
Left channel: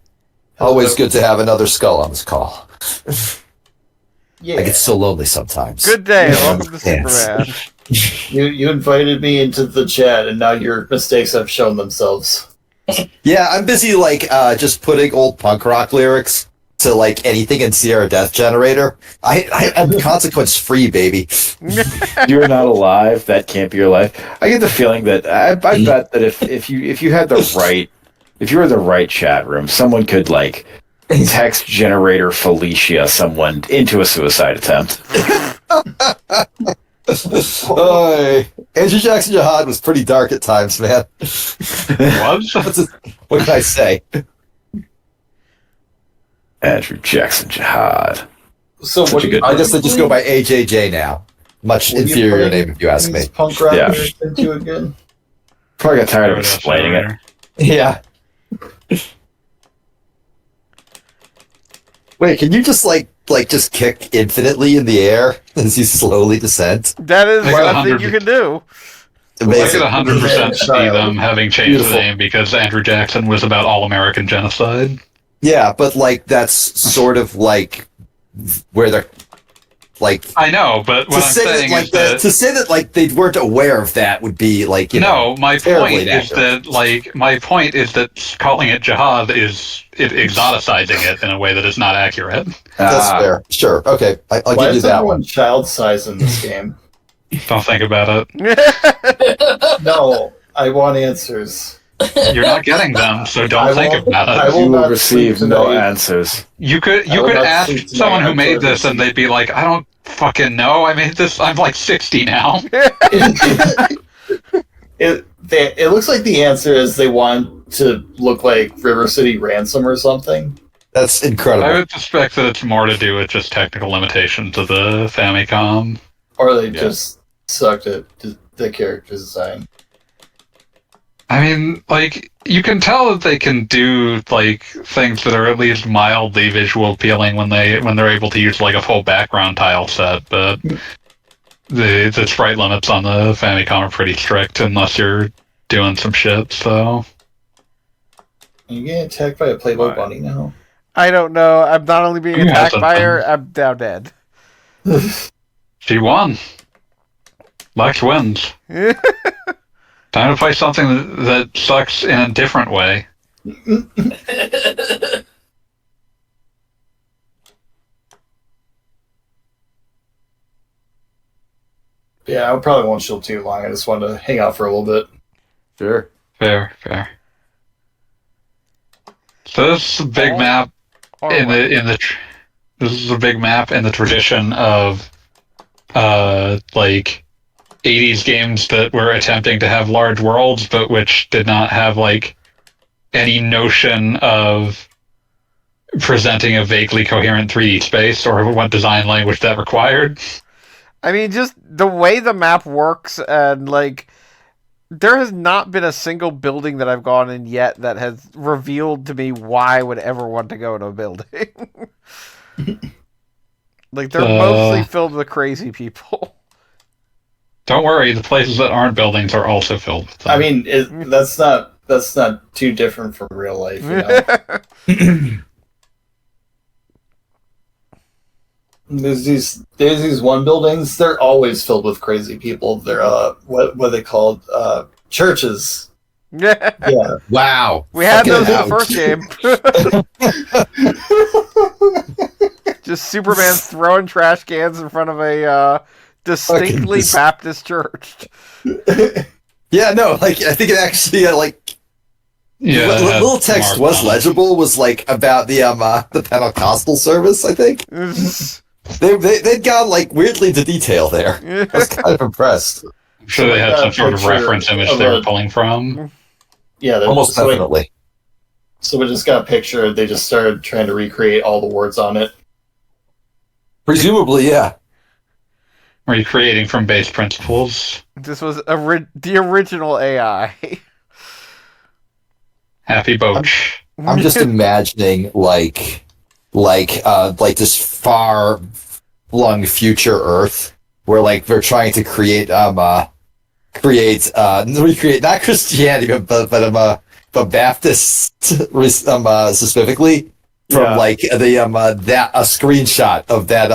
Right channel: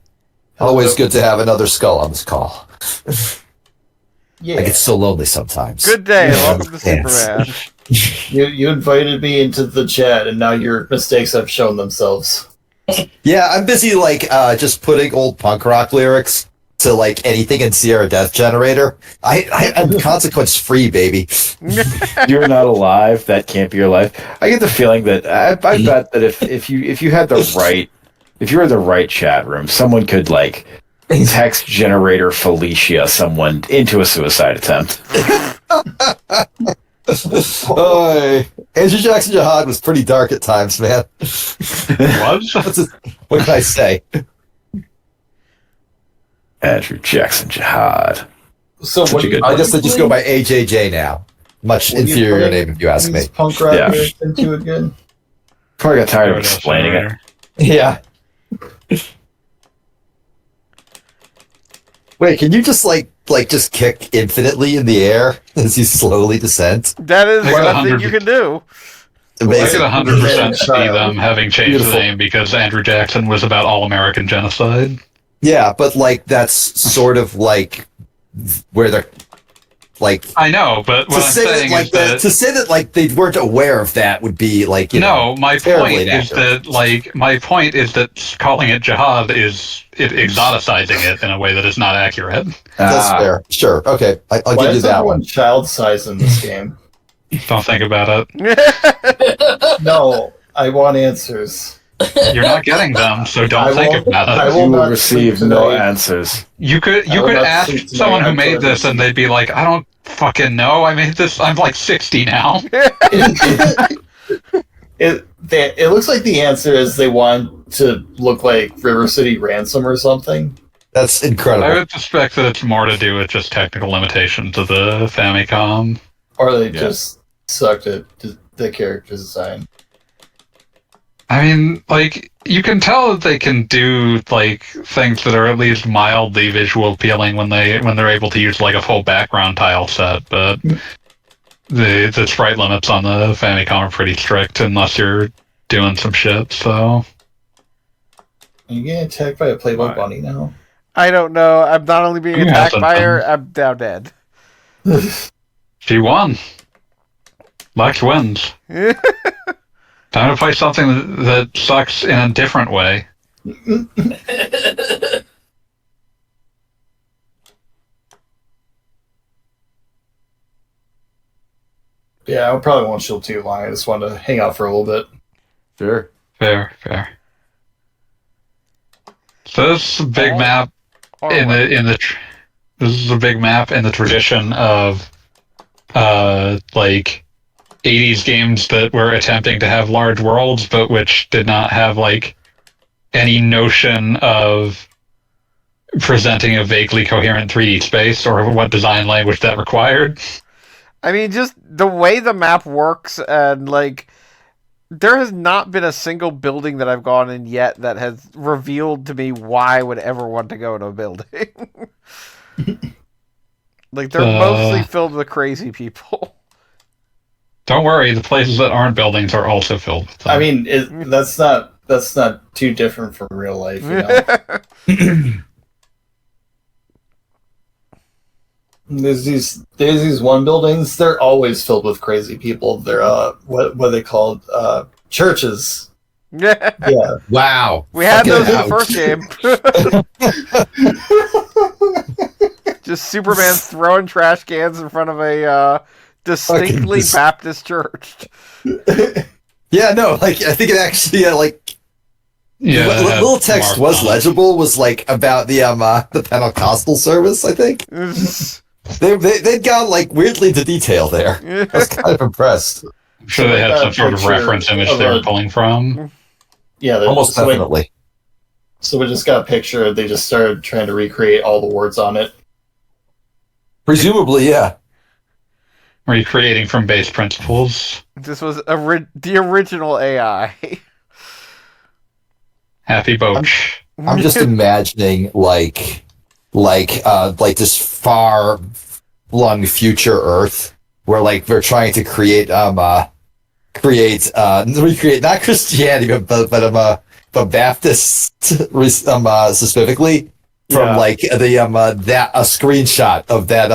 Always good to have another skull on this call. Yeah, I get so lonely sometimes. Good day, Yeah, welcome to thanks. Superman. you invited me into the chat, and now your mistakes have shown themselves. Yeah, I'm busy just putting old punk rock lyrics to like anything in Sierra Death Generator. I'm consequence free, baby. You're not alive. That can't be your life. I get the feeling that I bet that if you had the right, if you were in the right chat room, someone could like text generator Felicia someone into a suicide attempt. Andrew Jackson Jihad was pretty dark at times, man. What can I say? Andrew Jackson Jihad. So Such what a do good you, I guess they just go by AJJ now. Much what are you inferior putting name if you ask me. these punk rock Yeah. lyrics into again? Probably got tired of explaining it. Yeah. Wait, can you just just kick infinitely in the air as you slowly descend? That is I got a thing 100. you can do. I Amazing. could 100% see them having changed Beautiful. the name because Andrew Jackson was about all-American genocide. Yeah, but that's sort of like where they're like I know, but what I'm saying is that... to say that like they weren't aware of that would be like No, my terribly point is inaccurate. that calling it jihad is exoticizing it in a way that is not accurate. That's fair. Sure. Okay. I'll Why give you is that everyone one. child size in this game? Don't think about it. No, I want answers. You're not getting them, so don't I think won't- about I it. will You will not receive sleep no tonight. answers. You could I will not ask sleep tonight someone who until made I this, and receive- they'd be like, "I don't fucking know. I made this. I'm like 60 now." It looks like the answer is they want to look like River City Ransom or something. That's I incredible. would suspect that it's more to do with just technical limitations of the Famicom. Or they Yeah. just sucked at the character design. I mean, like, you can tell that they can do like things that are at least mildly visual appealing when they're able to use like a full background tile set, but the sprite limits on the Famicom are pretty strict unless you're doing some shit. So Are you getting attacked by a Playboy bunny now? I don't know. I'm not only being Who attacked hasn't by been? her, I'm now dead. she won. Lex wins. Time to play something that sucks in a different way. Yeah, I probably won't chill too long. I just wanted to hang out for a little bit. Sure. Fair. So this is a big map this is a big map in the tradition of like 80s games that were attempting to have large worlds, but which did not have like any notion of presenting a vaguely coherent 3D space or what design language that required. I mean, just the way the map works, and like, there has not been a single building that I've gone in yet that has revealed to me why I would ever want to go in a building. Like, they're mostly filled with crazy people. Don't worry, the places that aren't buildings are also filled with them. I mean, that's not too different from real life. There's these one buildings. They're always filled with crazy people. They're what are they called? Churches. Yeah. Wow. We had those in the first game. Just Superman throwing trash cans in front of a distinctly Baptist church. Yeah, no, like I think it actually little text was legible. Was like about the Pentecostal service. I think they'd gone like weirdly into detail there. I was kind of impressed. I'm sure they had some sort of reference image they were pulling from. Yeah, almost definitely. So we just got a picture. They just started trying to recreate all the words on it. Presumably, yeah. Recreating from base principles. This was the original AI. Happy Boach. I'm just imagining like this far flung future Earth where like they're trying to recreate not Christianity but Baptist specifically from like the a screenshot of that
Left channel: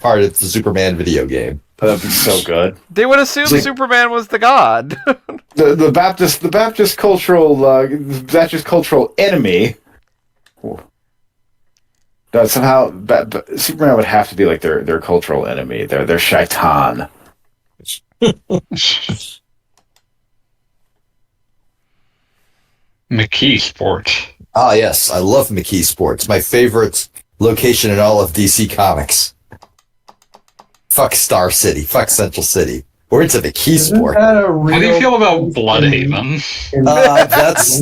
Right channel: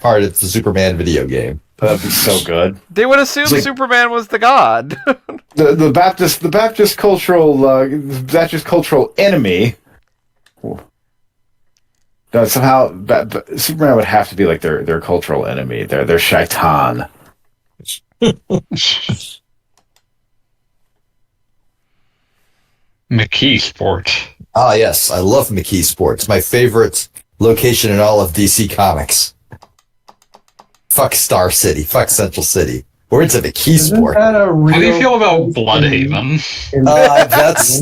part of the Superman video game. That'd be so good. They would assume Superman was the god. The Baptist cultural enemy. That somehow Superman would have to be like their cultural enemy. Their shaitan. McKee Sport. Ah, yes, I love McKee Sports. My favorite location in all of DC Comics. Fuck Star City. Fuck Central City. We're into McKee Sport. How do you feel about Bloodhaven?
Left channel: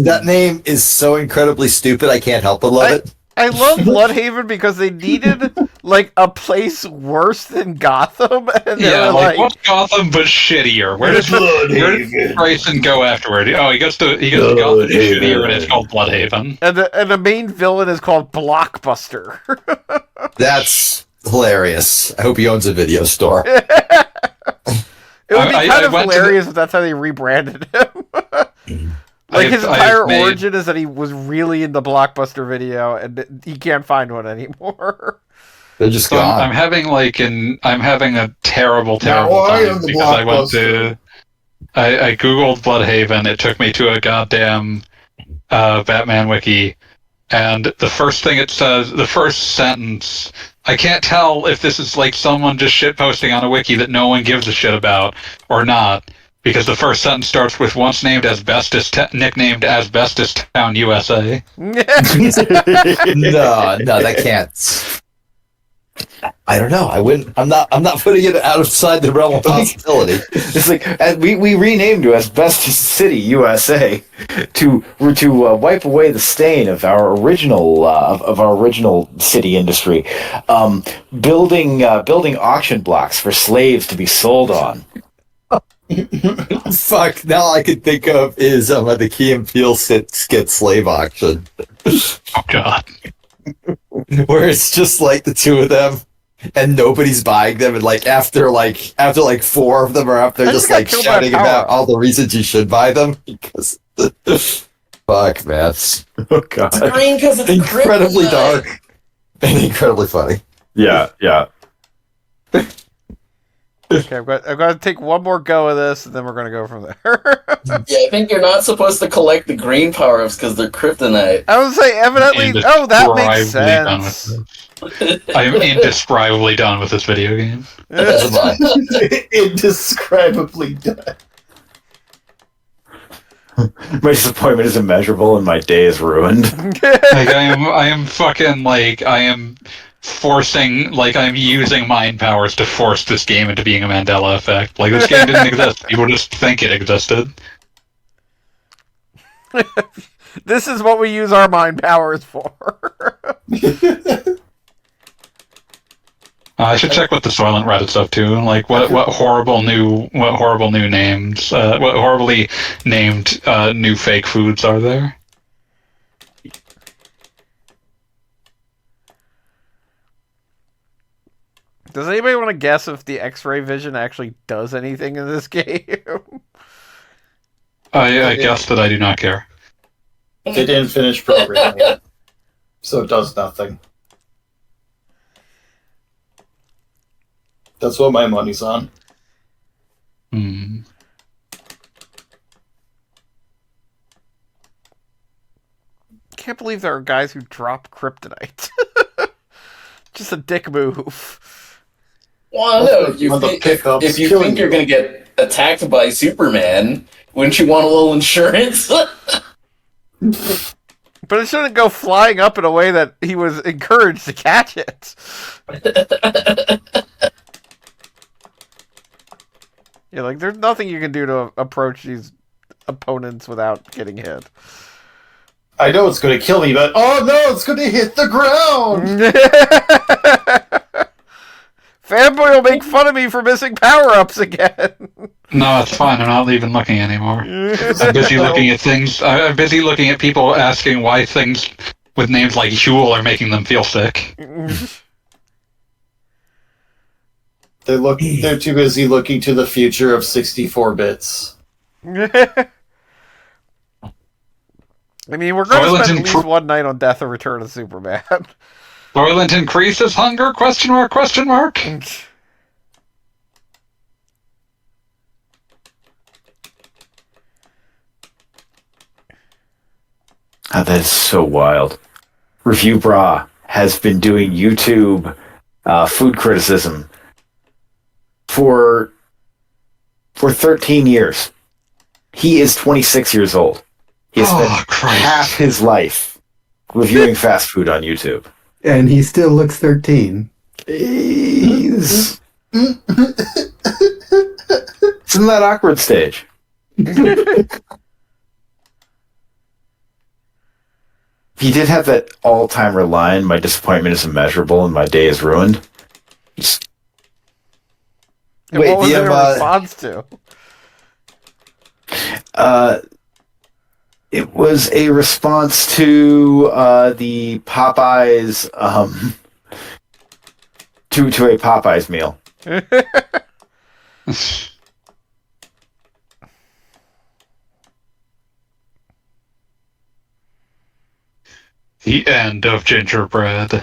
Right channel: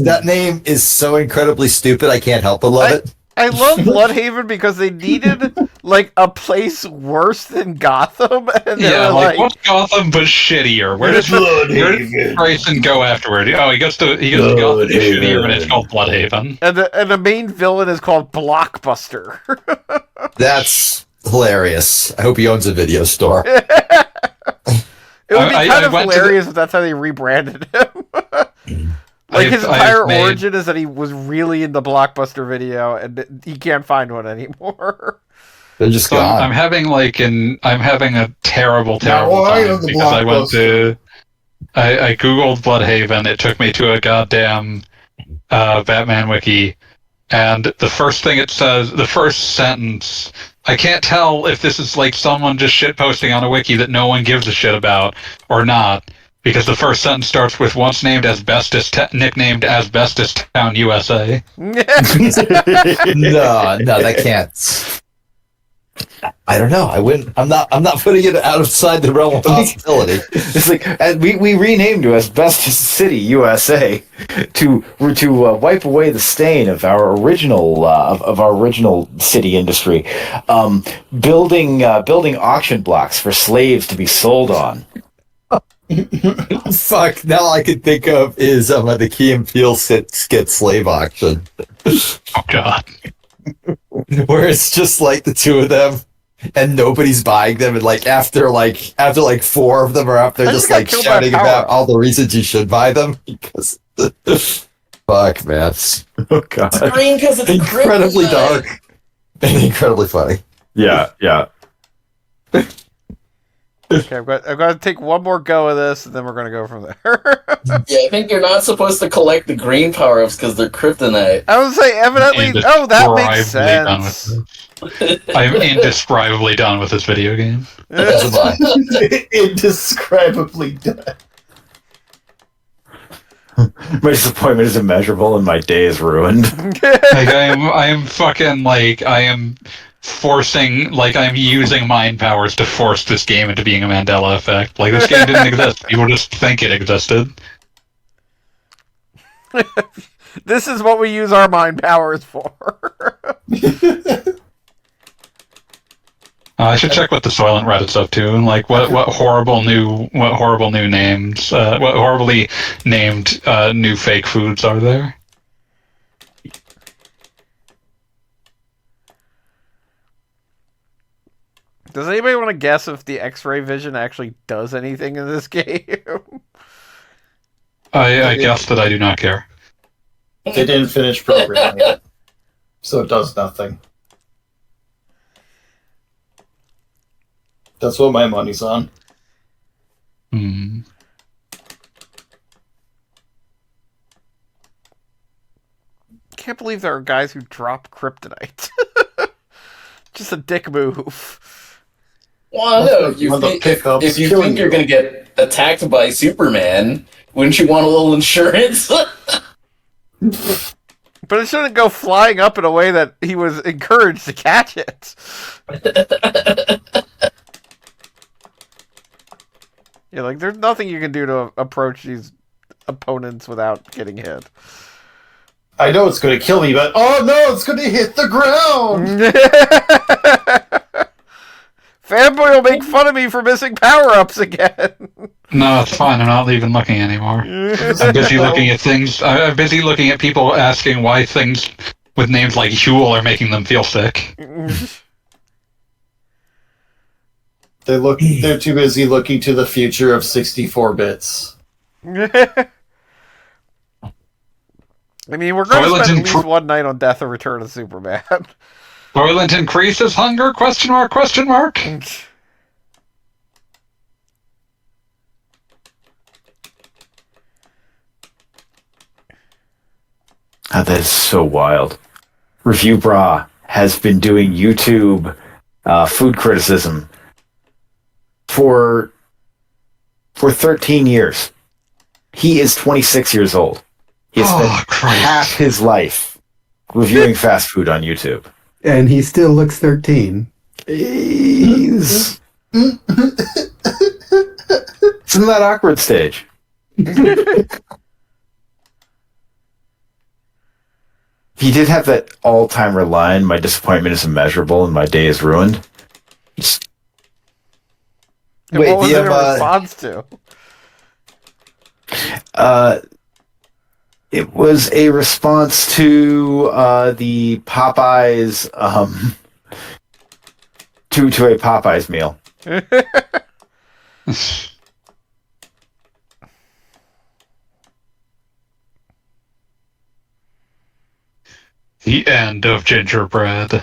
That name is so incredibly stupid. I can't help but love it. I love Bloodhaven because they needed like a place worse than Gotham, and they were like, what's Gotham but shittier? Where does Grayson go afterward? Oh, he goes to Gotham shittier, and it's called Bloodhaven. And the main villain is called Blockbuster. That's hilarious. I hope he owns a video store. It would be kind of hilarious if that's how they rebranded him. Like, his entire origin is that he was really into Blockbuster Video, and he can't find one anymore. They're just gone. I'm having a terrible time because I googled Bloodhaven. It took me to a goddamn Batman wiki, and the first thing it says, the first sentence, I can't tell if this is like someone just shitposting on a wiki that no one gives a shit about or not. Because the first sentence starts with once named nicknamed Asbestos Town, USA. No, that can't. I don't know. I wouldn't. I'm not putting it outside the realm of possibility. It's like we renamed to Asbestos City, USA, to wipe away the stain of our original city industry, building auction blocks for slaves to be sold on. Fuck! Now all I can think of is the Key and Peele skit Slave Auction. Oh God! Where it's just like the two of them, and nobody's buying them, and like after four of them are up, they're just like shouting about all the reasons you should buy them. Because fuck, man! Oh God! It's green because it's incredibly kryptonite. dark and incredibly funny. Yeah. Okay, I'm going to take one more go of this, and then we're going to go from there. Yeah, I think you're not supposed to collect the green power-ups because they're kryptonite. I would say evidently. Oh, that makes Indescribably done with sense. this. I am indescribably done with this video game. As am I. Indescribably done. My disappointment is immeasurable, and my day is ruined. Like I am fucking like I am forcing like I'm using mind powers to force this game into being a Mandela effect. Like this game didn't exist. People just think it existed. This is what we use our mind powers for. I should check what the Soylent Reddit's up to. Like what horrible new names, what horribly named new fake foods are there? Does anybody want to guess if the X-ray vision actually does anything in this game? I guess that I do not care. They didn't finish programming it, so it does nothing. That's what my money's on. Hmm. Can't believe there are guys who drop kryptonite. Just a dick move. Well, I don't know. If you One of the think, pickups if you killing think you're you. going to get attacked by Superman, wouldn't you want a little insurance? But it shouldn't go flying up in a way that he was encouraged to catch it. Yeah, like there's nothing you can do to approach these opponents without getting hit. I know it's going to kill me, but oh no, it's going to hit the ground! Fanboy will make fun of me for missing power-ups again. No, it's fine. I'm not even looking anymore. I'm busy looking at things. I'm busy looking at people asking why things with names like Huel are making them feel sick. They're too busy looking to the future of 64 bits. I mean, we're going to Soylent spend at least one night on Death and Return of Superman. Soylent increases hunger? Question mark? Question mark? Oh, that is so wild. Review Bra has been doing YouTube food criticism for 13 years. He is 26 years old. He has spent Christ. half his life reviewing fast food on YouTube. And he still looks 13. He's it's in that awkward stage. He did have that all-timer line, "My disappointment is immeasurable and my day is ruined." Just, And Wait, what was the, it in response to? it was a response to the Popeyes to a Popeyes meal. The end of gingerbread.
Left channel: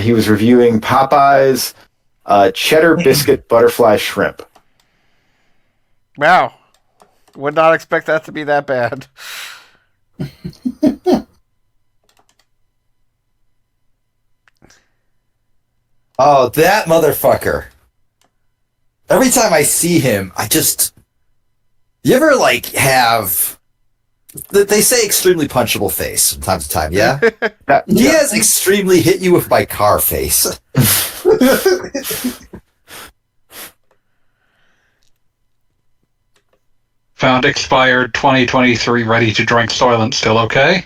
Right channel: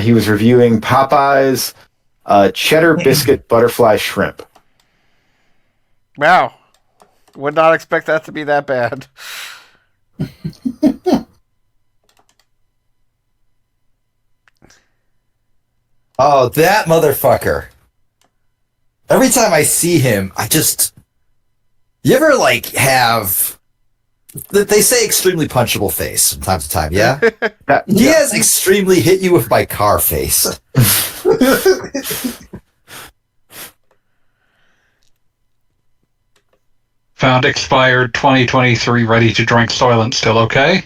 He was reviewing Popeyes cheddar biscuit butterfly shrimp. Wow. Would not expect that to be that bad. Oh, that motherfucker. Every time I see him, I just... You ever, like, have... They say extremely punchable face from time to time, yeah? He has extremely hit you with my car face. Found expired 2023 ready to drink Soylent still okay?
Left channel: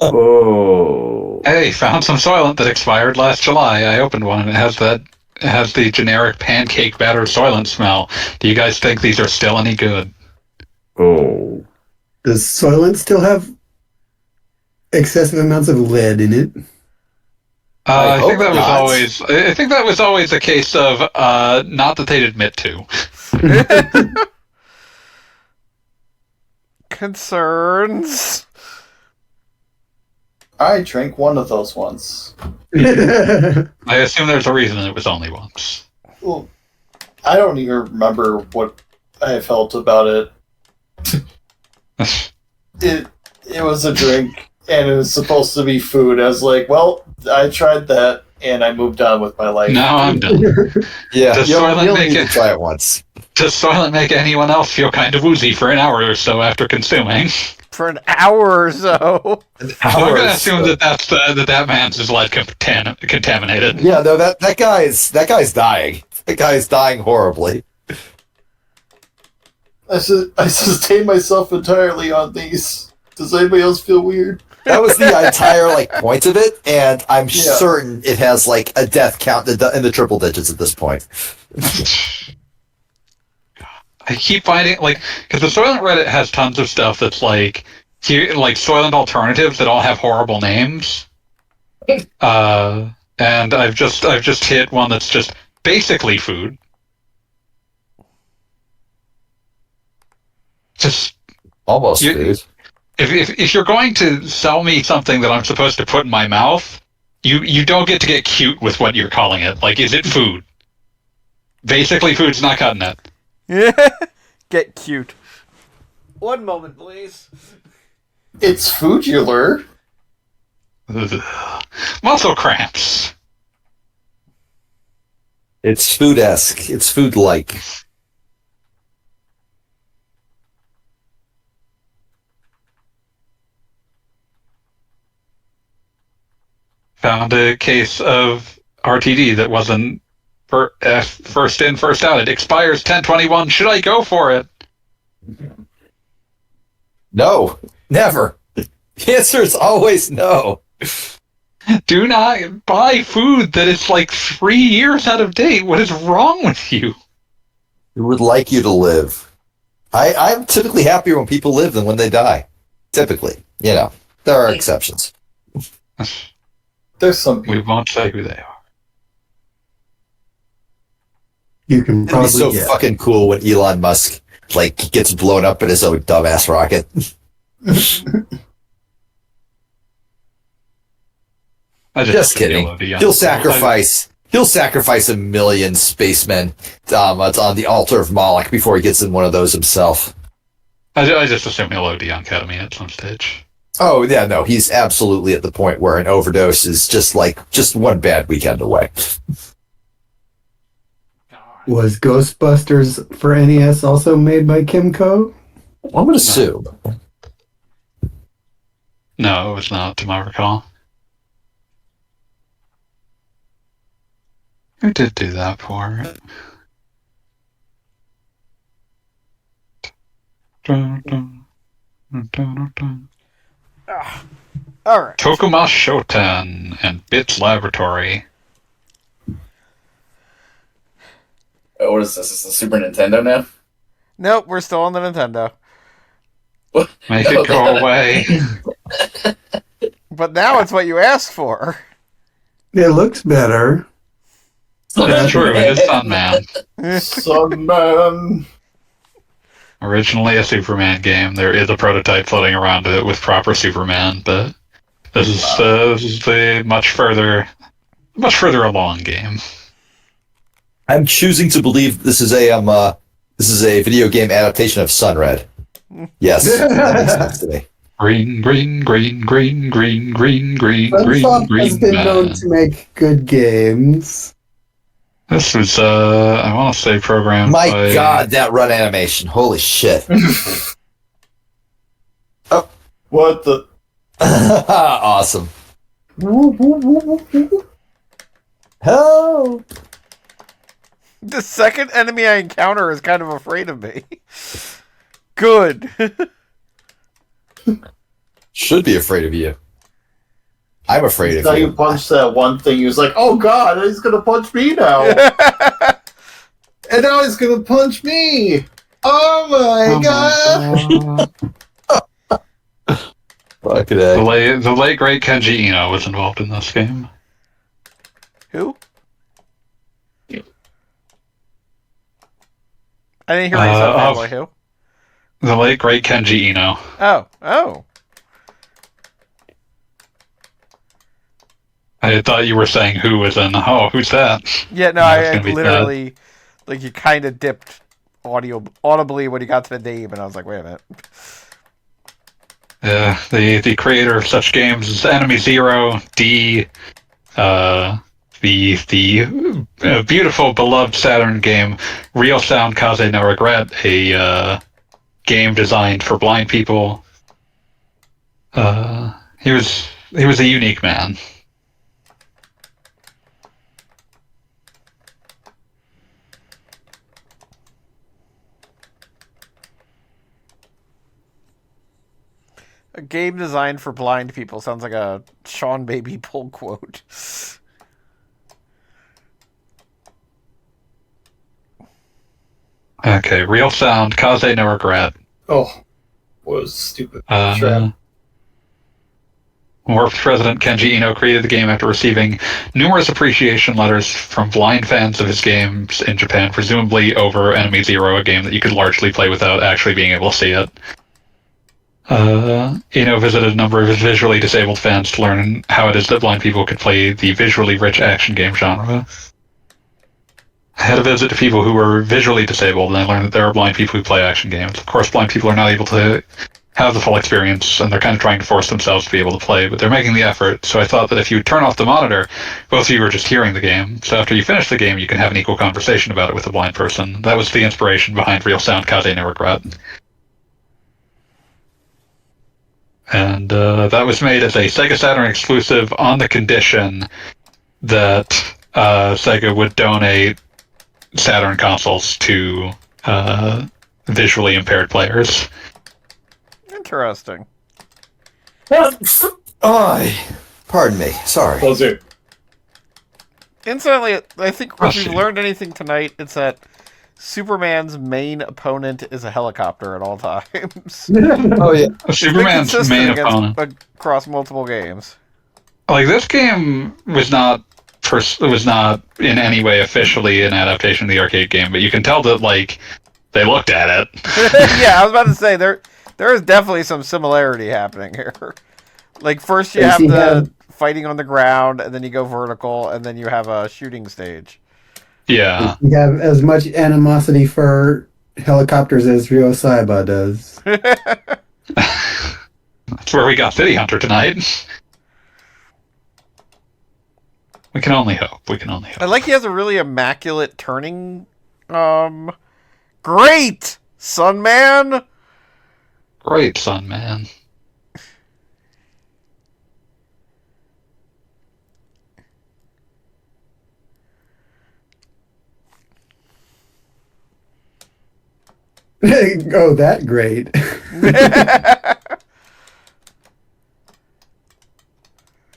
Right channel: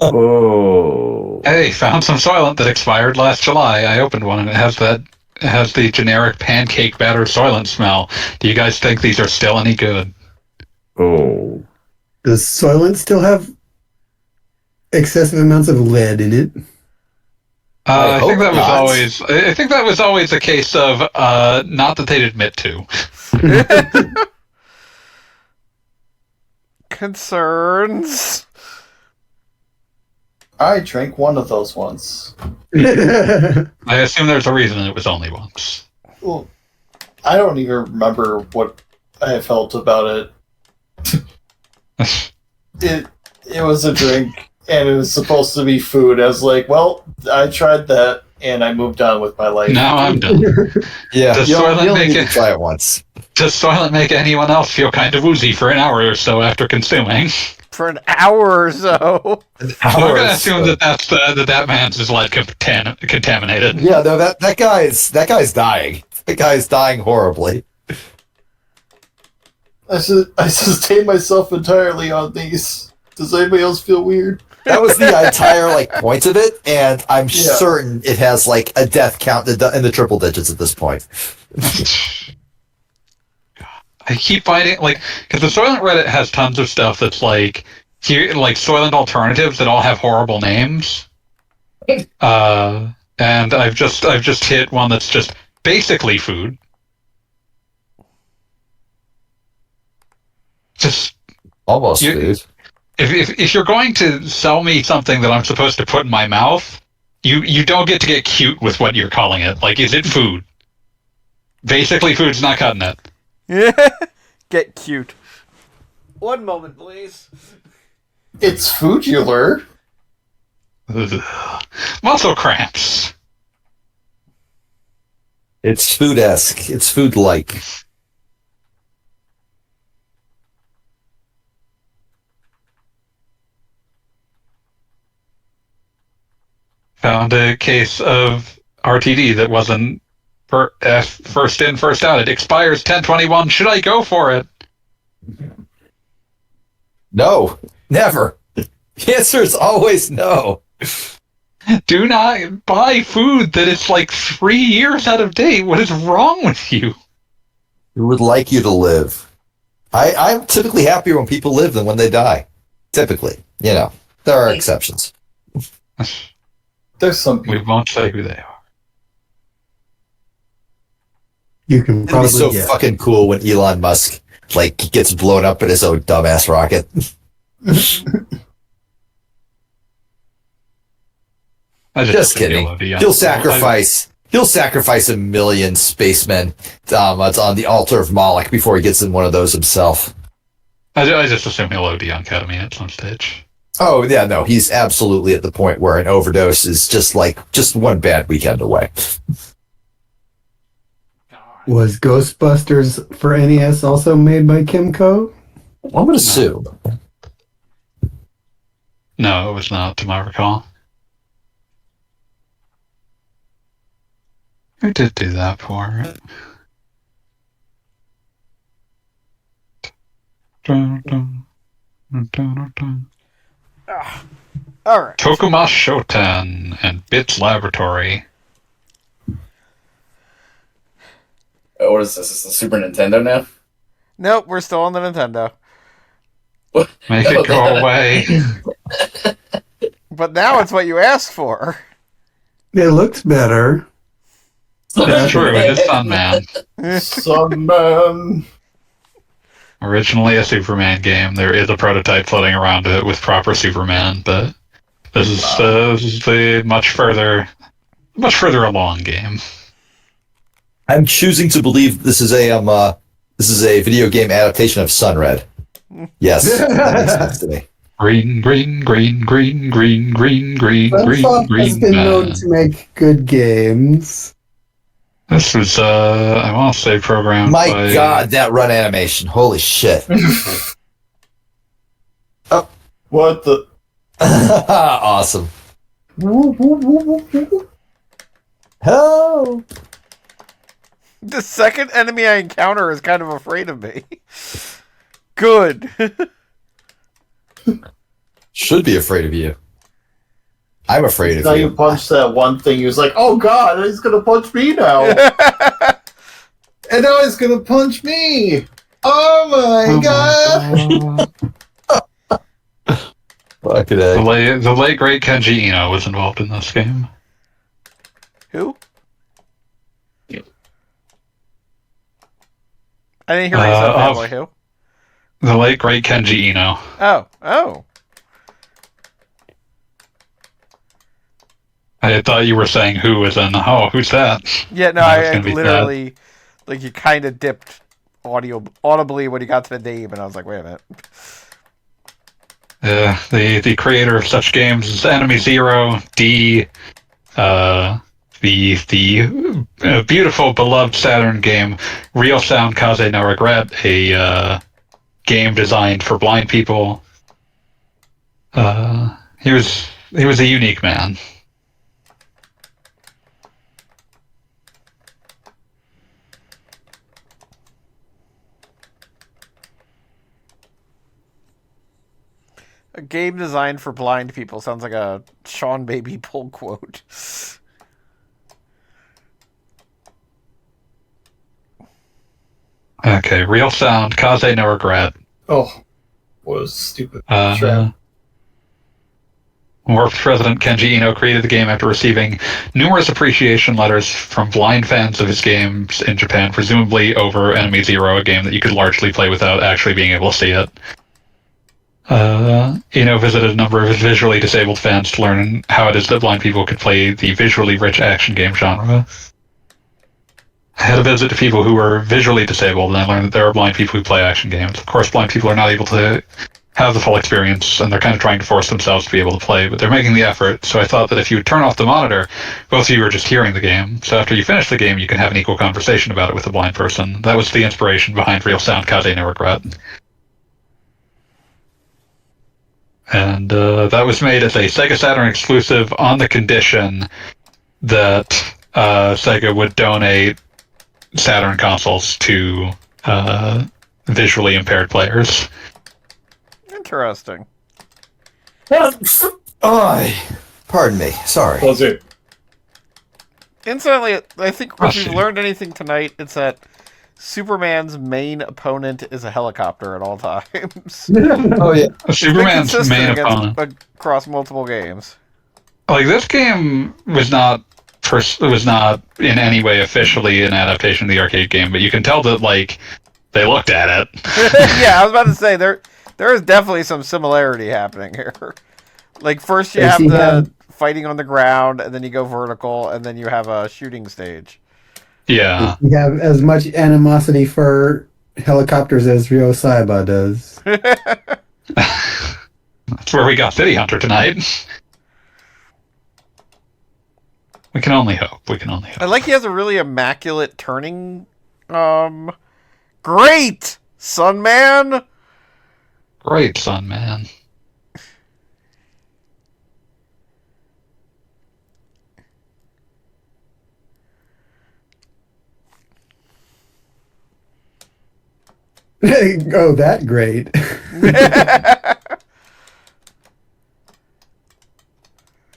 Oh. Hey, found some Soylent that expired last July. I opened one and it has the generic pancake batter Soylent smell. Do you guys think these are still any good? Oh. Does Soylent still have excessive amounts of lead in it? I think that was not. always. I think that was always a case of not that they'd admit to. Concerns. I drank one of those once. I assume there's a reason it was only once. Well, I don't even remember what I felt about it. It was a drink, and it was supposed to be food. I was like, well, I tried that, and I moved on with my life. Now I'm done. Yeah, Does you'll Soylent make need it- to try it once. Does Soylent make anyone else feel kind of woozy for an hour or so after consuming? For an hour or so. I'm going to assume that man's is like contaminated. Yeah, no, that guy's dying. That guy's dying horribly. I sustain myself entirely on these. Does anybody else feel weird? That was the entire point of it, and I'm certain it has a death count in the triple digits at this point. I keep finding because the Soylent Reddit has tons of stuff that's Soylent alternatives that all have horrible names. And I've just hit one that's just basically food. Just Almost food. If you're going to sell me something that I'm supposed to put in my mouth, you don't get to get cute with what you're calling it. Is it food? Basically, food's not cutting it. Get cute. One moment, please. It's foodular. Muscle cramps. It's food-esque. It's food-like. Found a case of RTD that wasn't first in, first out. It expires 10/21. Should I go for it? No, never. The answer is always no. Do not buy food that is 3 years out of date. What is wrong with you? Who would like you to live? I'm typically happier when people live than when they die. Typically. There are exceptions. There's some We won't say who they are. You can It'd be probably so get. fucking cool when Elon Musk gets blown up in his own dumbass rocket. Just kidding. He'll sacrifice 1 million spacemen on the altar of Moloch before he gets in one of those himself. I just assume he'll OD on ketamine at some stage. Oh yeah, no, he's absolutely at the point where an overdose is just one bad weekend away. Was Ghostbusters for NES also made by Kimco? I would assume. No, it was not, to my recall. Who did do that for it? All right. Tokuma Shoten and Bits Laboratory. What is this? Is the Super Nintendo now? Nope, we're still on the Nintendo. Make it go away. But now it's what you asked for. It looks better. It's true, it is Sunman. Sunman. Originally a Superman game. There is a prototype floating around it with proper Superman, but this is the much further along game. I'm choosing to believe this is a video game adaptation of Sunred. Yes, that makes sense to me. Green, green, green, green, green, green, green, Sunsoft green, has green been known man. to make good games. This was I want to say programmed My by God, that run animation! Holy shit! What the? Awesome. Oh. The second enemy I encounter is kind of afraid of me. Good. Should be afraid of you. I'm afraid Now of you you. punched that one thing. He was like, "Oh God, he's gonna punch me now!" And now he's gonna punch me. Oh my God! Fucking the A. late great Kenji Ino was involved in this game. Who? I didn't hear what you said, Fanboy. Who? The late great Kenji Ino. Oh. I thought you were saying who, as in, oh, who's that? Yeah, no, I was I gonna be literally, like, you kind of dipped audibly when you got to the name, and I was like, wait a minute. The creator of such games as Enemy Zero, D, the beautiful, beloved Saturn game, Real Sound Kaze no Regret, a game designed for blind people. He was a unique man. A game designed for blind people sounds like a Sean Baby pull quote. Okay, Real Sound, Kaze no Regret. Oh, was stupid. Sure. Warped President Kenji Ino created the game after receiving numerous appreciation letters from blind fans of his games in Japan, presumably over Enemy Zero, a game that you could largely play without actually being able to see it. Ino visited a number of his visually disabled fans to learn how it is that blind people could play the visually rich action game genre. I had a visit to people who were visually disabled, and I learned that there are blind people who play action games. Of course, blind people are not able to have the full experience, and they're kind of trying to force themselves to be able to play, but they're making the effort, so I thought that if you turn off the monitor, both of you are just hearing the game, so after you finish the game, you can have an equal conversation about it with a blind person. That was the inspiration behind Real Sound Kaze no Regret. And that was made as a Sega Saturn exclusive on the condition that Sega would donate Saturn consoles to visually impaired players. Interesting. Pardon me. Sorry. Was it? Incidentally, I think if we've learned anything tonight, it's that Superman's main opponent is a helicopter at all times. Oh yeah. Superman's main opponent. Across multiple games. Like, this game was not in any way officially an adaptation of the arcade game, but you can tell that, like, they looked at it. Yeah, I was about to say there is definitely some similarity happening here. Like, first you have the fighting on the ground, and then you go vertical, and then you have a shooting stage. Yeah. You have as much animosity for helicopters as Ryo Saiba does. That's where we got City Hunter tonight. We can only hope. I like he has a really immaculate turning. Great, Sun Man. Great, Sun Man. Oh, that great.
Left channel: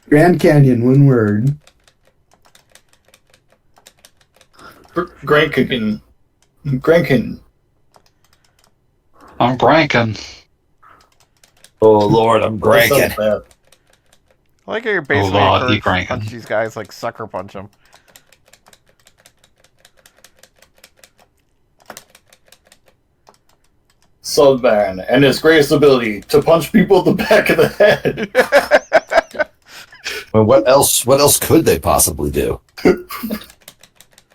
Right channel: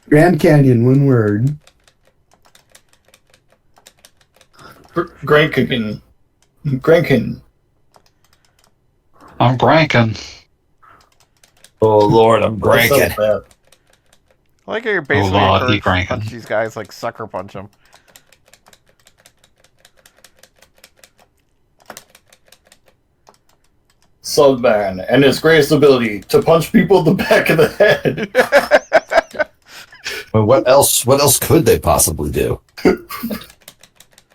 Grand Canyon, one word. Grankin. I'm Grankin. Oh Lord, I'm cranking. I like how you're basically Oh, he encouraged to cranking. punch these guys, like sucker punch them. Subman and his greatest ability to punch people in the back of the head. Well, what else could they possibly do?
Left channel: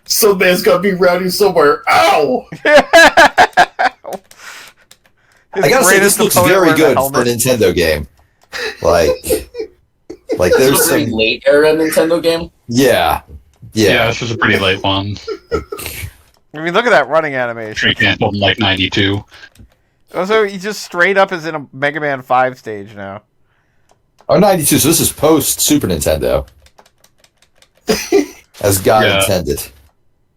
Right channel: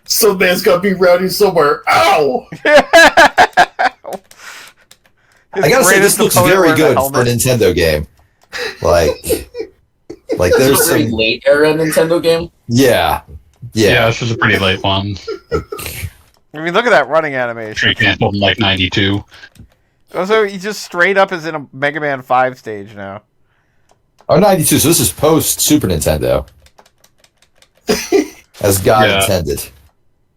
Subman's got to be rowdy somewhere. Ow! I gotta say, this looks very good for a Nintendo game. Like there's It's a very some late era Nintendo game. yeah. Yeah, this was a pretty late one. I mean, look at that running animation. Tree canceled in like 92. Also, he just straight up is in a Mega Man 5 stage now. Oh, 92, so this is post Super Nintendo. As God intended.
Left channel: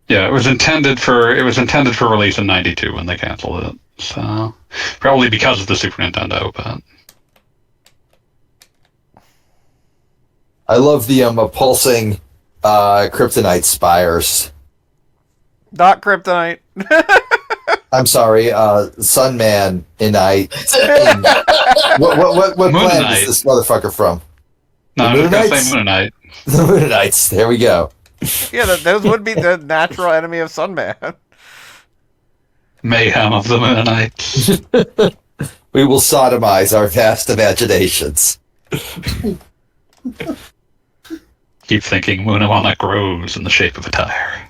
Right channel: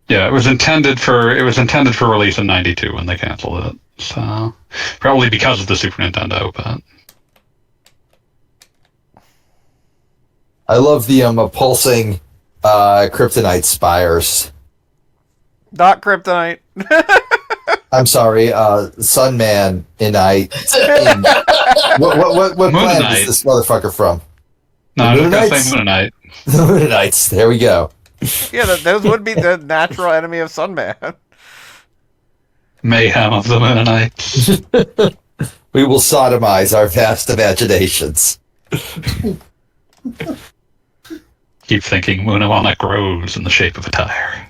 Yeah, it was intended for release in 92 when they canceled it. So probably because of the Super Nintendo, but I love the pulsing kryptonite spires. Not Kryptonite. I'm sorry, Sunman in what planet is this motherfucker from? no, I was gonna Moonanites? say Moonanite. The Moonanites. There we go. Yeah, those would be the natural enemy of Sunman. Mayhem of the Moonanites. We will sodomize our vast imaginations. Keep thinking Moonawana grows in the shape of a tire.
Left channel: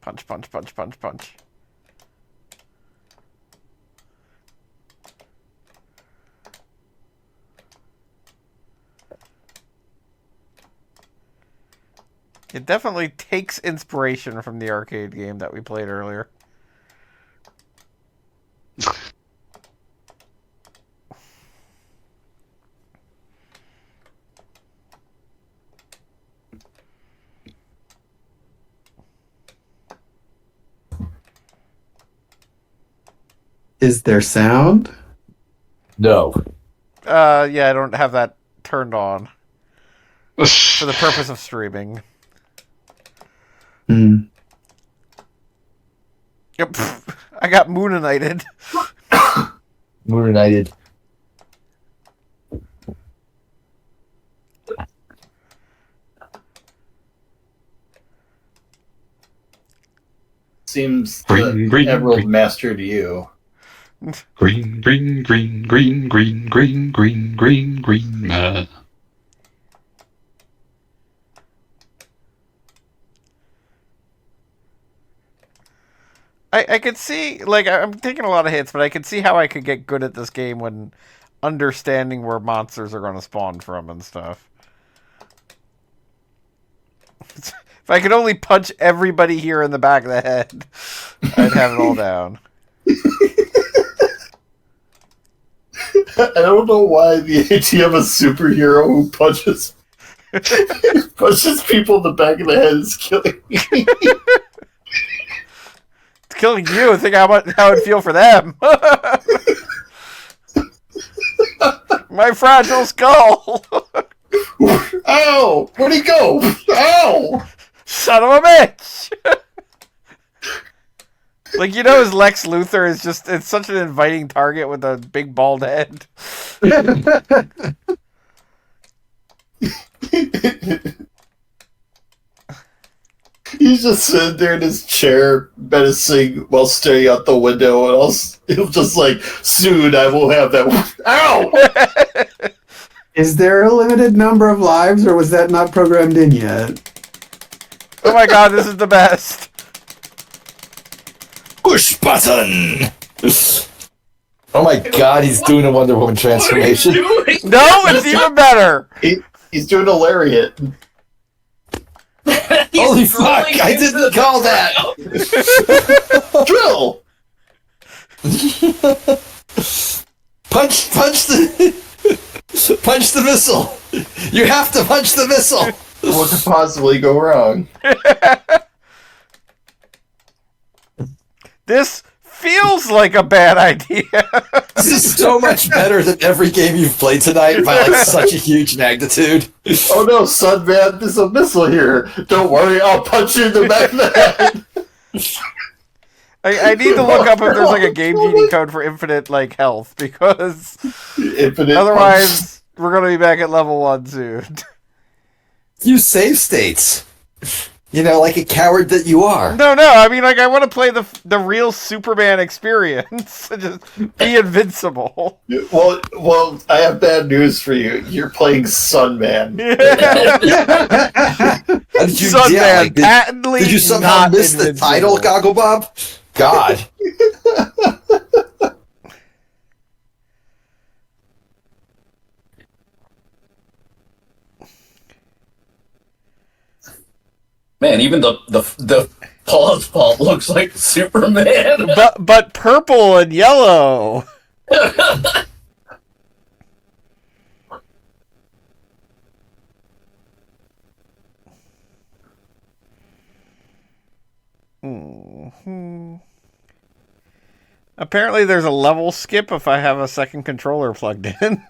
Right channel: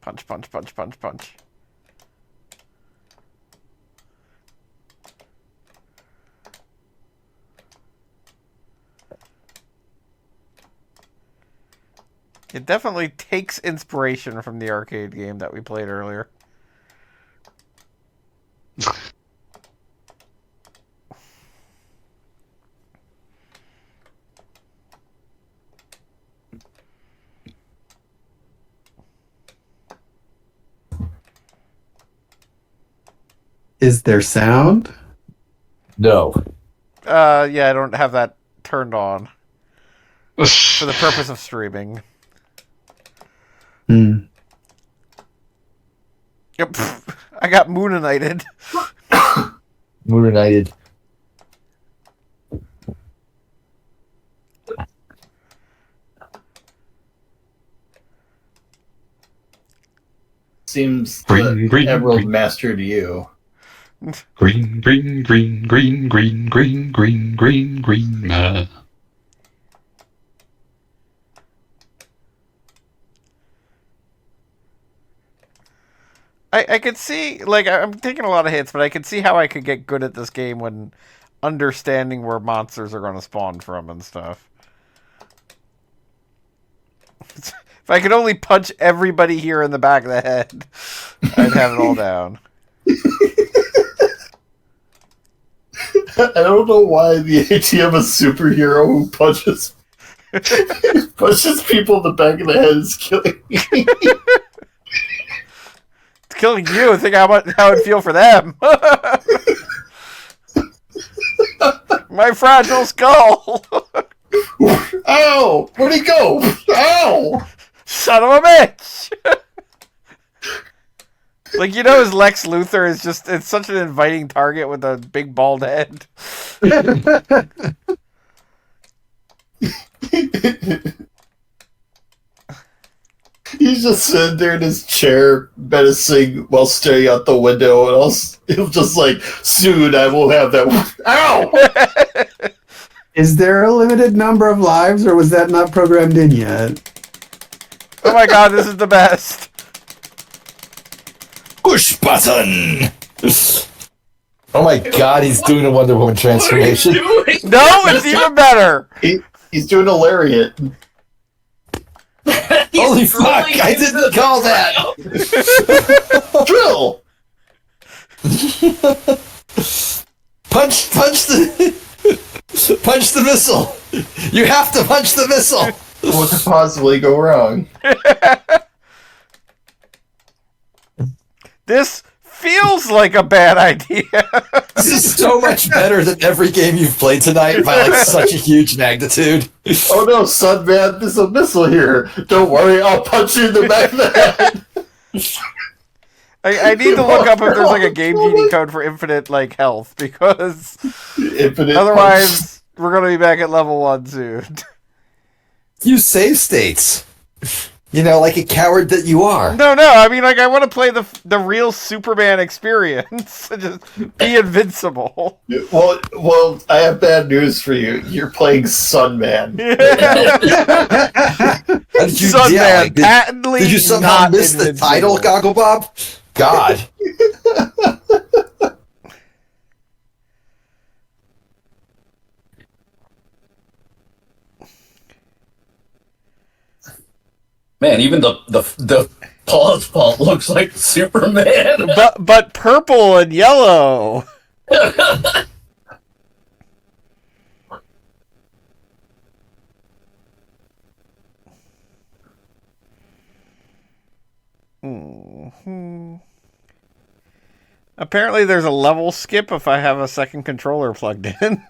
Punch, punch, punch, punch, punch. It definitely takes inspiration from the arcade game that we played earlier. Is there sound? No. Yeah, I don't have that turned on for the purpose of streaming. Hmm. Yep, I got Moonanited. Moonanited. Seems Green, green, Emerald green. mastered you. Green, green, green, green, green, green, green, green, green. I could see, like, I'm taking a lot of hits, but I could see how I could get good at this game when understanding where monsters are going to spawn from and stuff. If I could only punch everybody here in the back of the head, I'd have it all down. I don't know why the idea of a superhero who punches people in the back of the head is killing me. It's killing you. Think how it'd feel for them. My fragile skull. Ow! Where'd he go? Ow! Son of a bitch! Like, you know, his Lex Luthor is just, it's such an inviting target with a big bald head. He's just sitting there in his chair, menacing while staring out the window, and he'll just like, soon I will have that. Ow! Is there a limited number of lives, or was that not programmed in yet? Oh my god, this is the best. Push button! Oh my god, he's doing a Wonder Woman transformation. No, it's even better. He's doing a lariat. Holy fuck, I didn't call that! Drill! Punch the missile! You have to punch the missile! What could possibly go wrong? This feels like a bad idea. This is so much better than every game you've played tonight by like such a huge magnitude. Oh no, son, man, there's a missile here. Don't worry, I'll punch you in the back of the head. I need to look up if there's like a Game Genie code for infinite like health, because otherwise we're gonna be back at level 1 soon. Use save states. You know, like a coward that you are. No, I mean, like, I want to play the real Superman experience. Just be invincible. Well, I have bad news for you. You're playing Sunman. Sunman, patently did you somehow not miss invincible. the title, Gogglebob? God. Man, even the pause fault looks like Superman. But purple and yellow. Apparently there's a level skip if I have a second controller plugged in.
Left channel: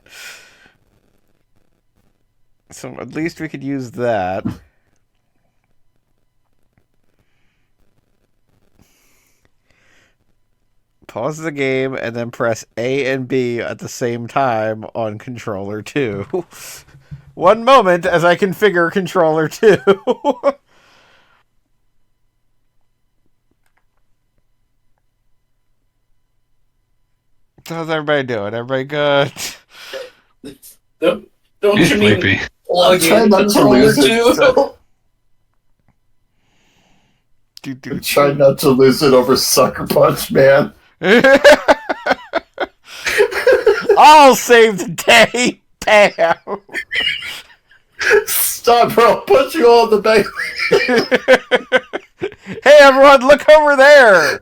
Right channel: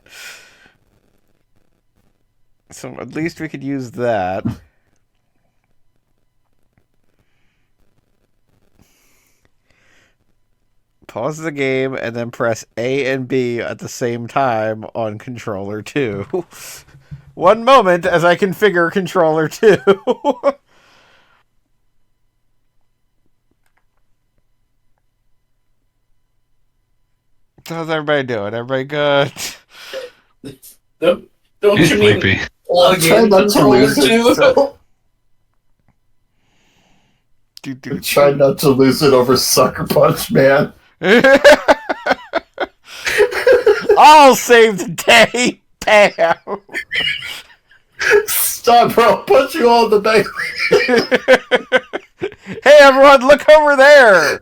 So at least we could use that. Pause the game and then press A and B at the same time on controller 2. One moment as I configure controller 2. How's everybody doing? Everybody good? Don't He's you sleepy. need plug Try in not to lose it. too? Try not to lose it over Sucker Punch, man. I'll save the day. Bam. Stop, bro. I'll punch you all in the back. Hey, everyone, look over there.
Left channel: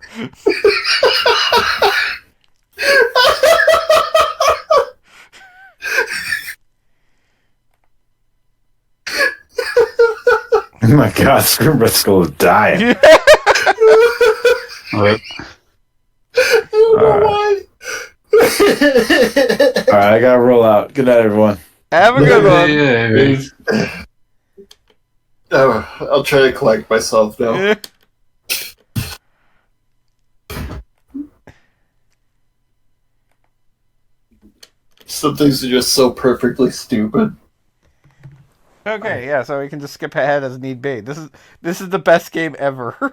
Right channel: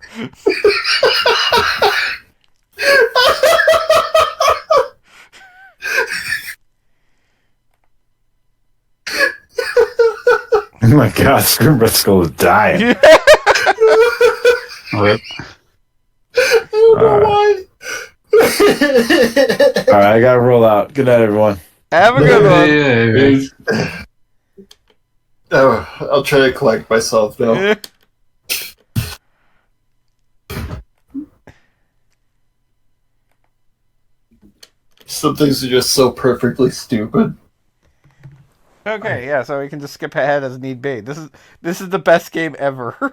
Oh my god, Scrimbriskle is dying. Rip. I don't know why. Alright, I gotta roll out. Good night, everyone. Have a good one. Oh, I'll try to collect myself now. Some things are just so perfectly stupid. Okay, yeah, so we can just skip ahead as need be. This is the best game ever. Wait,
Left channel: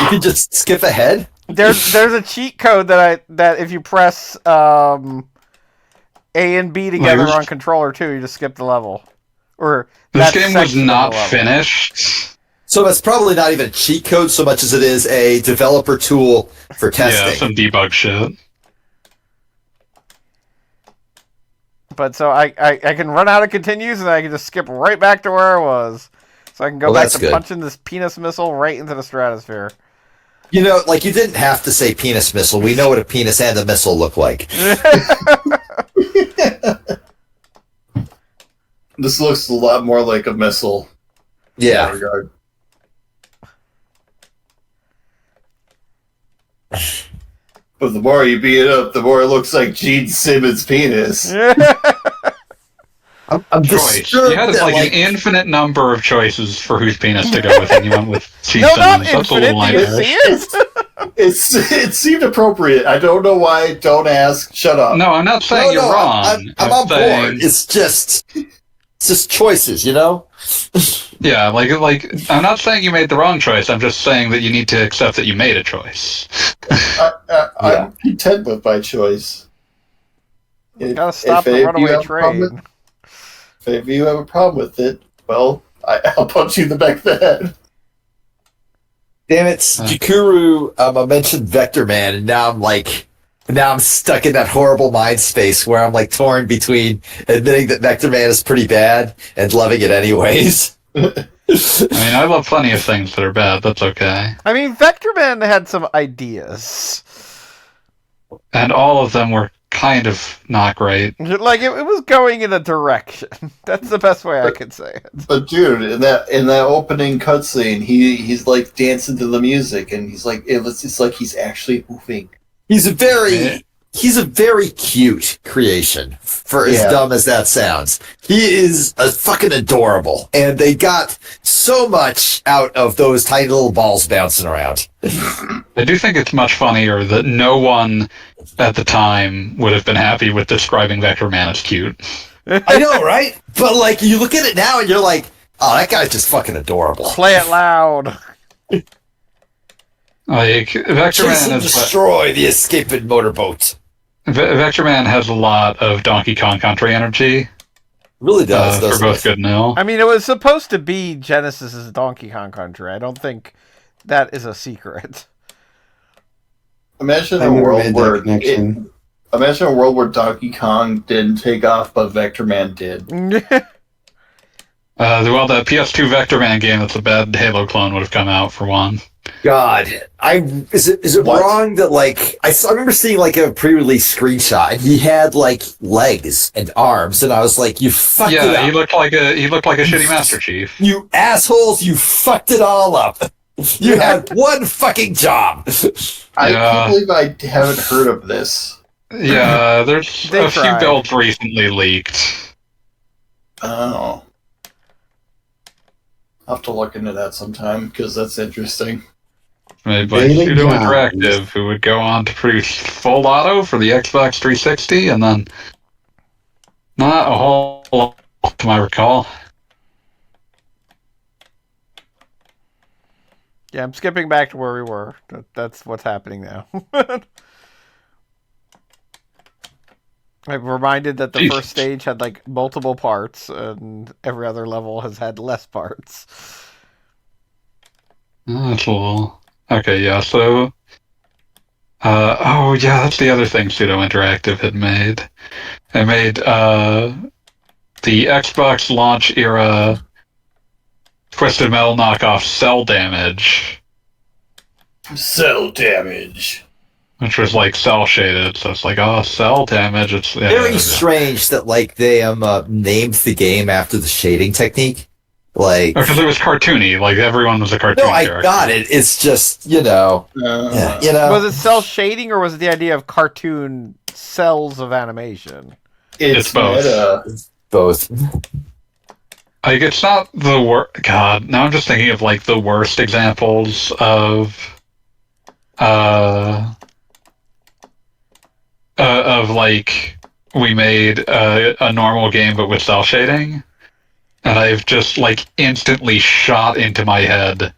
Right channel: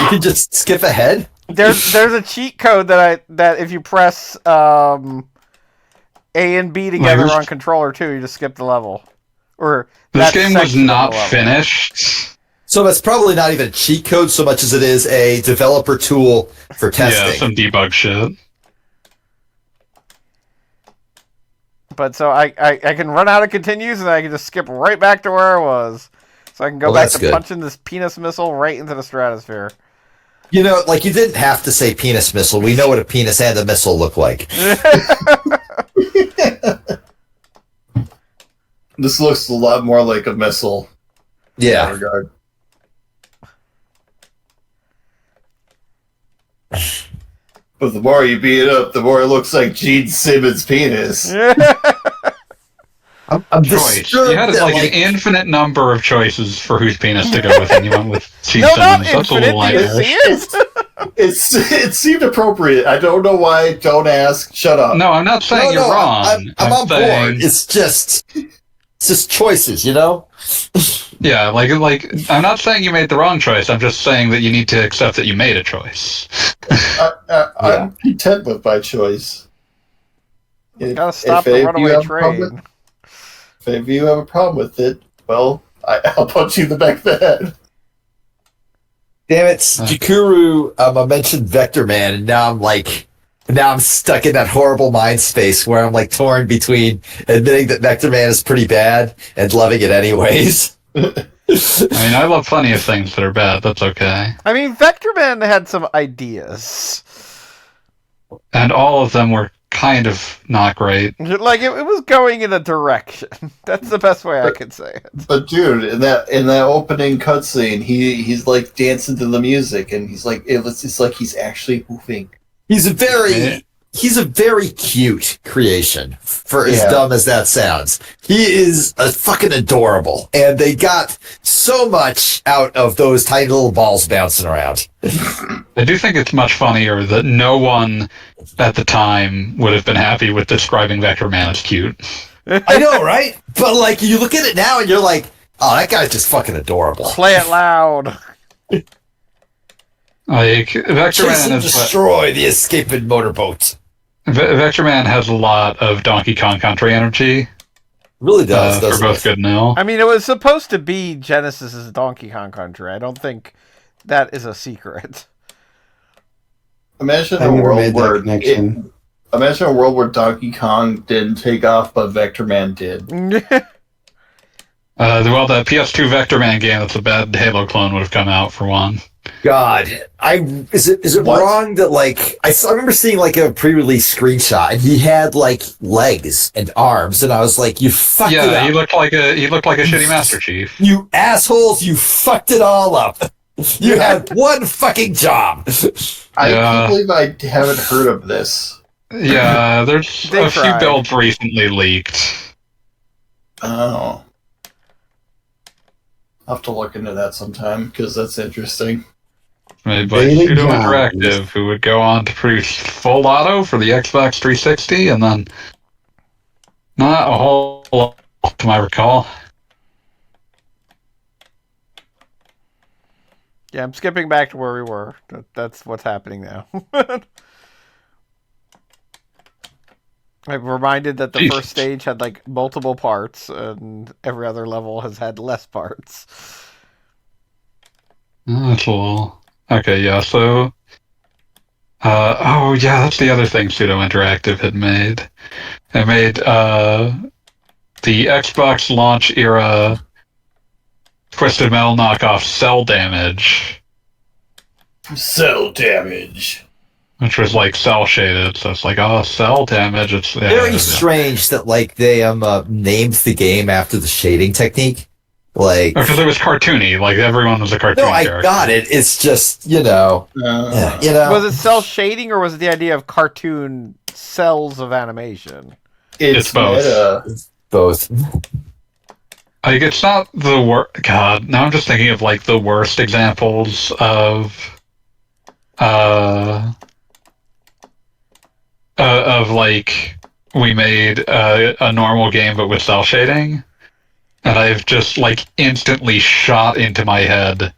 you can just skip ahead? There's a cheat code that if you press A and B together on controller too, you just skip the level. Or This that game was section of the not level. finished. So that's probably not even a cheat code so much as it is a developer tool for Yeah, testing. some debug shit. But so I can run out of continues and I can just skip right back to where I was. So I can go Well, back that's to good. punching this penis missile right into the stratosphere. You know, like, you didn't have to say penis missile. We know what a penis and a missile look like. This looks a lot more like a missile. In that Yeah. regard. But the more you beat it up, the more it looks like Gene Simmons' penis. I'm Choice. disturbed You had that, like an infinite number of choices for whose penis to go with, and you went with Gene No, not Simmons. That's a infinite. little Do you nightmarish. see it? It seemed appropriate. I don't know why. Don't ask. Shut up. No, I'm not saying you're wrong. I'm on saying, board. It's just choices, you know? Yeah, like I'm not saying you made the wrong choice. I'm just saying that you need to accept that you made a choice. I'm content with my choice. Gotta stop the runaway train. If any of you have a problem with it, well, I'll punch you in the back of the head. Damn it, Jakuru I mentioned Vector Man, and now I'm stuck in that horrible mind space where I'm like torn between admitting that Vector Man is pretty bad and loving it anyways. I mean, I love plenty of things that are bad. That's okay. I mean, Vector Man had some ideas. And all of them were kind of not great. Like, it was going in a direction. That's the best way I could say it. But dude, in that opening cutscene, he's like dancing to the music, and he's like it's like he's actually moving. He's a very cute creation, for as dumb as that sounds. He is a fucking adorable, and they got so much out of those tiny little balls bouncing around. I do think it's much funnier that no one at the time would have been happy with describing Vector Man as cute. I know, right? But like, you look at it now and you're like, oh, that guy's just fucking adorable. Play it loud. Like, Vector Chase Man and is destroy the escaping motorboat. Vector Man has a lot of Donkey Kong Country energy. Really does, for doesn't both it? good and ill. I mean, it was supposed to be Genesis's Donkey Kong Country. I don't think that is a secret. Imagine I a never world made where that connection. imagine a world where Donkey Kong didn't take off, but Vector Man did. Well, the PS2 Vector Man game that's a bad Halo clone would have come out for one. God, is it What? wrong that like I remember seeing like a pre-release screenshot and he had like legs and arms and I was like, you fucked it Yeah, up. he looked like a shitty Master Chief. You assholes, you fucked it all up. You had one fucking job. I Yeah. can't believe I haven't heard of this. Yeah, there's They a few tried. builds recently leaked. Oh. I'll have to look into that sometime, because that's interesting. Made by Daily Pseudo Johns. Interactive, who would go on to produce Full Auto for the Xbox 360, and then not a whole lot, to my recall. Yeah, I'm skipping back to where we were. That's what's happening now. I'm reminded that the Jesus. first stage had like multiple parts, and every other level has had less parts. That's a little... Okay, yeah, so... oh, yeah, that's the other thing Pseudo Interactive had made. It made the Xbox launch era Twisted Metal knockoff Cell Damage, Cell damage. which was like cell shaded. So it's like, oh, cell damage. It's Very strange that like they named the game after the shading technique. Like, because it was cartoony. Like everyone was a cartoon no, I character. got it. It's just you know. Was it cell shading, or was it the idea of cartoon cells of animation? It's both. Both. Like it's not the worst. God, now I'm just thinking of like the worst examples of like we made a normal game but with cell shading, and I've just like instantly shot into my head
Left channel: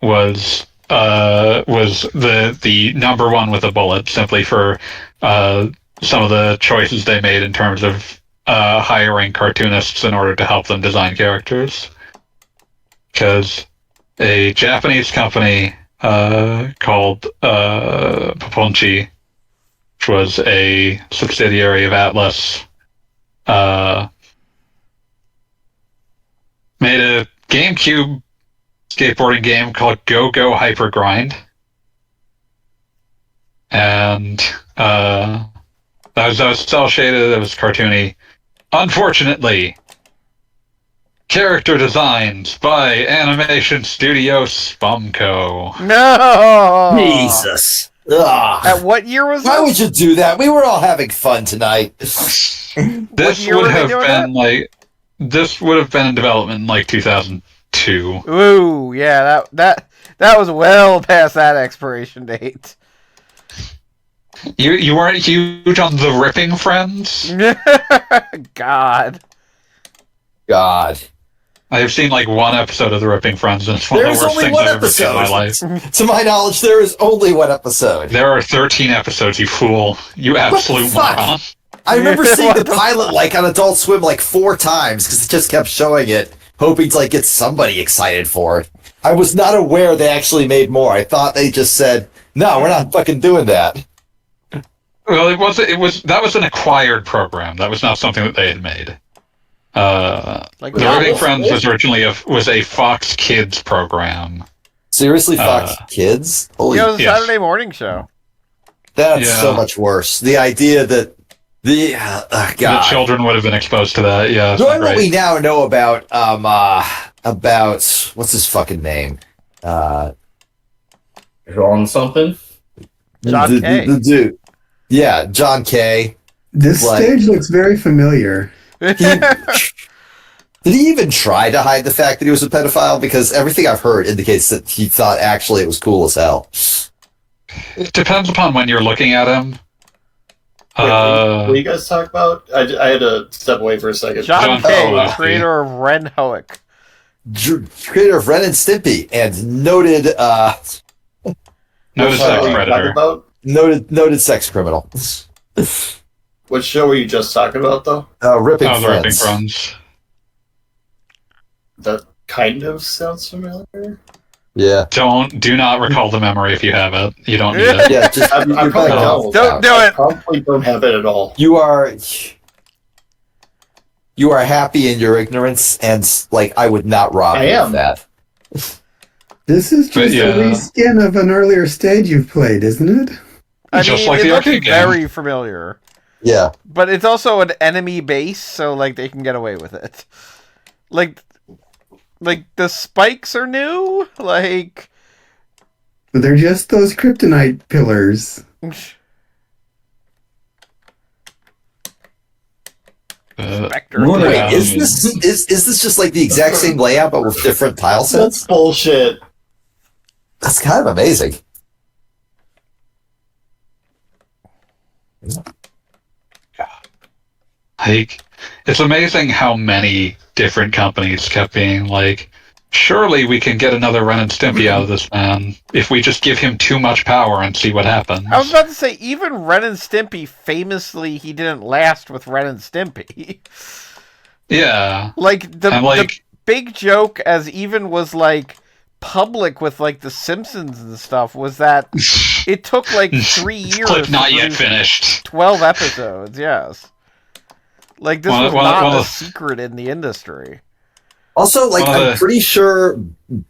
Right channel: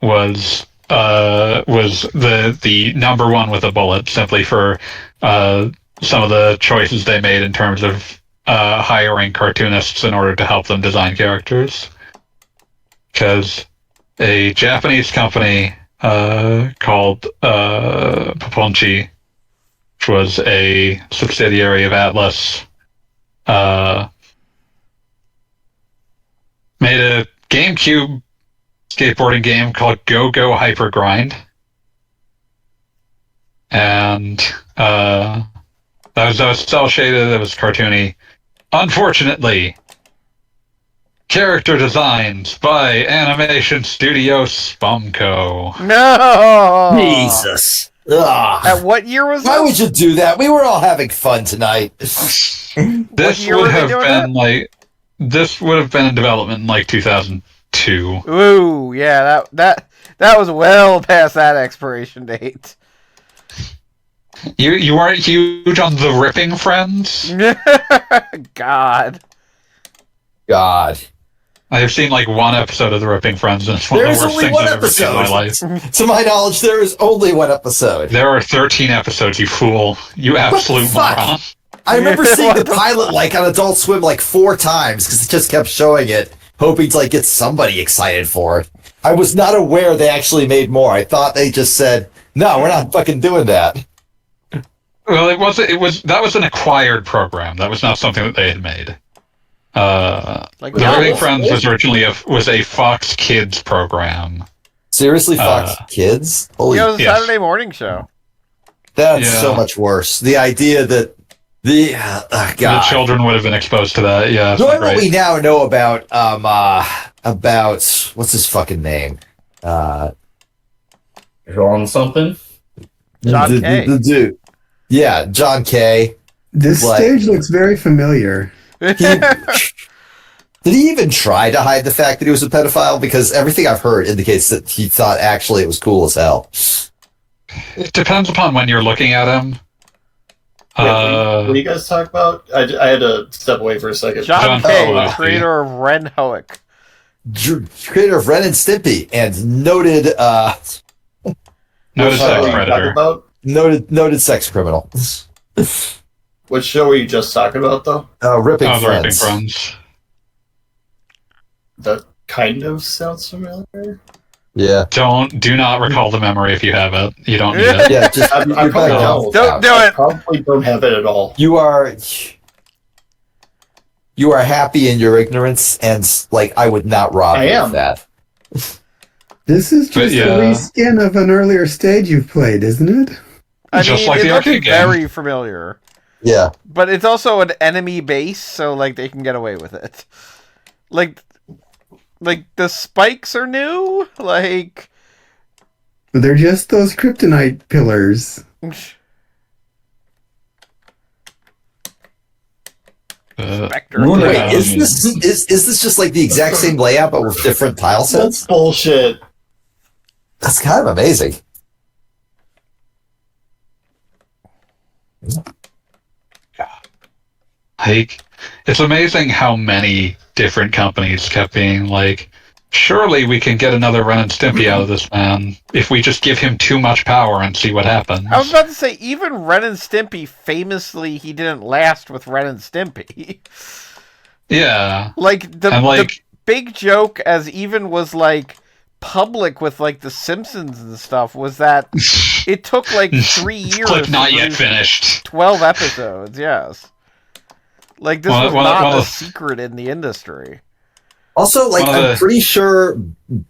was the number one with a bullet, simply for some of the choices they made in terms of hiring cartoonists in order to help them design characters. Because a Japanese company called Paponchi, which was a subsidiary of Atlas, made a GameCube skateboarding game called Go Go Hyper Grind. And that was cell shaded, it was cartoony. Unfortunately, character designs by Animation Studio Spumco. No! Jesus. Ugh. At what year was Why would this? you do that? We were all having fun tonight. This year were would they have doing been like this would have been in development in like 2002. Ooh, yeah, that was well past that expiration date. You weren't huge on the Ripping Friends? God. God. I have seen like one episode of the Ripping Friends, and it's one There's of the worst only things one I've ever seen in my episode. life. To my knowledge, there is only one episode. There are 13 episodes, you fool. You absolute fuck? moron. I remember seeing What the the pilot like on Adult Swim like 4 times because it just kept showing it, hoping to like get somebody excited for it. I was not aware they actually made more. I thought they just said, "No, we're not fucking doing that." Well, that was an acquired program. That was not something that they had made. Like The Diablo. Ripping Friends was originally a Fox Kids program. Seriously, Fox Kids? Holy, Yeah, it was a Yes. Saturday morning show. that's Yeah. so much worse. The idea that the The God. children would have been exposed to that. Yeah, it's not Knowing what great. we now know about what's his fucking name? John something. John Kay. The dude. Yeah, John Kay. This Like- stage looks very familiar. Did he even try to hide the fact that he was a pedophile? Because everything I've heard indicates that he thought actually it was cool as hell. It depends upon when you're looking at him. What do you guys talk about? I had to step away for a second. John John Kay, Kay. creator of Ren Hoek. Creator of Ren and Stimpy and noted Notice What show Sex were you talking Predator. about? noted sex criminal. What show were you just talking about, though? Ripping Oh, the Ripping Friends. Friends. That kind of sounds familiar. Yeah. Do not recall the memory if you have it. You don't need it. Yeah, just I you're probably better don't. off Don't without do it. it. Probably don't have it at all. You are happy in your ignorance, and like I would not rob I you am. of that. This is just yeah. a reskin of an earlier stage you've played, isn't it? I Just mean, like it the looks arcade game. very familiar. Yeah. But it's also an enemy base, so like they can get away with it. Like the spikes are new? Like They're just those kryptonite pillars. Spectre. Moon Wait, Yeah. is this just like the exact same layout but with different tile sets? That's bullshit. That's kind of amazing. Like, it's amazing how many different companies kept being like, surely we can get another Ren and Stimpy out of this man if we just give him too much power and see what happens. I was about to say, even Ren and Stimpy, famously, he didn't last with Ren and Stimpy. Yeah. The big joke, as even was, like, public with, like, The Simpsons and stuff, was that it took, like, 3 years Clip not to yet produce finished. 12 episodes, yes. Like, this was not a secret in the industry. Also, like, I'm pretty sure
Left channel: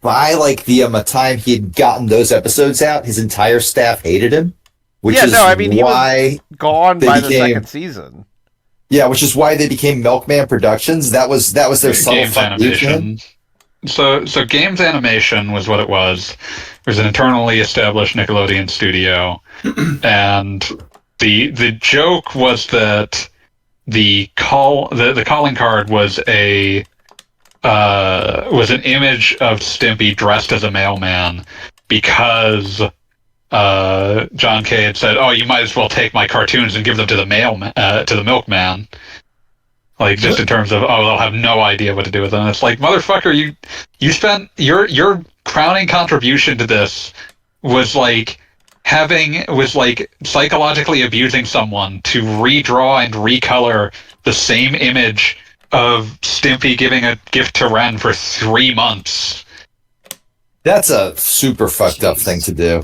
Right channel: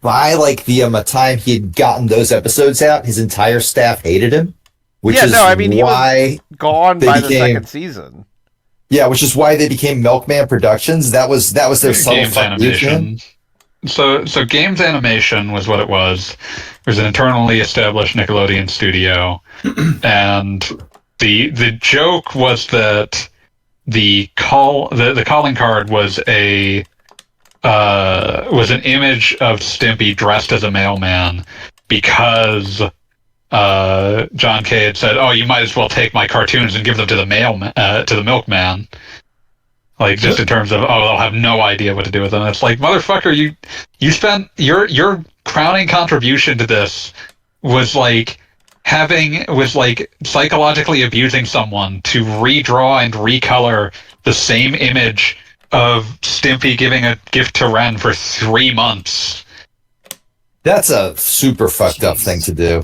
by, like, the time he had gotten those episodes out, his entire staff hated him. He was gone by the second season. Yeah, which is why they became Milkman Productions. That was their subtle Games Animation. So Games Animation was what it was. It was an internally established Nickelodeon studio, and the joke was that the calling card was was an image of Stimpy dressed as a mailman, because John Kay had said, "Oh, you might as well take my cartoons and give them to the milkman." Like, just in terms of, they'll have no idea what to do with them. It's like, motherfucker, you spent your crowning contribution to this was psychologically abusing someone to redraw and recolor the same image of Stimpy giving a gift to Ren for 3 months. That's a super fucked up thing to do.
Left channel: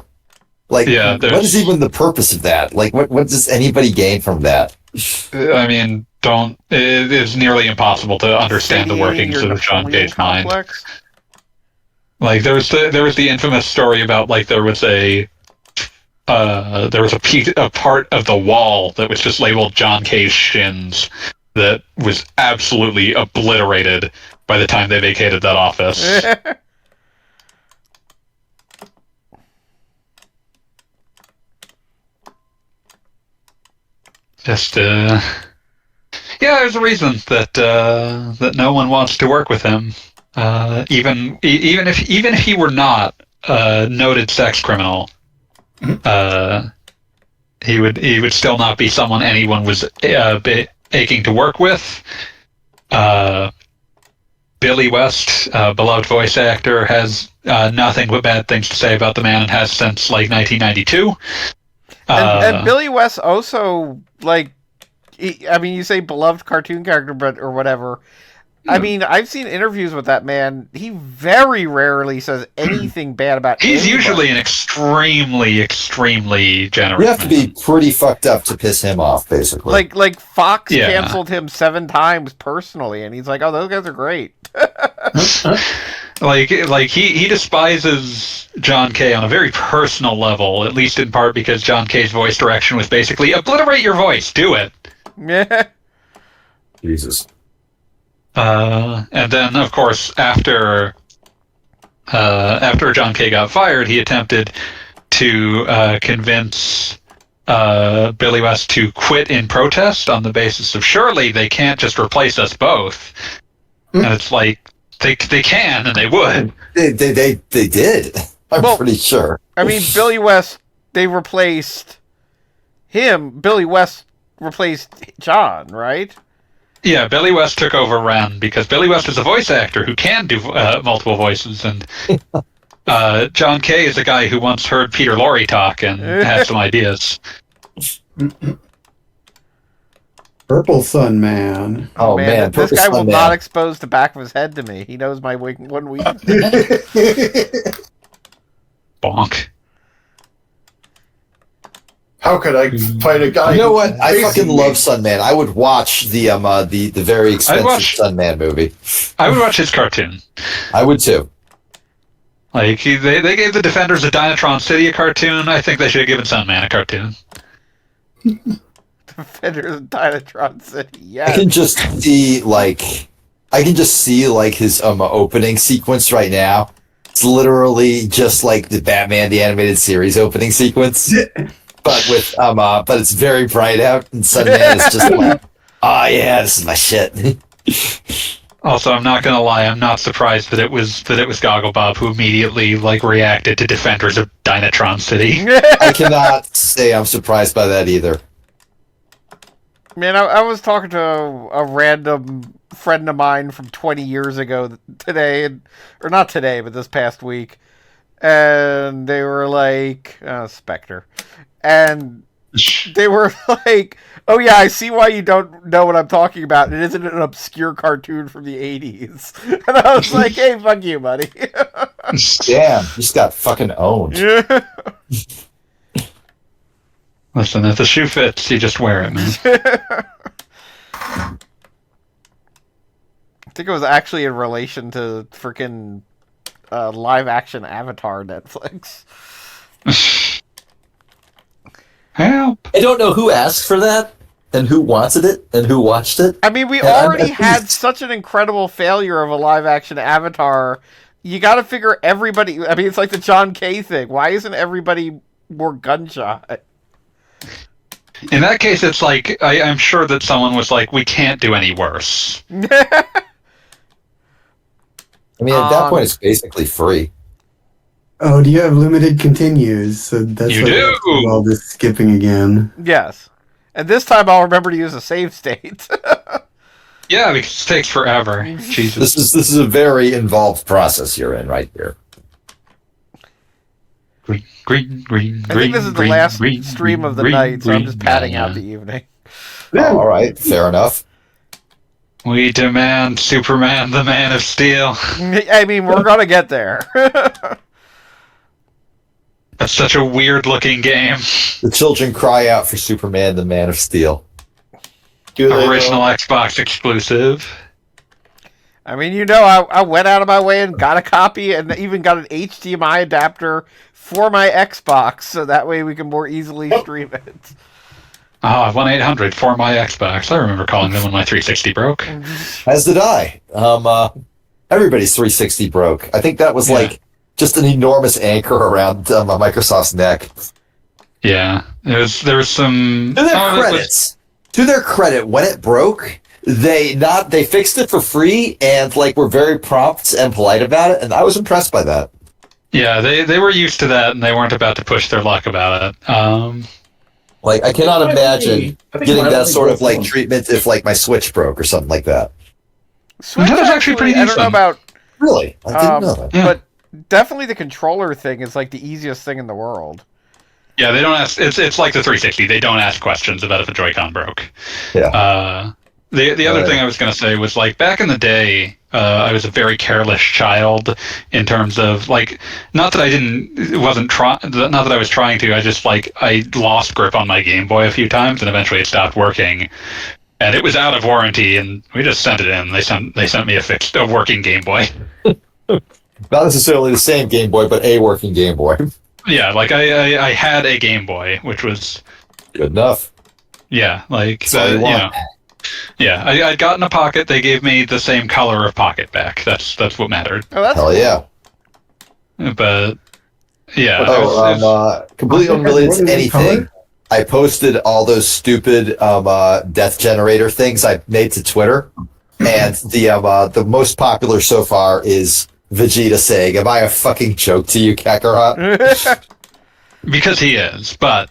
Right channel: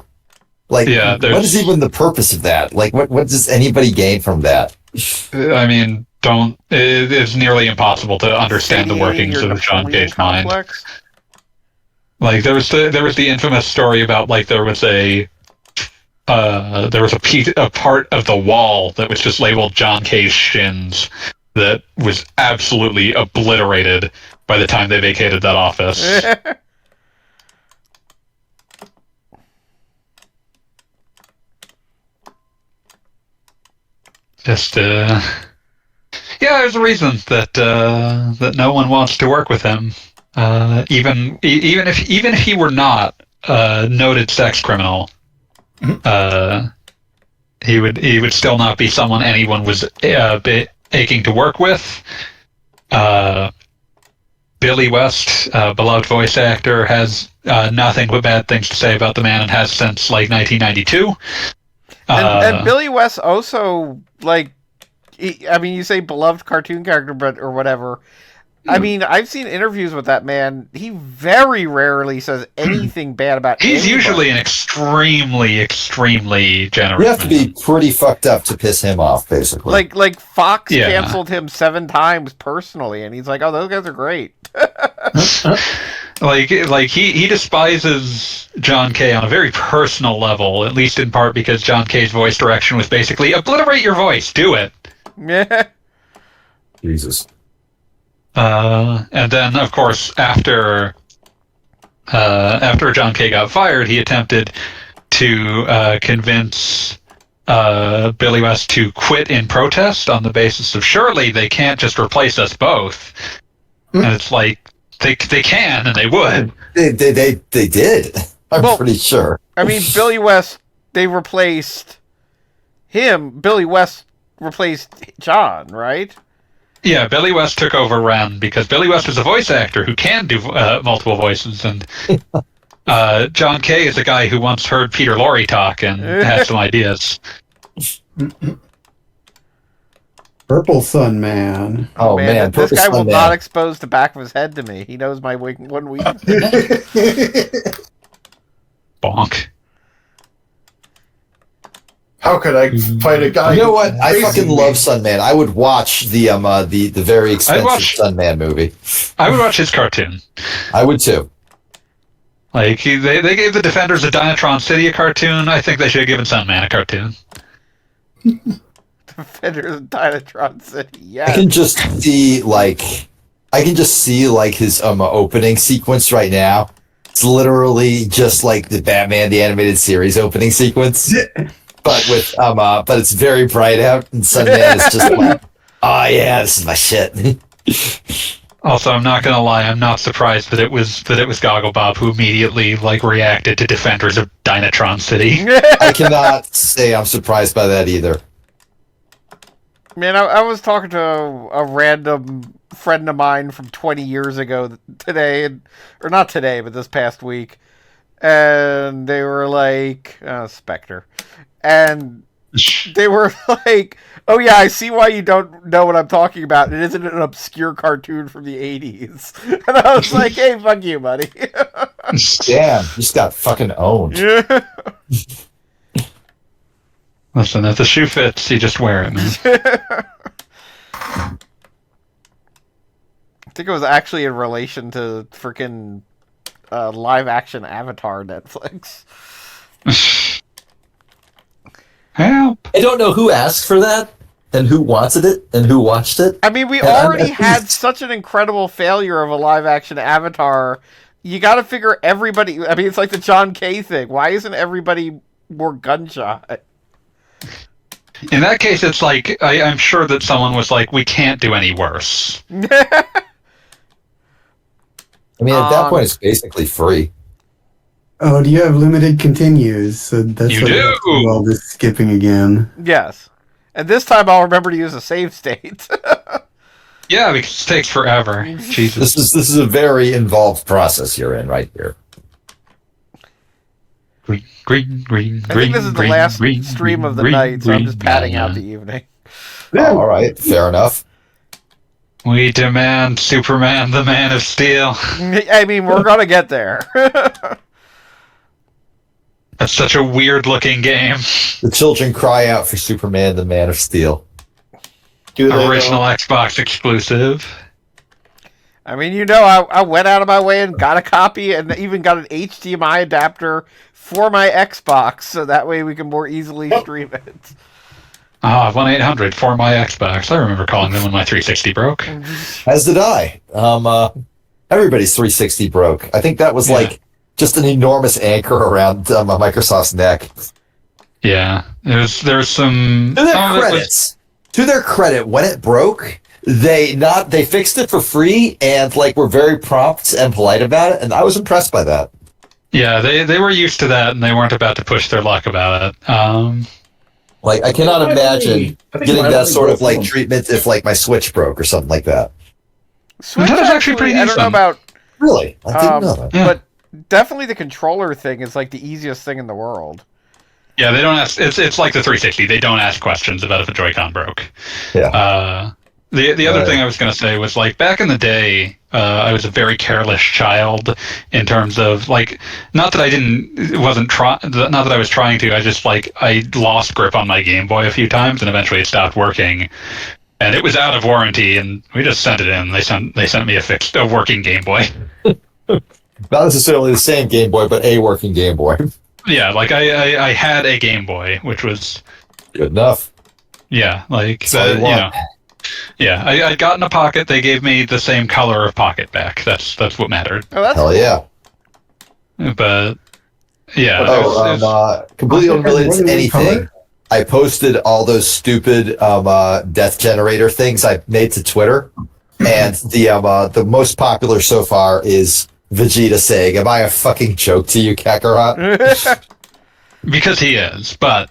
Like, what is even the purpose of that? Like, what does anybody gain from that? I mean, it's nearly impossible to understand the workings of John Kay's mind. Like, there was the infamous story about, like, there was a part of the wall that was just labeled John Kay's shins that was absolutely obliterated by the time they vacated that office. Just, yeah, there's a reason that no one wants to work with him. Even if he were not a noted sex criminal, he would still not be someone anyone was aching to work with. Billy West, beloved voice actor, has nothing but bad things to say about the man, and has since, like, 1992. And Billy West also, like, you say beloved cartoon character, or whatever. I mean, I've seen interviews with that man. He very rarely says anything bad about He's anybody. Usually an extremely, extremely generous You have to be pretty fucked up to piss him off, basically. Like Fox canceled him 7 times personally, and he's like, "Oh, those guys are great." Like he despises John Kay on a very personal level, at least in part because John Kay's voice direction was basically, obliterate your voice, do it. Yeah. Jesus. And then, of course, after John Kay got fired, he attempted to convince Billy West to quit in protest on the basis of, surely they can't just replace us both. And it's like, they can, and they would. They did. I'm pretty sure. I mean, Billy West, they replaced him. Billy West replaced John, right? Yeah, Billy West took over Ren because Billy West is a voice actor who can do multiple voices, and John Kay is a guy who once heard Peter Lorre talk and has some ideas. Purple Sun Man. Oh man, this guy will not expose the back of his head to me. He knows my one weakness. Bonk. How could I fight a guy? You know what? I fucking love Sunman. I would watch the very expensive Sunman movie. I would watch his cartoon. I would too. Like, they gave the Defenders of Dynatron City a cartoon. I think they should have given Sunman a cartoon. Defenders of Dynatron City, yeah. I can just see his opening sequence right now. It's literally just like the Batman the Animated Series opening sequence. But it's very bright out, and Sunman is just like, oh yeah, this is my shit. Also, I'm not gonna lie, I'm not surprised that it was Goggle Bob who immediately reacted to Defenders of Dynatron City. I cannot say I'm surprised by that either. Man, I was talking to a random friend of mine from 20 years ago today, or not today, but this past week, and they were like, Spectre, and they were like, oh yeah, I see why you don't know what I'm talking about. It isn't an obscure cartoon from the 80s. And I was like, hey, fuck you, buddy. Damn, you just got fucking owned. Yeah. Listen, if the shoe fits, you just wear it, man. I think it was actually in relation to freaking live action Avatar Netflix. Help! I don't know who asked for that, and who wanted it, and who watched it. I mean, we And already had such an incredible failure of a live action Avatar. You gotta figure everybody... I mean, it's like the John Kay thing. Why isn't everybody more gunshot? In that case, it's like, I'm sure that someone was like, we can't do any worse. I mean, at that point, it's basically free. Oh, do you have limited continues? So that's You what I do! have to do all this skipping again. Yes. And this time I'll remember to use a save state. Yeah, because it takes forever. Jesus. This is a very involved process you're in right here. Green. I think this is the last stream of the night, so I'm just padding out the evening. All right, fair enough. We demand Superman, the Man of Steel. I mean, we're gonna get there. That's such a weird-looking game. The children cry out for Superman, the Man of Steel. Original Xbox exclusive. I mean, you know, I went out of my way and got a copy and even got an HDMI adapter for my Xbox, so that way we can more easily stream it. 1-800 for my Xbox. I remember calling them when my 360 broke. As did I. Everybody's 360 broke. I think that was like just an enormous anchor around Microsoft's neck. Yeah, there was some. To their credit, when it broke, they fixed it for free and like were very prompt and polite about it, and I was impressed by that. Yeah, they were used to that, and they weren't about to push their luck about it. Like, I cannot imagine getting that sort of like treatment if like my Switch broke or something like that. Switch That was actually pretty I don't know about. Really, I didn't know that. Yeah. But definitely the controller thing is like the easiest thing in the world. Yeah, they don't ask. It's like the 360. They don't ask questions about if a Joy-Con broke. Yeah. The other thing I was going to say was like back in the day, I was a very careless child in terms of like not that I was trying to. I just like I lost grip on my Game Boy a few times, and eventually it stopped working. And it was out of warranty, and we just sent it in. They sent me a working Game Boy. Not necessarily the same Game Boy, but a working Game Boy. Yeah, like I had a Game Boy, which was Good enough. yeah, like That's all you want. Yeah, I'd gotten a Pocket. They gave me the same color of Pocket back. That's what mattered. Oh, that's Hell cool. yeah. But yeah, Completely unrelated to What is it, color? anything. I posted all those stupid death generator things I made to Twitter, and the most popular so far is Vegeta saying, "Am I a fucking joke to you, Kakarot?" because he is. But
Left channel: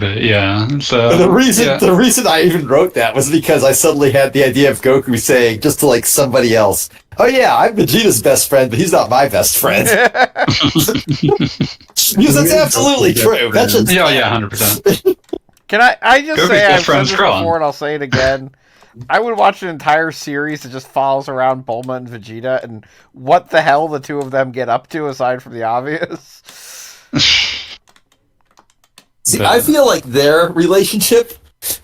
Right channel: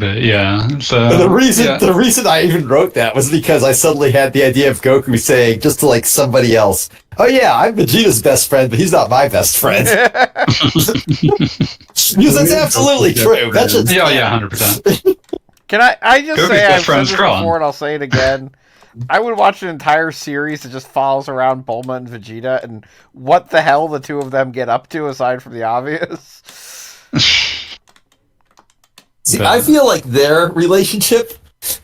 yeah, so The reason I even wrote that was because I suddenly had the idea of Goku saying just to like somebody else, "Oh yeah, I'm Vegeta's best friend, but he's not my best friend." Because that's absolutely true. That's just 100%. Can I just Goku's say best I've said friend's this Krillin. before and I'll say it again. I would watch an entire series that just follows around Bulma and Vegeta and what the hell the two of them get up to aside from the obvious. See, I feel like their relationship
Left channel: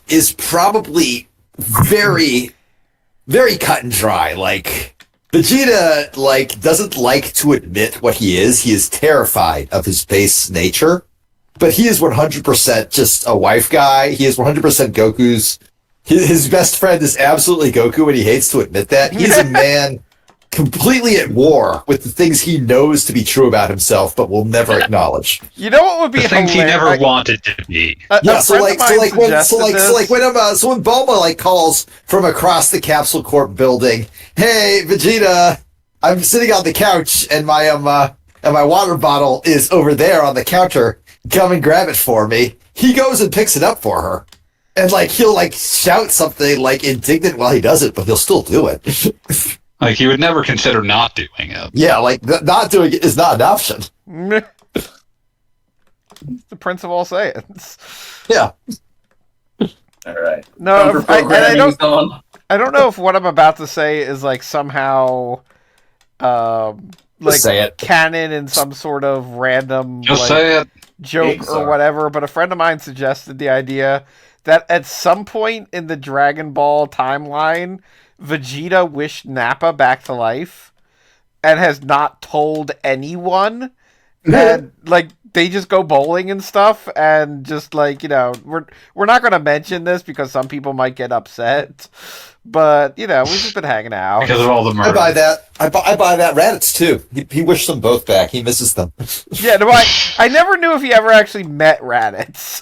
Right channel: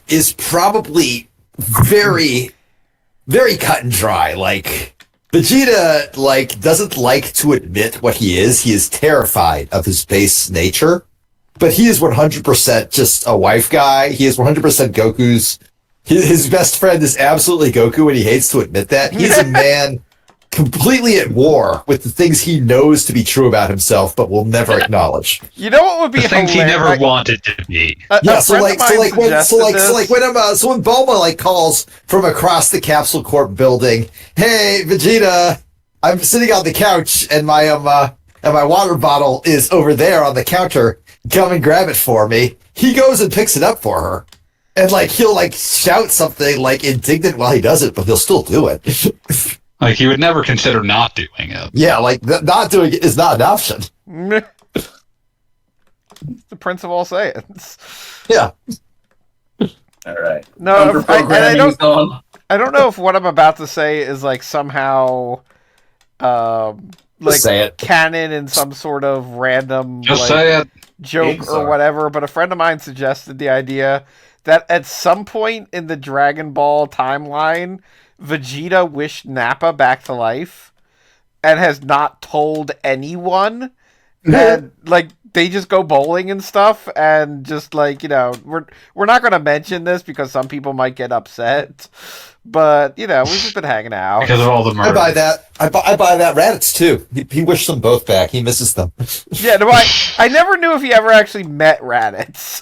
is probably very, very cut and dry. Like, Vegeta, like, doesn't like to admit what he is. He is terrified of his base nature. But he is 100% just a wife guy. He is 100% Goku's... His best friend is absolutely Goku, and he hates to admit that. He's a man completely at war with the things he knows to be true about himself, but will never acknowledge. You know what would be The things hilarious? he never wanted to be. A friend of mine suggested this. When Bulma like calls from across the Capsule Corp building, "Hey Vegeta, I'm sitting on the couch and my water bottle is over there on the counter. Come and grab it for me." he goes and picks it up for her. And, like, he'll, like, shout something, like, indignant while he does it, but he'll still do it. Like, he would never consider not doing it. Yeah, like, not doing it is not an option. The Prince of all Saiyans. Yeah. All right. No, I don't know if what I'm about to say is, like, somehow, like, say it. canon in some sort of random, Just like, say it. joke or whatever, but a friend of mine suggested the idea that at some point in the Dragon Ball timeline, Vegeta wished Nappa back to life and has not told anyone. And, like, they just go bowling and stuff, and just, like, you know, we're not going to mention this because some people might get upset, but, you know, we've just been hanging out. Because of all the murder. I buy that. I buy that. Raditz, too. He wished them both back. He misses them. Yeah, no, I never knew if he ever actually met Raditz.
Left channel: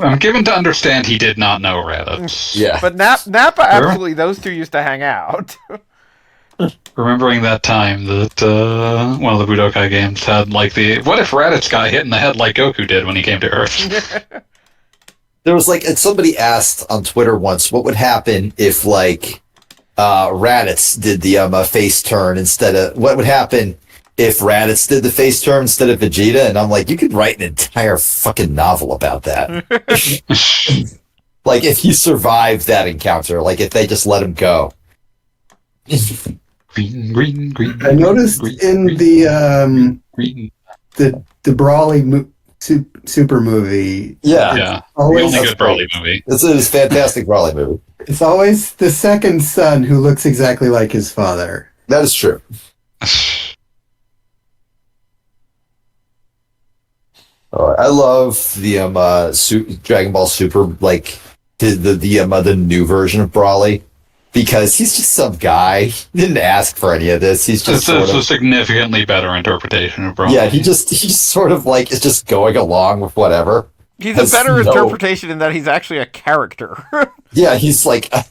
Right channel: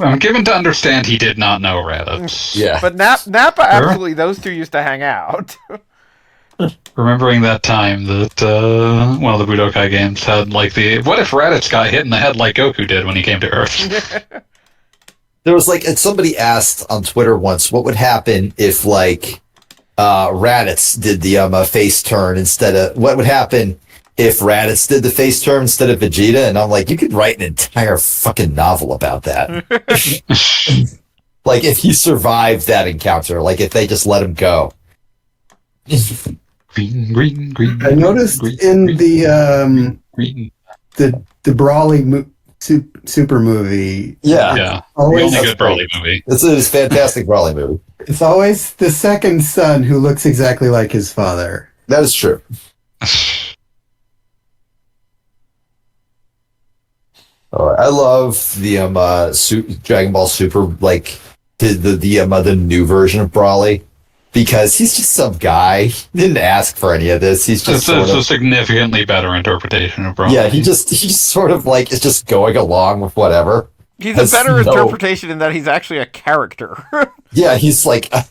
I'm given to understand he did not know Raditz. Yeah. But Nappa, absolutely, those two used to hang out. Remembering that time that one of the Budokai games had, like, what if Raditz got hit in the head like Goku did when he came to Earth? There was, like, and somebody asked on Twitter once, what would happen if, like, Raditz did the face turn instead of, what would happen if Raditz did the face turn instead of Vegeta? And I'm like, you could write an entire fucking novel about that. Like, if he survived that encounter, like, if they just let him go. Green. I noticed green, in green, the green. the Brawly super movie. Yeah. Yeah. The Always, only good Broly movie. It's a fantastic Brawley movie. it's always the second son who looks exactly like his father. That is true. I love the Dragon Ball Super, like the new version of Brawly, because he's just some guy. He didn't ask for any of this. He's just It's a significantly better interpretation of Broly. yeah. He's sort of like is just going along with whatever. He's a better interpretation in that he's actually a character. Yeah, he's like a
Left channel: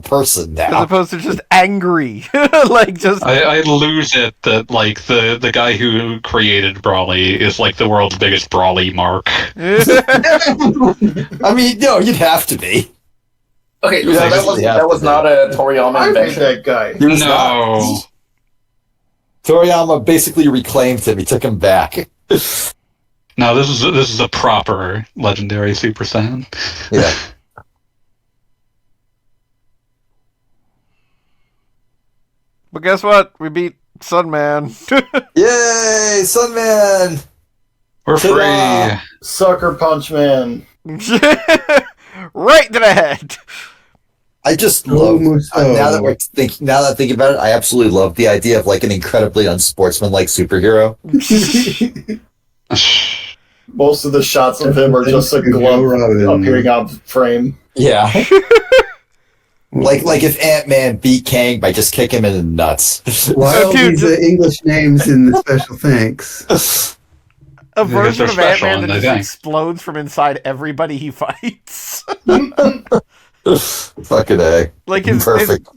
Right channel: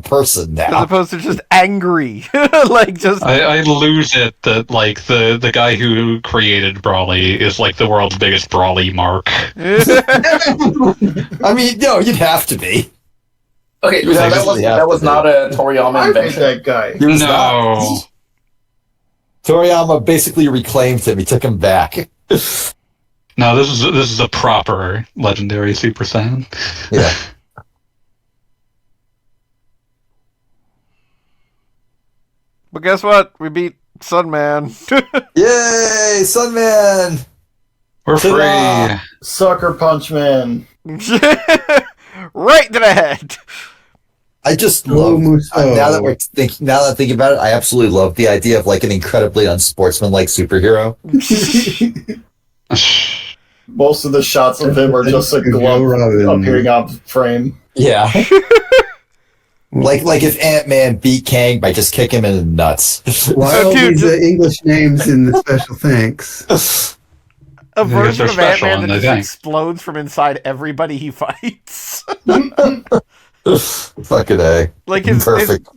person As now. opposed to just angry. Like, just... I lose it that, like, the guy who created Brawly is, like, the world's biggest Brawly mark. I mean, no, you'd have to be. Okay, so You that absolutely have was to not a Toriyama I hate invention. that guy. He was No. not. Toriyama basically reclaimed him. He took him back. No, this is a proper legendary Super Saiyan. Yeah. But guess what? We beat Sunman. Yay, Sunman! We're Ta-da! free. Sucker Punch Man. Right to the head. I just love Muso. now that I'm thinking about it, I absolutely love the idea of like an incredibly unsportsmanlike superhero. Most of the shots of him are just a glove appearing on frame. Yeah. like if Ant-Man beat Kang by just kicking him in the nuts. Why all Dude, these English names in the special thanks? A version of they're special Ant-Man that and they just think. explodes from inside everybody he fights. Fucking A. Like, his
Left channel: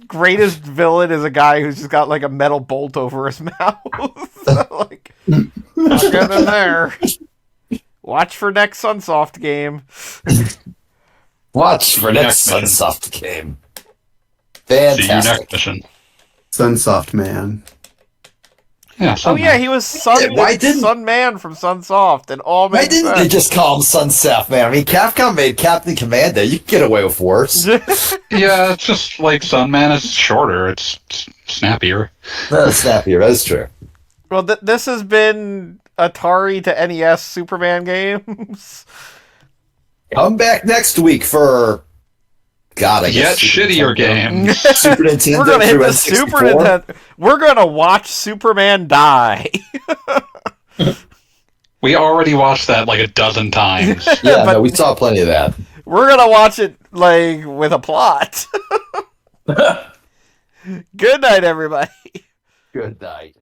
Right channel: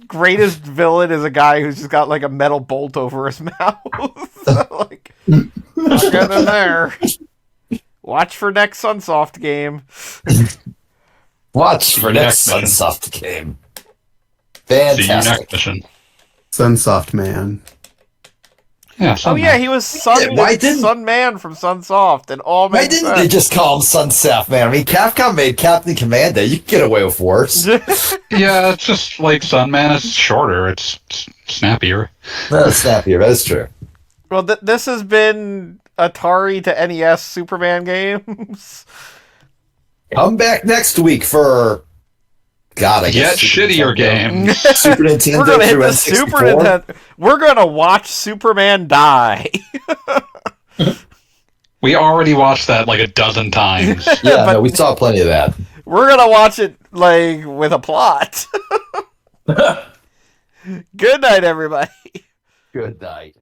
greatest villain is a guy who's just got, like, a metal bolt over his mouth. Like, not getting in there. Watch for next Sunsoft game. Watch for next Next mission. Sunsoft game. See you next Fantastic. mission. Sunsoft Man. Yeah. Oh yeah, he was Why didn't- Sunman from Sunsoft, and all Why makes didn't they sense. just call him Sunsoft, man? I mean, Capcom made Captain Commando. You can get away with worse. Yeah, it's just like Sunman is shorter. It's snappier. That's snappier. That's true. Well, this has been Atari to NES Superman games. Come back next week for God, I Yet guess Super shittier Nintendo. games. Super Nintendo. We're gonna hit through the N64. Super Nintendo. We're gonna watch Superman die. We already watched that like a dozen times. Yeah, But- no, we saw plenty of that. We're gonna watch it like with a plot. Good night, everybody. Good night.